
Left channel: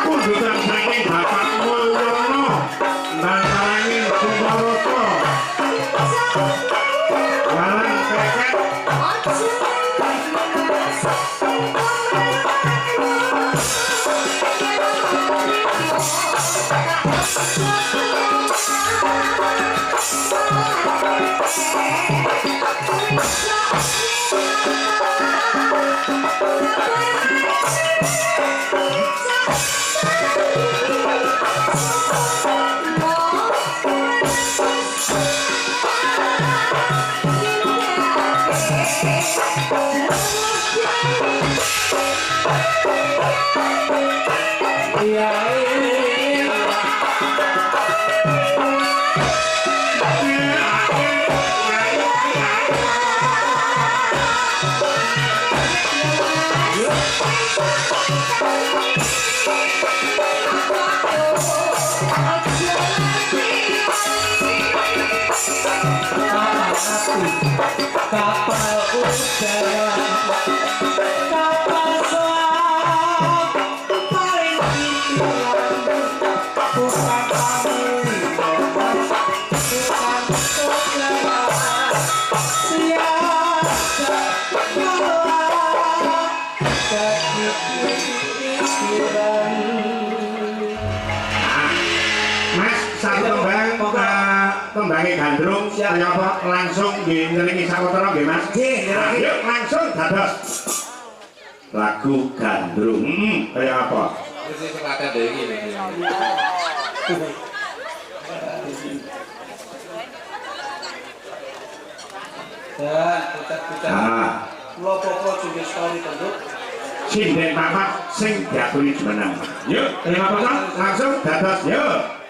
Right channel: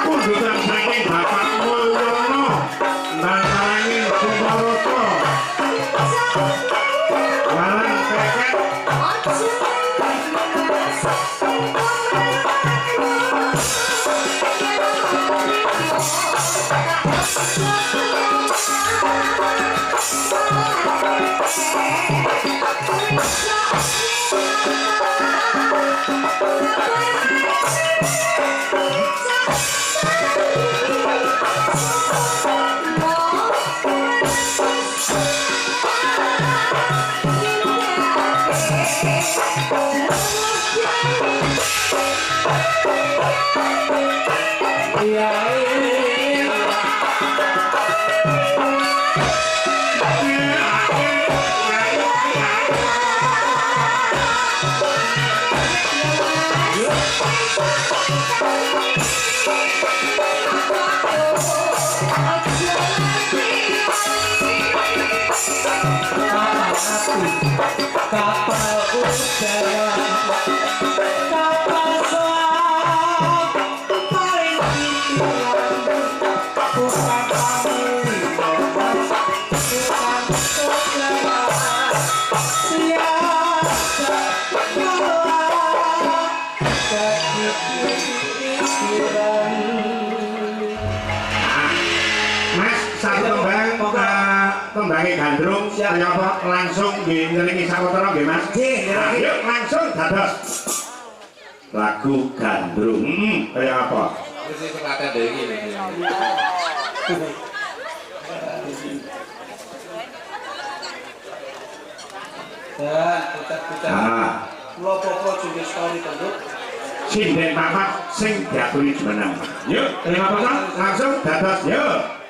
Kundutan saking Bapak Mulyono nantanging Sumaroto Walang Peket nyerangi gandrung kaya apa langsung nggih nyerangi sawetara nggih Mas. Nggih, nyerangi. Yuk langsung dados lagu gandrung kaya apa? Wis kepaten dhewe iki. Dan bocah-bocah Ah, kula popo juga story penduk. sinden papat sing diaturi jumeneng. Yuk, kaya apa Mas? Langsung dados yuk.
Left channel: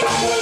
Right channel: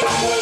Thank you.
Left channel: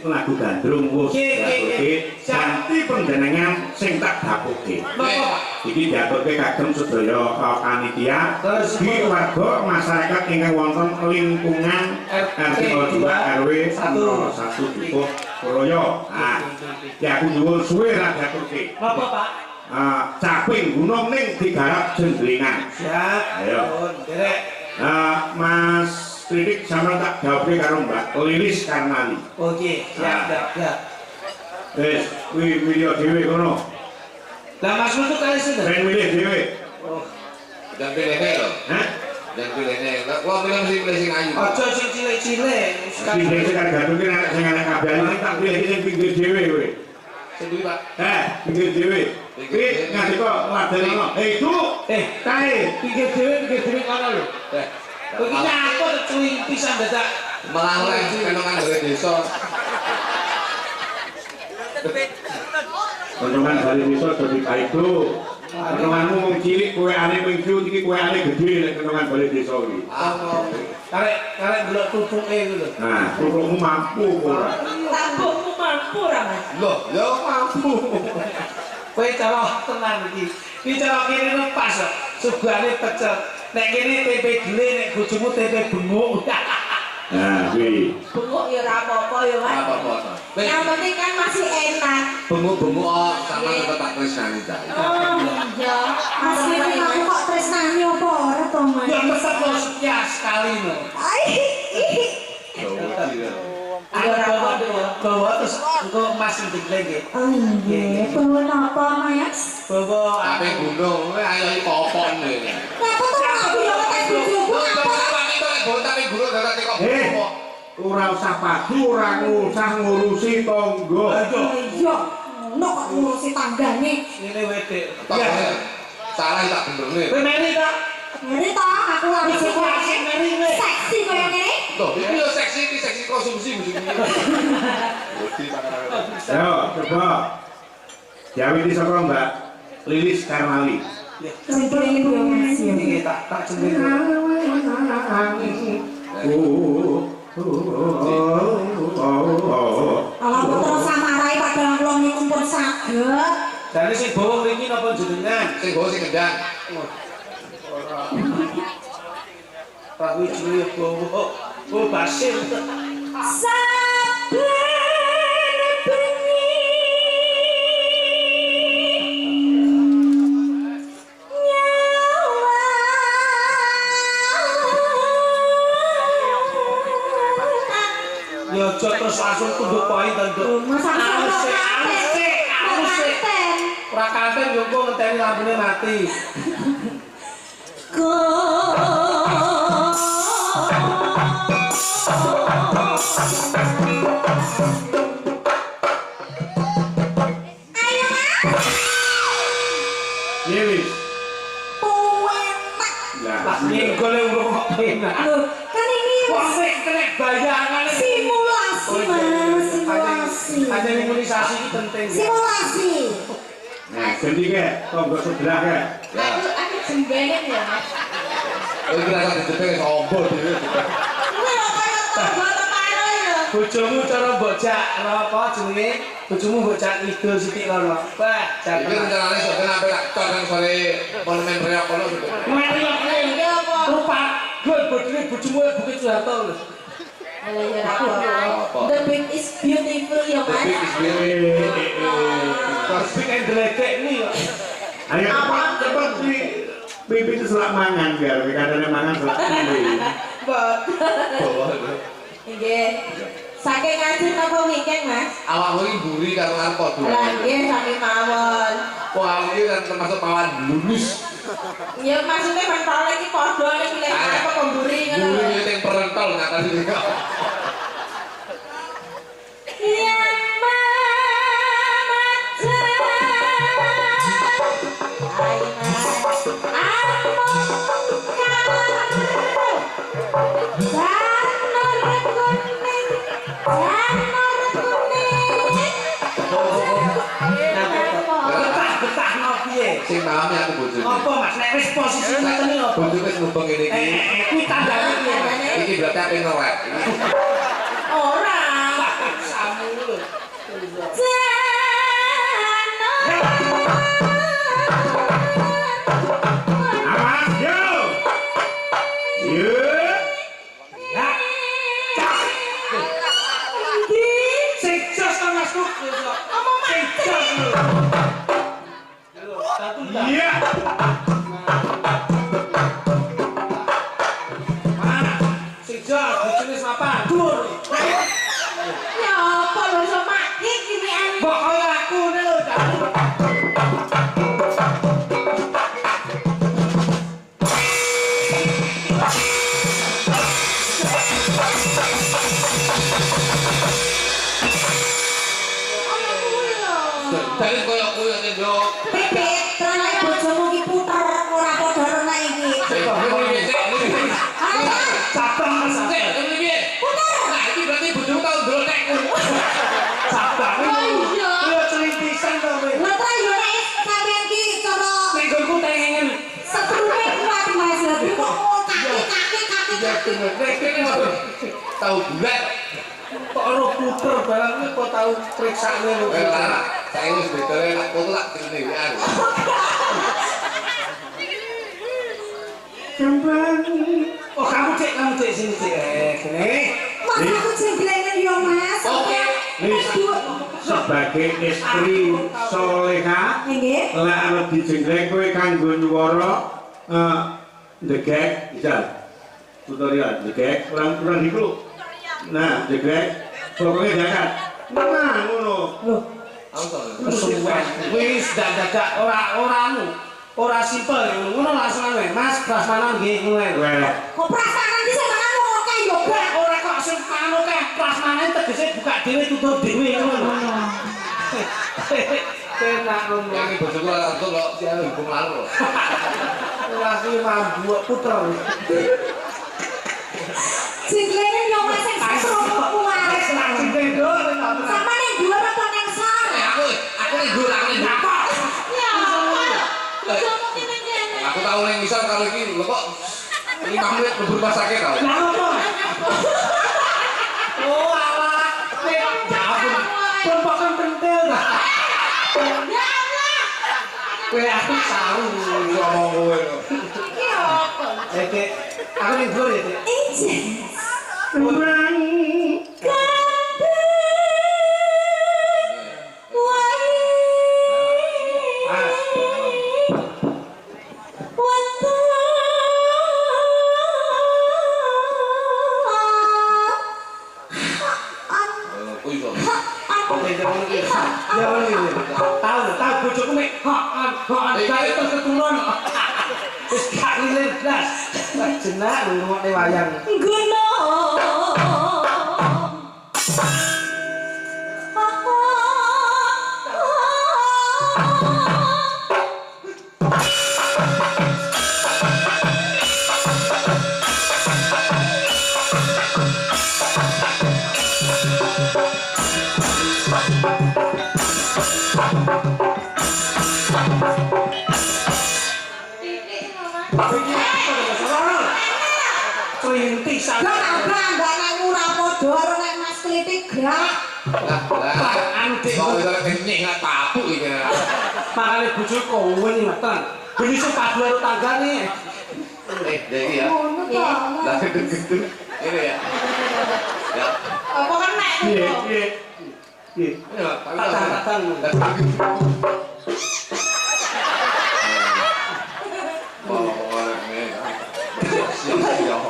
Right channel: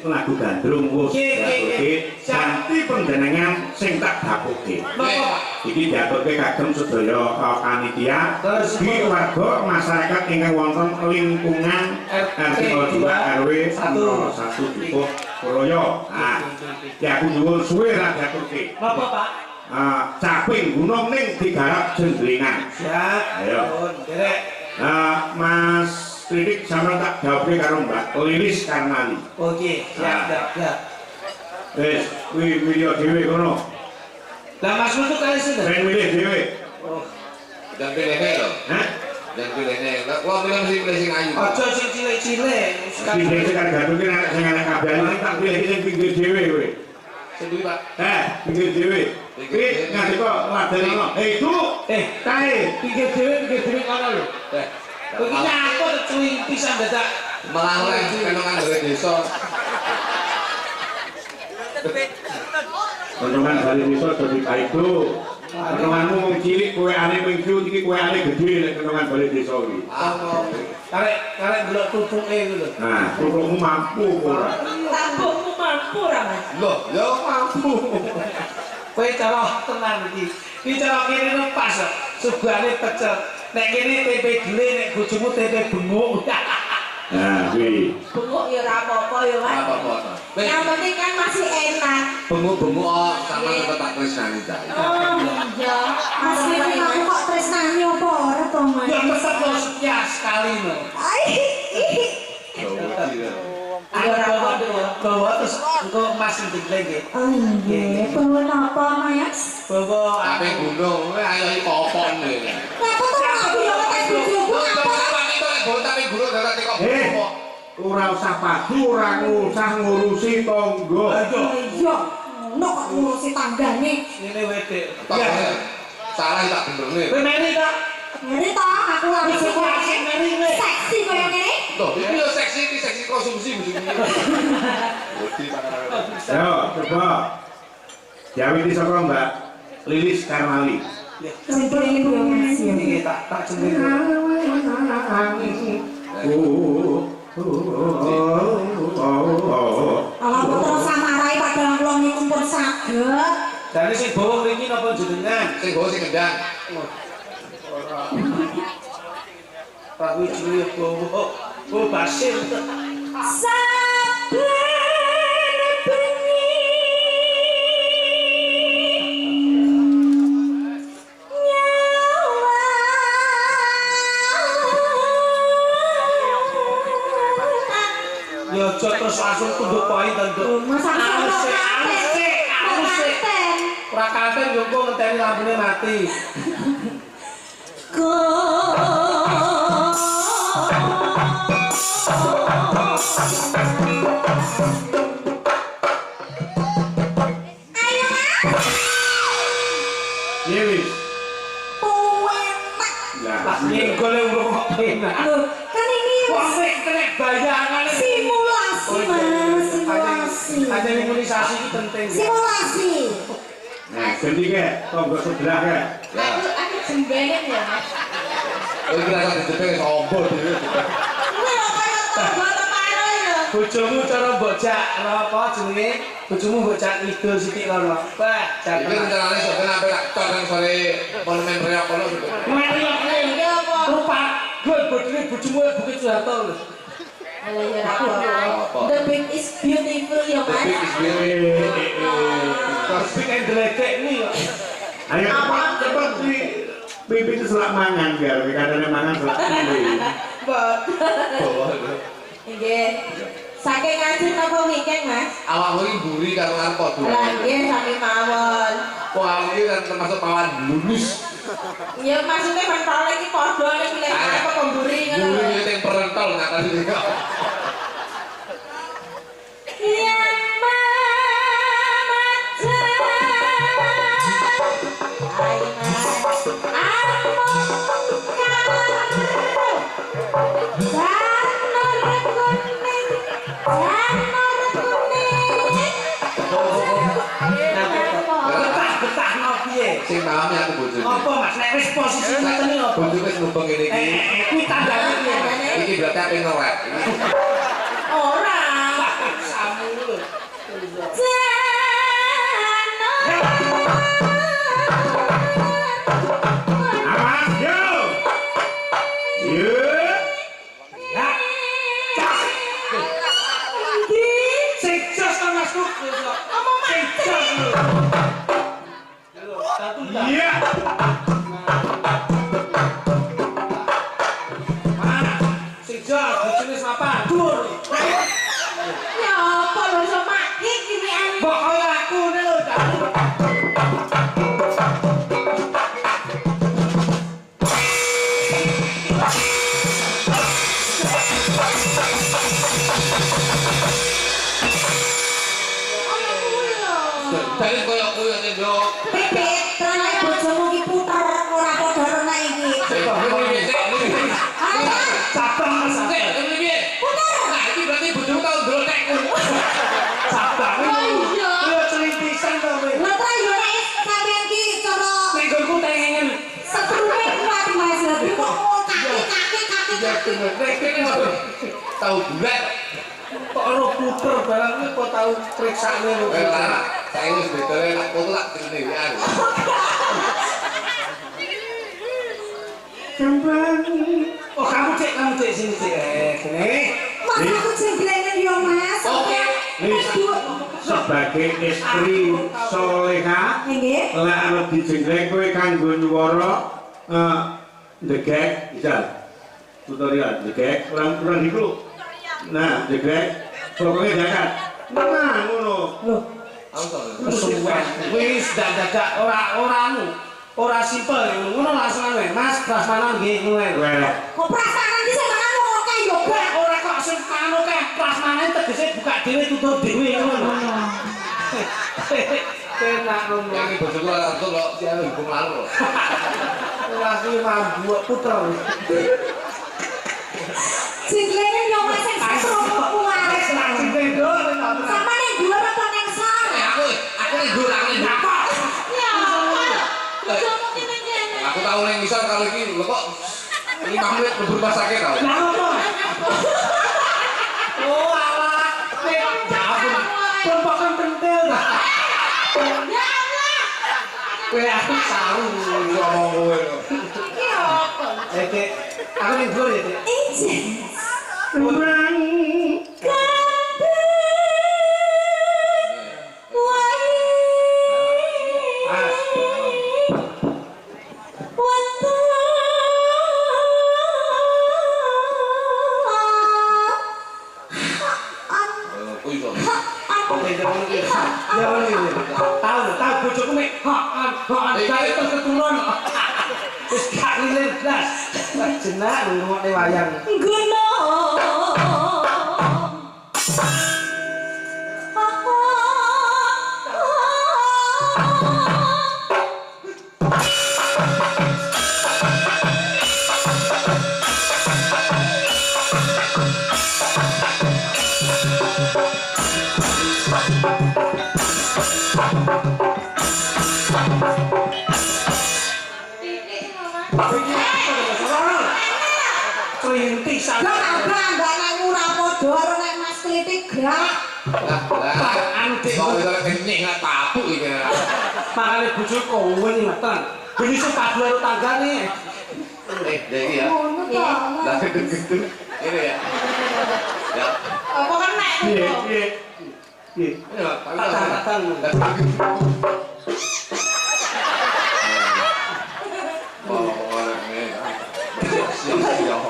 lagu gandrung wis diaturke ganti panjenengan sing tak dapuke. Napa, Pak? Iki diaturke kagem sedaya panitia di warga masyarakat ingkang wonten lingkungan RT 2 RW 01 Dukuh Royo. Nah, ya aku nyuwun suwe ra diaturke. Napa, Pak? Caping gunung ning digarap jendlingan. Siap. Ayo. Derek. Mas Tridik sama tak jawabnya karo Mbak Lilis Karnali. Oke, siap. Wis, kuwi milih dhewe kono. Lah Mas Mutu kali sinten? Ben milih dhewe. Oh, Dan pilihnya lho. Hah? Dan pilihnya. Wah, pilih sing ayu. aja sing cilik-cilik. Sing sing gandunge nek sing ana kabeh tak pilih sing pinggir dhewe kowe. Sing duwe, Pak. Pinggir dhewe. Kuwi nganti kok ladeni ngono. Itu kae pinggir dhewe kono lho. Kowe iki nyapa to cuy pisan dadak. Malah kenongan dari desa. Kenongan dari desa dadi kaido. Kenonganmu wong cilik kowe ane minggu iki kowe ane gedhe nek kenongan bali desa iki. Karek delok tutuke iku lho. Nah, tulungmu mampu ora? Tambungmu mampu ra, Mas? Loh, ya mampu. Kowe cara tenan iki. Iki cara kene nu pas kok. Sugane pecel. Nek kene tempe dele nek bojomu tempe benguk. Nah, kuwi. Bengok ya ora apa-apa ya, Mas. Apa-apa. Yang penting kan masih enak. Benguk-benguk sama tetep tak tresnani ta. Oh, iya. Mas ini kamu kok tresnani apa ora to, Mas? Ya tetep lo setia sekali no. Bawa terus engko Mas ndik lagi. Oh iya, bawa napa, Mas? Bawa Ape gunung, ayo iki popon lho. Napa to aku yo tes bojoku apa? Ora usah padu, ora usah ngurusi tangga. Iya, ono kok ngurusi tanggane. Ini wedek. Salah tak benerne. Kowe meri ta? Ngeri to, aku lagi Asik meri kowe. seksi koyo ngene. Loh, iki yo seksi konsumsi mesti. Ayo, coba. Diawiti saka Mbak Lilis Karnali. Cemplung yo Mas. Iki tak jeneng. Ala kok terus samarai padahal kula niku pun saged. Jane sing bawa mriki napa jenengan? Sing go sing kendang. Pak Wijaya bawa. Oh, Basir. Saben bengi nyawa Ya aja terus langsung tunduk poin tunduk. Alus. Ora kanten yo kok ngenteni lampune mati. Lilis. Lah nyenggol urung kok penak. Loh, kan ini Kok sik kena bayangan simulasi, Mas, simulasi. Ada imunisasi iki penting. Simulasi. Nah, ganti ke tangga sebelah ke. Ya. Aku jembelen ya, Mas. Oh, iki rasa dijepek sombo dhewe. Kuwi lho kaya tangga teparo ya. Bojomu cara bocak apa jenenge? Bojomu bocak idul sithik lono. Wah, Iki jangan. rencanane sok ben apik tak cor nang sore monumen reok kono. Mari Iya apa? rupa gol bodine bojomu Bukit Suharto lho. Alah ya apa. The big is beautiful ya, Mas. Tapi isbire. Terus kan gledek nih kok. Ayo cepat di pipi itu selak mangan biar kadane mangan selak pipi. Mbok. Nggih. Saking ngaji napa weekend, Mas? Awakmu iki mburi karo arep padha. Lah nggih saking mawon. Kok awakmu iki kan termasuk pawan lulus. Ya maksudnya pentol iki padha nek pilih apa pemburi ngono. Mburi sing perentol ngatas iki. Yang Betah no piye? Sing pahami aku bojone. Apa Mas nek wis posisi ngoten iki apa? Bojo wis ngubeng ngene iki. Kuwi tandane piye? Iki berarti ape ngelek. ora. Samu besok. Ngomong Sejak lho. Satu dah. Iya. Sejak bojone mapan. Dur. Ya apa lho iso mati gini ane. Mbok kaya aku ne lho. Ono kuwi lho. Dari koyo koyo ning yo. Pipit, tenan bojomu ki puter ora padha rene iki. Cabang Sik, ngene piye? Nah, iki berarti bojomu tau ndrotekku. cabang. Oh iya. Yo celintisan to kowe. Lha ta yo nek sampean ki cara Nek nggonku tengen. setrume kuat Mas Labi kok kaki. Nek kene ngono. Tau bulat. Kok ora puter barang iki kok tau priksane lho. Ora, saya wis betore nak foto tak direne wian. Kembang. Oh, kamu cek sini cek. Kene. Mas aku jenglengan yo Mas. Oke. Nis, sebagai istri soleha, Nggih. lek arep dijengkleng kowe kanggo nyuwara ndegek bisa. Tutorial ndegek kurang iku. Nah, ndegek pokoknya zakat. Nah, ngono. Loh, Langsung. kesuwen. Wis dadak ora simpel ngono langsung ae. Mas, prasmanan nggih ngono. Weh. Kok perasaan iki sing mangan oke yo Ora ora kok sing kanu keh prasmanan tegese buka dhewe tutup dhewe ngono. Tenak ngono. Yang ini bojoku langsung kok dia hukum lalu. Ora ki mambu puter. Jenglengan yo Mas sing setrume kuat. Sama ning dhuwur apa ning sor? Aku ning dhuwur aku ning dhuwur. Ya Allah. Bojomu ki ning kene. Aku tau ning ngisor karo iki lho kok 5 menit mlebu rumah sakit tau. Lah opo? Oh alah. Ya ampun. Pempokan pentil dah. Ya Allah. Kowe aku saru Ngomong kowe lho. Iki apa? Oke, aku ning dhuwur ya, Dik. Injen. Kurang Kuwi kok. Ya wis. Tahu bojoku mek hak gawe keturunan. Wis gak ngiler blas. Jenak ngrungokne wayang. Guna. Trintisan. Lah abang ora padha karo nek Mas Klitik grak. Lah, Antik. kok iso kenyek gak tapuk iki. Makane bojoku kowe ngeten. Beli sepatu karo tanggane. Iki ya. Ngono to. Lah gendeng-gendeng. Ini ya. Ya. Apa kan nek piye piye. Piye. Ya, Tatang.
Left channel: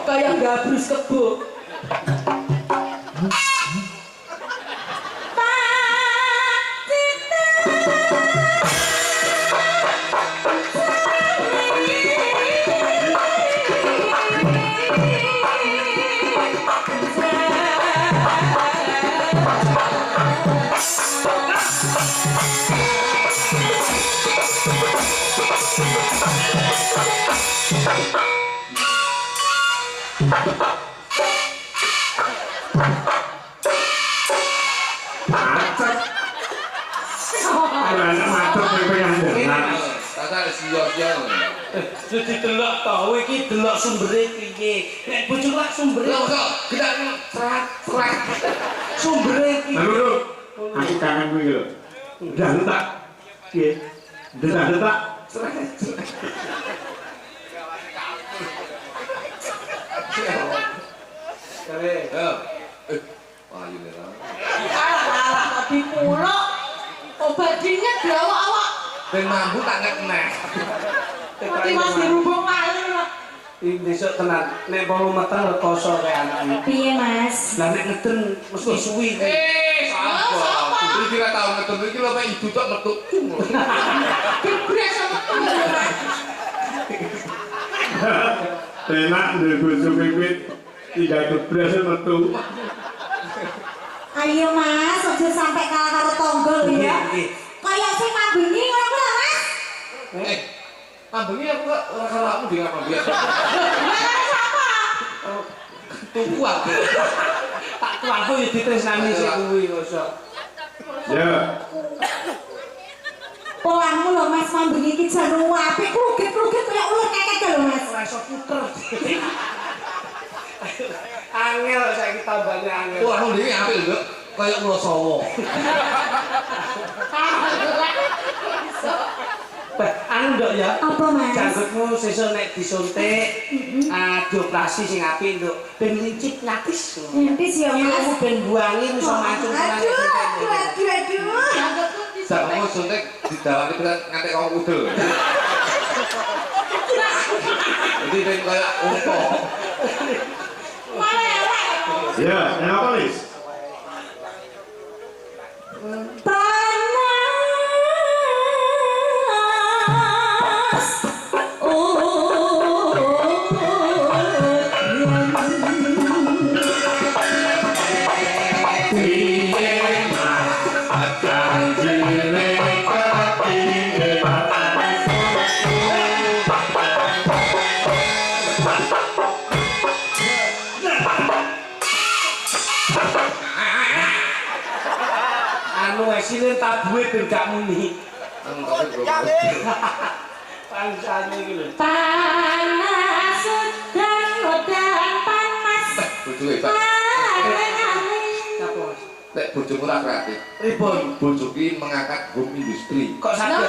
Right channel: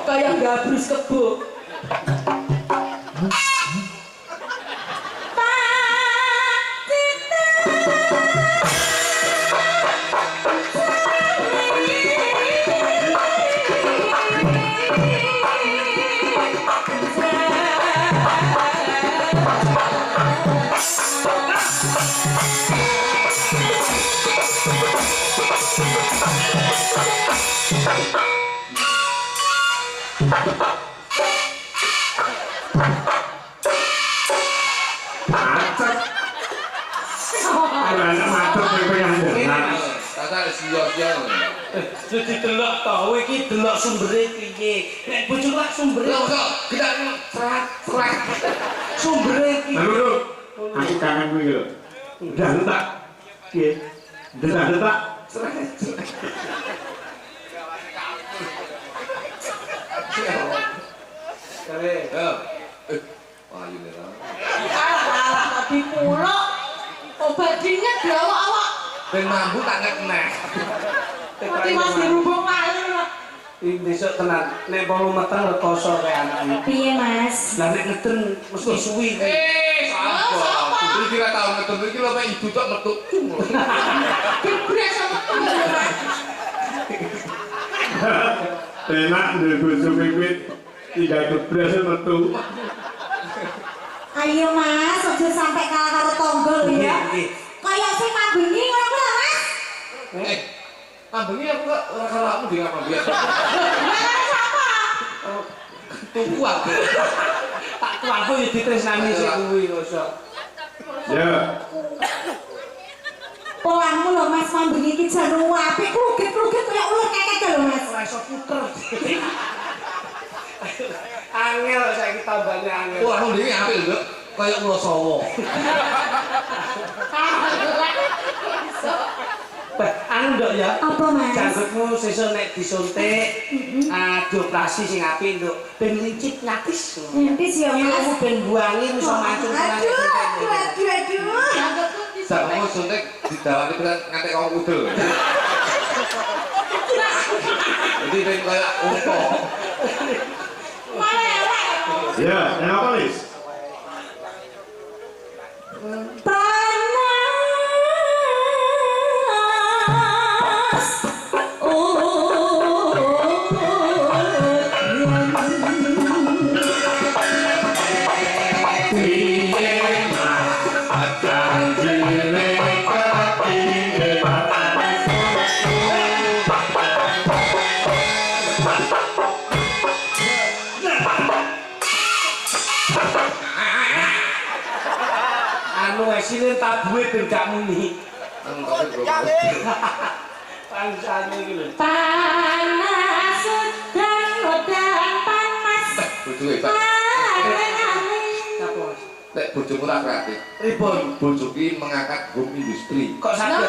kayak gabrus kebo. Macet. Ora ana macet kowe penyandaran. Tata sia-sia. Jadi delok to, kowe iki delok sumbere piye. Nek bojoku lak sumbere Lho kok gedak prak. sumbere piye. Lho, aku kangen kowe lho. Udah tak. Piye? Detak-detak. Kare. Ya. Wah, ini lah. Alah dipuluk. Obat dingin di awak-awak. Ben mambu tak ngeneh. Mati Mas dirubung malih lho. Iki besok tenan nek pomo meteng rekoso kae anake. Piye Mas? Lah nek ngeden mesti suwi. Sapa? Iki kira tau ngeten iki lho mek ibu tok metu. Dibres sama Enak ndek bojo pipit tinggal gebres metu. Ayo Mas, aja sampai kalah karo tonggo lho ya. Kayak sing mambengi ngono kuwi lho Mas. Ambengi aku kok ora salahmu di ngapa biasa. Lah sapa? Tuku aku. Tak tuaku ya ditresnani sik kuwi kok. Ya. Polangmu lho Mas mambengi iki jan apik krugit-krugit kaya ular kekek lho Mas. Ora iso puter. Angel saiki tambane angel. Wah, ndek apik lho. Kayak ulo sawo. Anu nduk ya. Apa Mas? Janggutmu sesuk nek disuntik dioperasi sing apik nduk ben lincip ngatis. Entis ya Mas. Ilmu ben buangi iso mancung tenan. Aduh. Sakmu suntik didawani pisan nganti kok udel. Jadi ben kayak unta. Ya, yang apa Lis? Panas. Anu esine tabuhe ben gak muni. Pangsane iki lho. Panas dan udan panas. Bojoke Pak. Apa? Nek bojomu tak kreatif. Pripun? Bojo ki mengangkat home industri. Kok saged?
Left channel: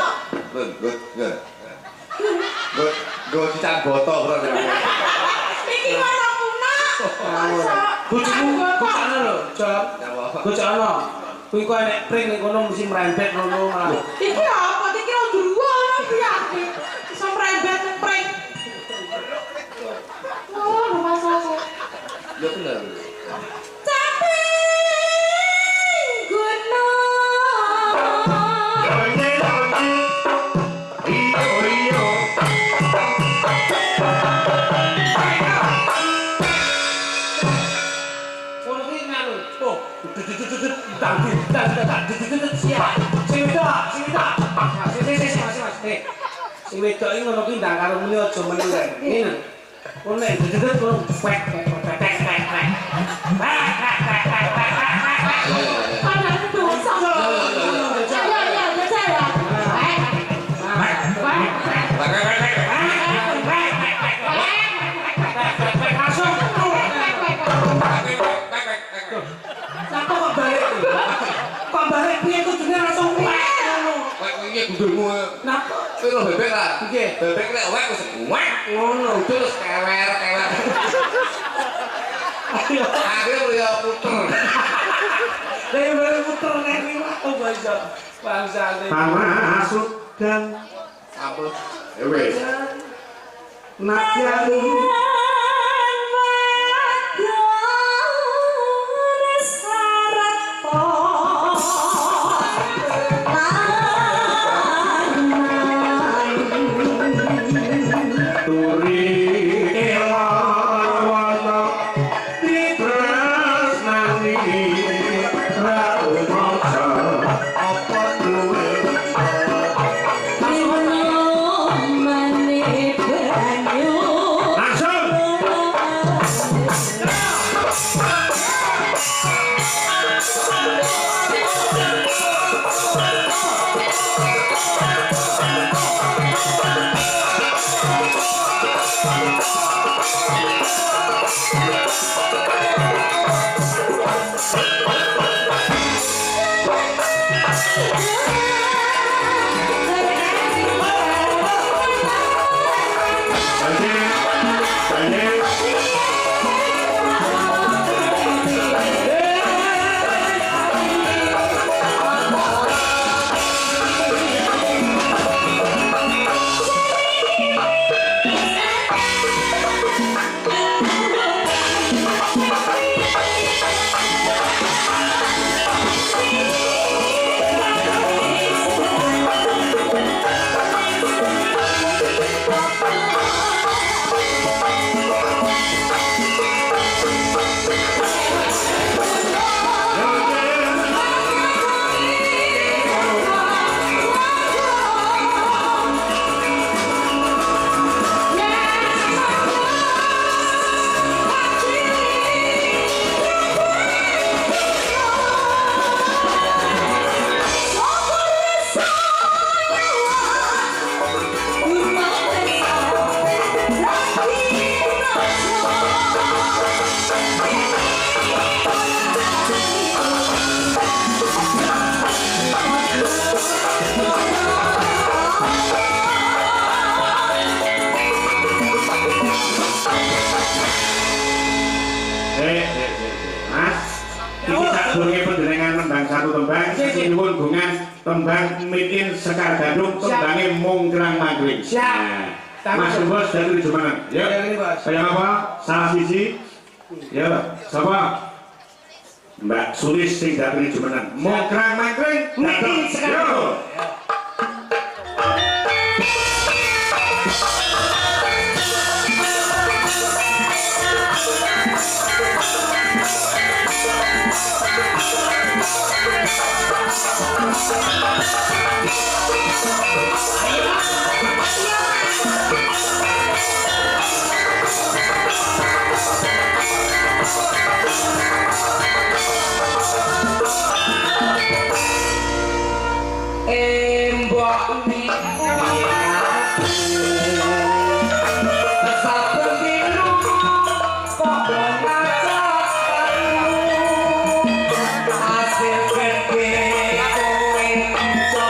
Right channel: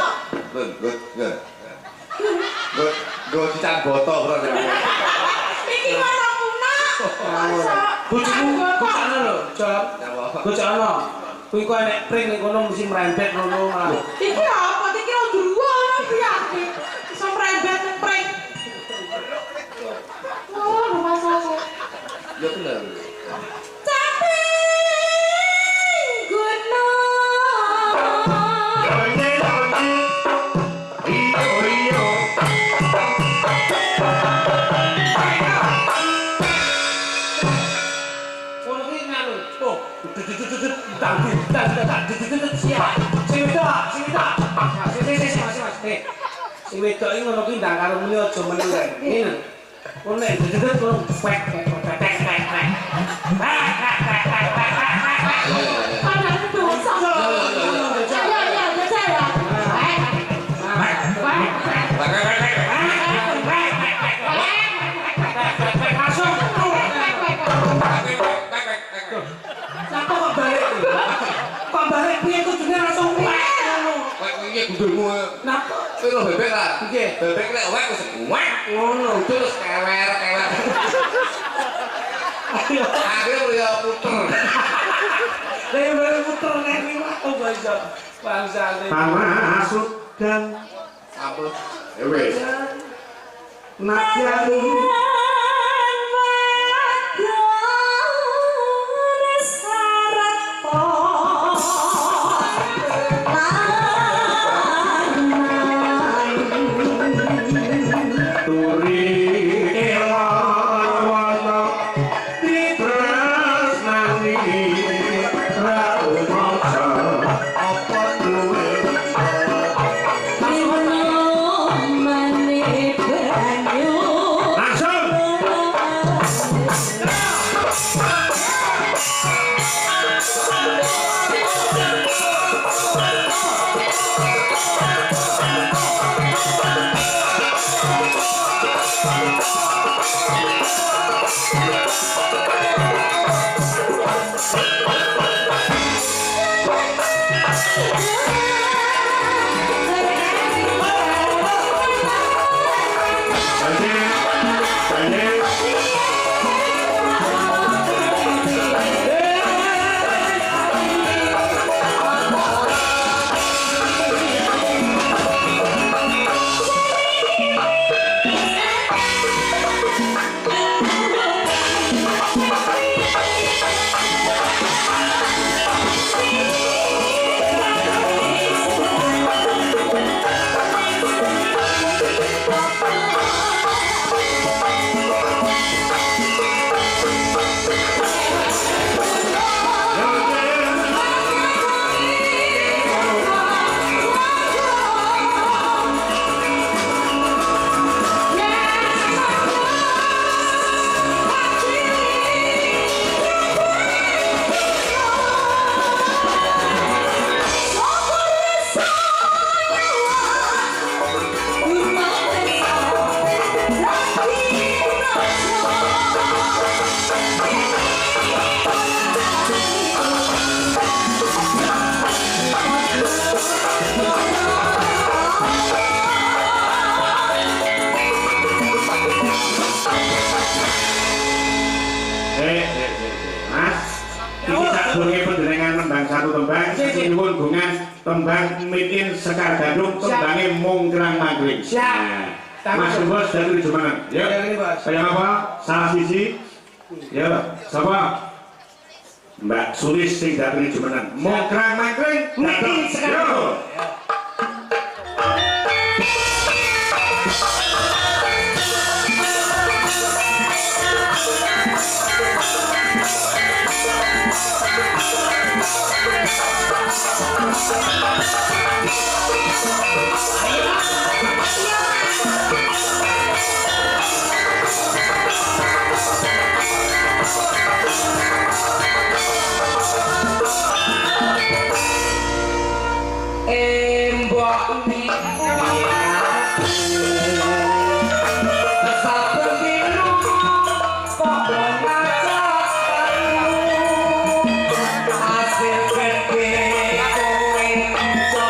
Gue cican boto bro. Iki mana punah. Bojomu bocana lho, Jok. Bocana. Kuwi kok nek pring ning kono mesti merembet ngono malah. Iki apa? Iki kira dua ono piye? Iso mrembet pring. Oh, rumah saya. Ya bener. Sing wedok iki ngono ki ndang karo muni aja meneng kae. Ngene. Kono nek dedet kono pek. Ada itu dosa. Ya ya ya saya. Langsung. Sapa kok balik? Kok balik piye kudune langsung pek ngono. Kayak iki gundulmu. Napa? Kowe lho bebek ta? Nggih. Bebek nek wek wis wek ngono terus kewer. Ayo. Akhirnya ya puter. Lah baru puter nek liwat bangsa. Bangsane. Panas dan Ampun. wes. Nakyani langsung tembang sing nyuwun gungan tembang Mitin Sekar Gadung tembange Mongkrang Mangkring. Siap. Mas Bos dari Jumeneng. Ya. Saya apa? Salah sisi. Ya, sapa? Mbak Sulis sing dari Jumeneng. Mongkrang Mangkring. Mitin Sekar Gadung. Embok niku saben dino padha ngajak hasil gede kowe jaman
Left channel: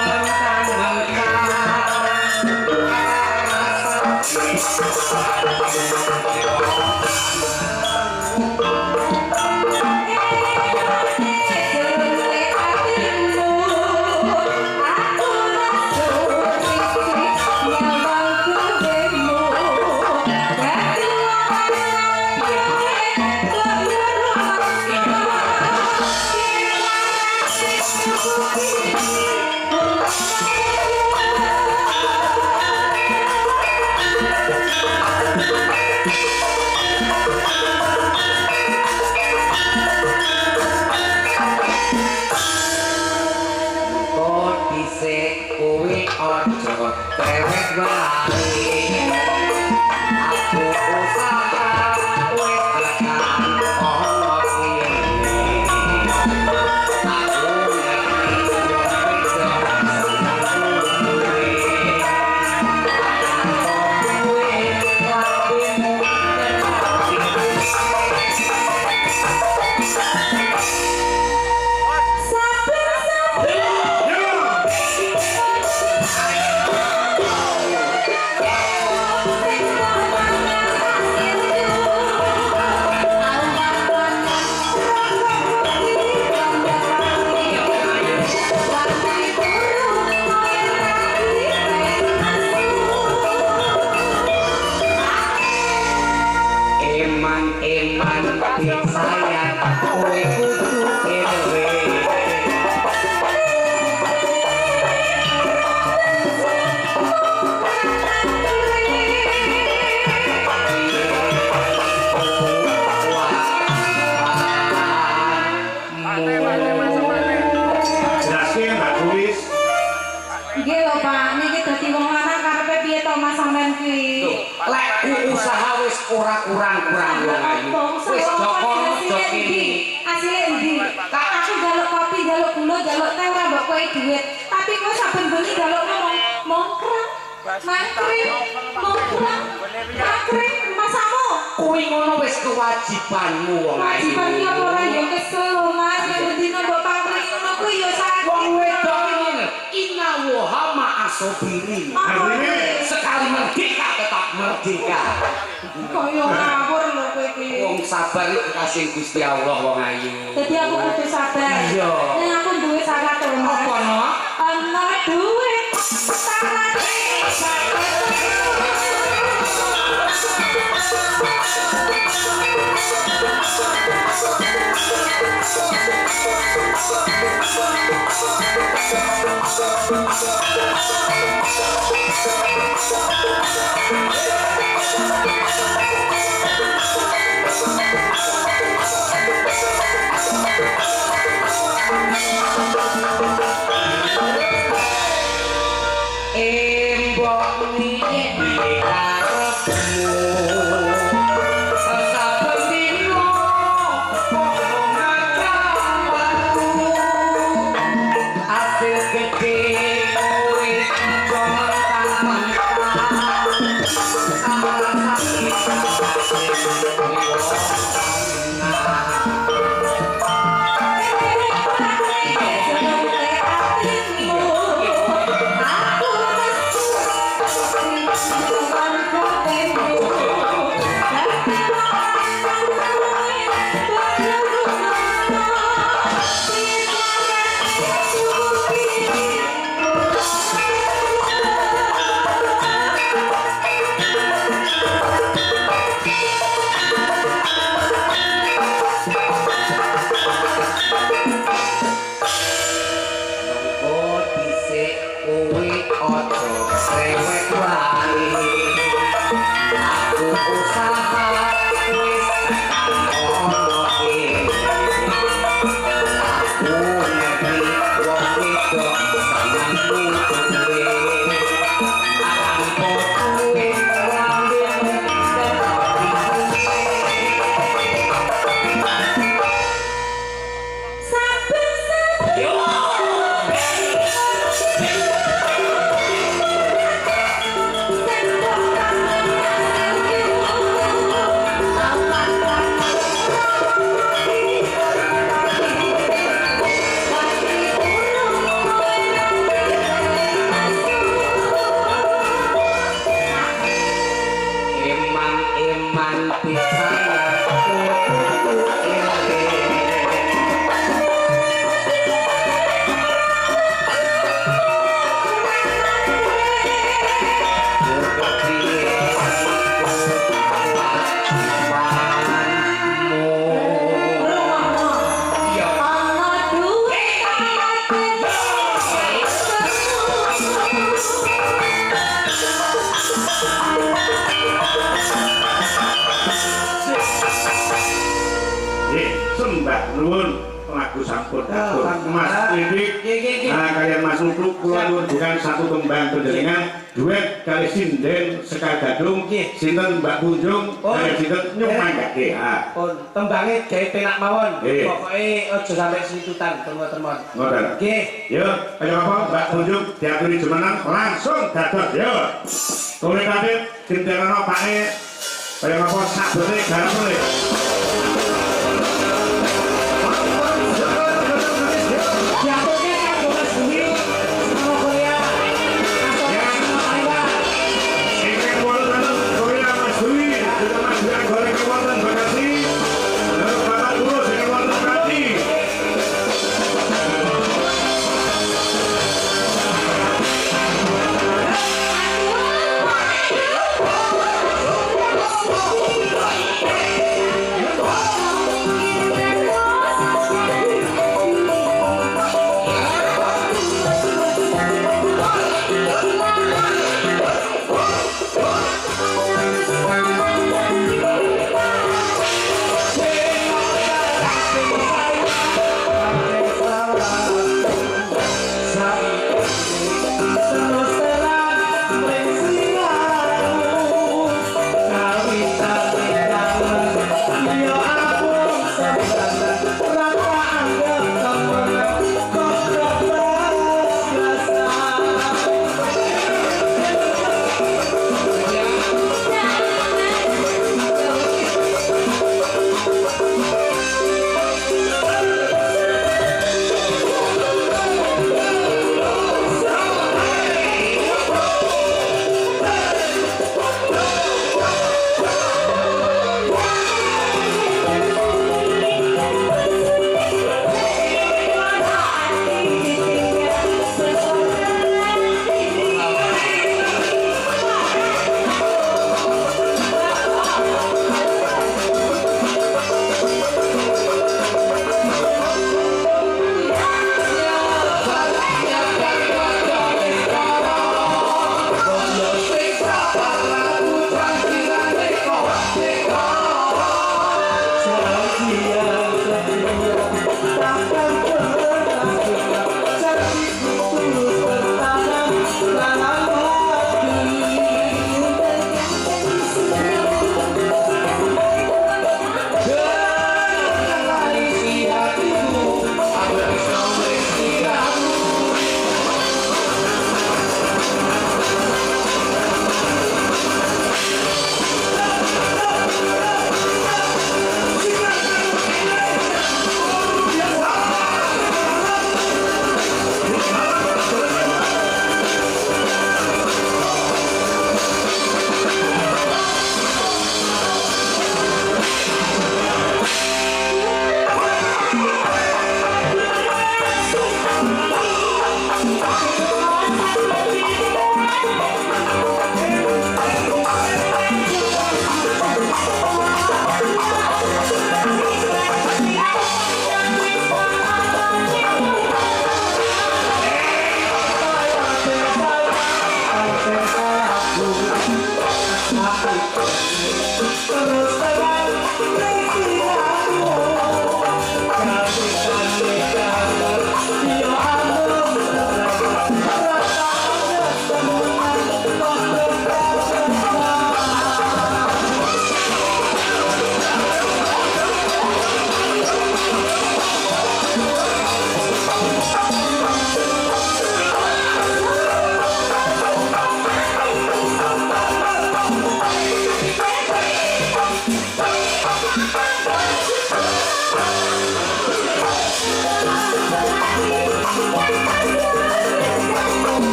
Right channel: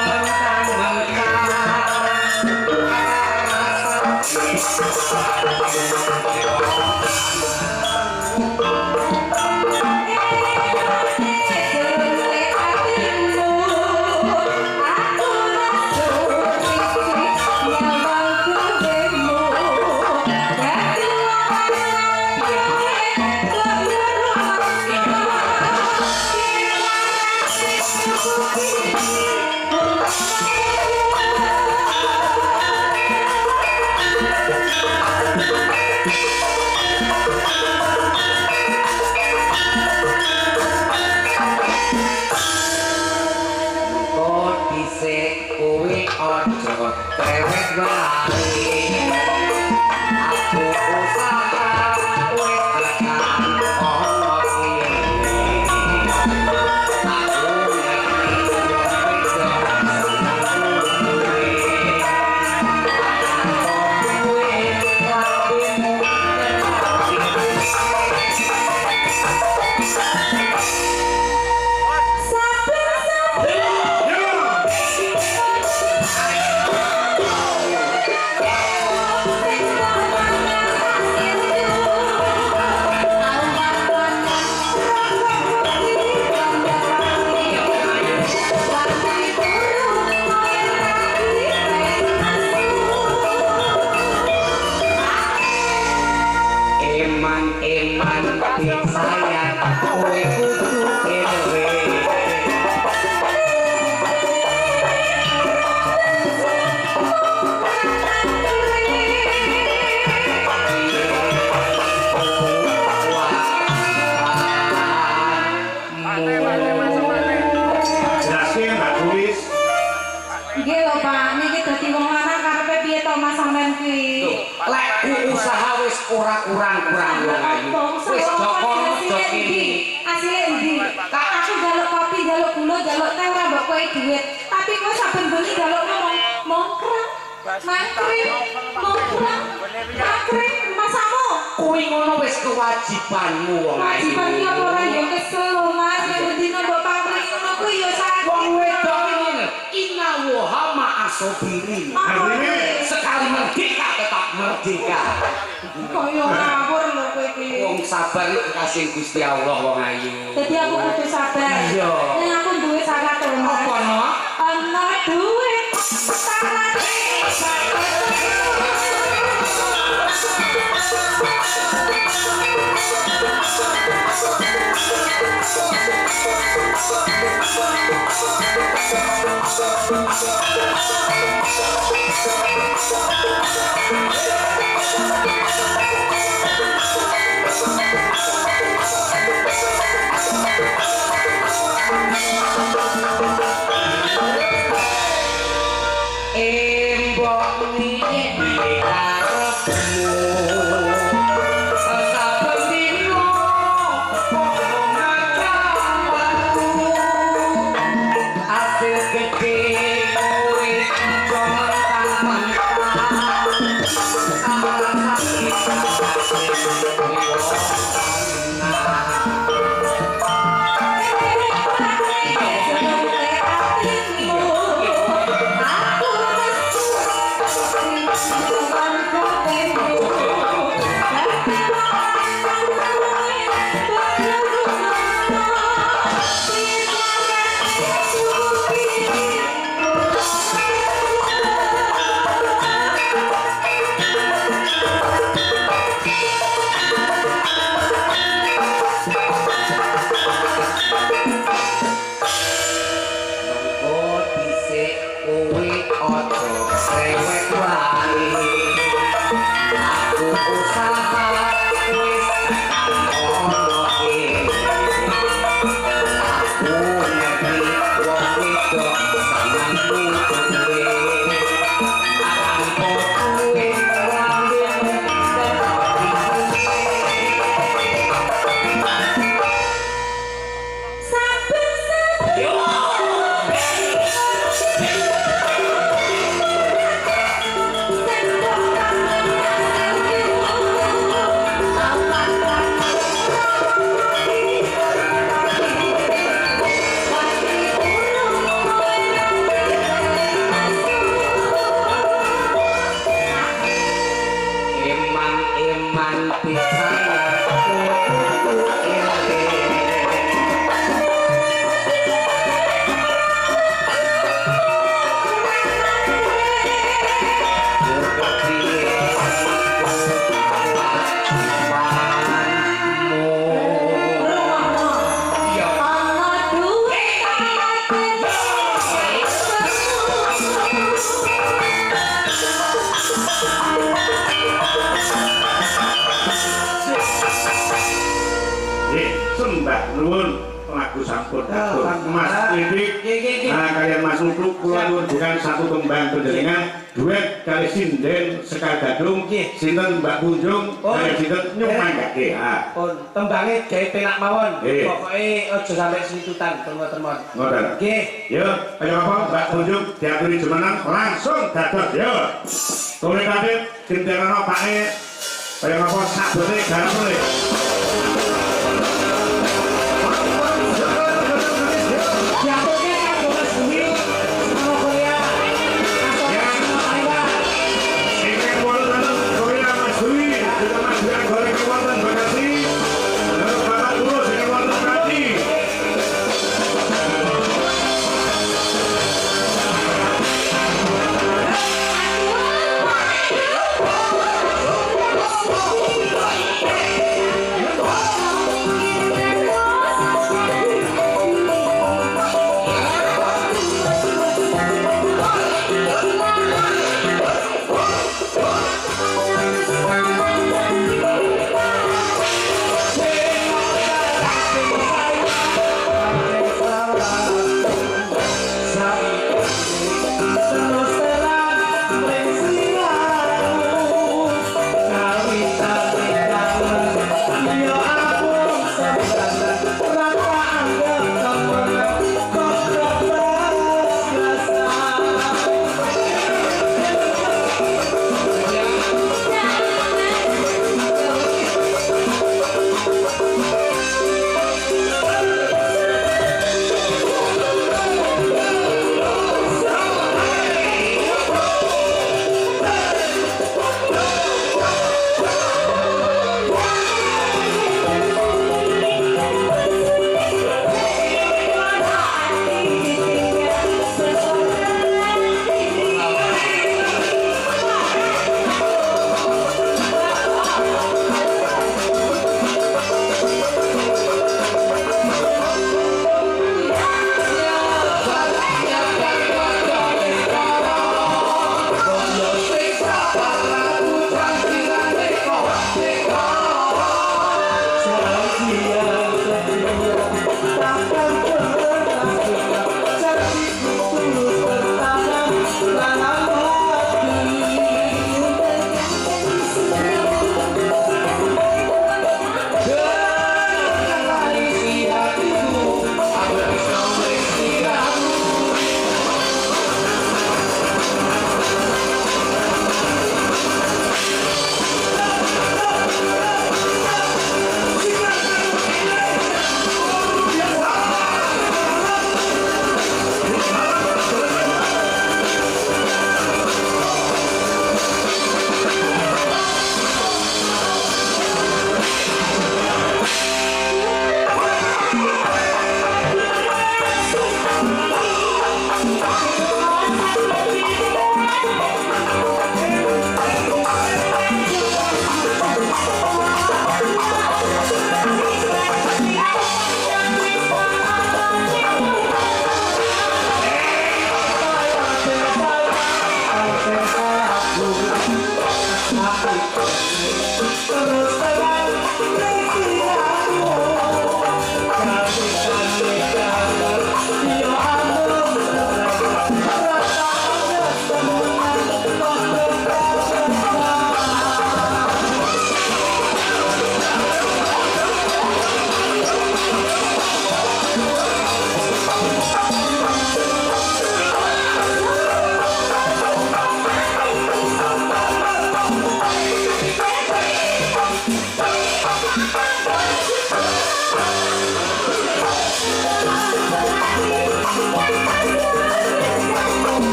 ora kurang-kurang wong ayu. Wis Joko Jok iki. Asile endi? Kak aku njaluk kopi, njaluk gula, njaluk teh ora mbok kowe dhuwit. Tapi kowe saben bengi njaluk mongkrang. Mangkring, mongkrang. Mangkring masamu. Kuwi ngono wis kewajibanmu wong ayu. Kewajiban iki apa ora yo kesel Mas, nek dina mbok pangkring ngono kuwi yo sakit. Wong wedok ngene, inna wa ma asobirin. Sekali merdeka tetap merdeka. Kaya ngawur lho kowe iki. Wong sabar iki kasih Gusti Allah wong ayu. Dadi aku kudu sabar. Iya. Nek aku duwe syarat to. Apa no? Ana duwe syarat. Embok niki karepmu saben dino padha ngacawanku hasil gede kowe jaman Sembah nuwun lagu sampun atur Mas Didik kalian Mas Nutruk kula nuwun bukan satu tembang panjenengan duet kali sinden Sekar Gadung sinten Mbak Kunjung kali sinten Nyumang Gage pun tembangnya gawe penak mawon pokoke aja sampe situtan teman-teman ngoten nggih yo kaya apa Mbak Kunjung diaturi jumeneng langsung dados yo tole kadit dinterano pake kaya apa sabote garapure Aduh.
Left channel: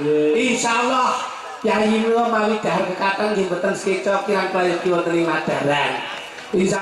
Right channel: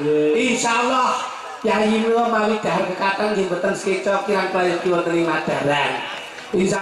Insyaallah Kyai Mula mawi dahar kekatan nggih mboten sekeca kirang prayogi wonten ing Madaran.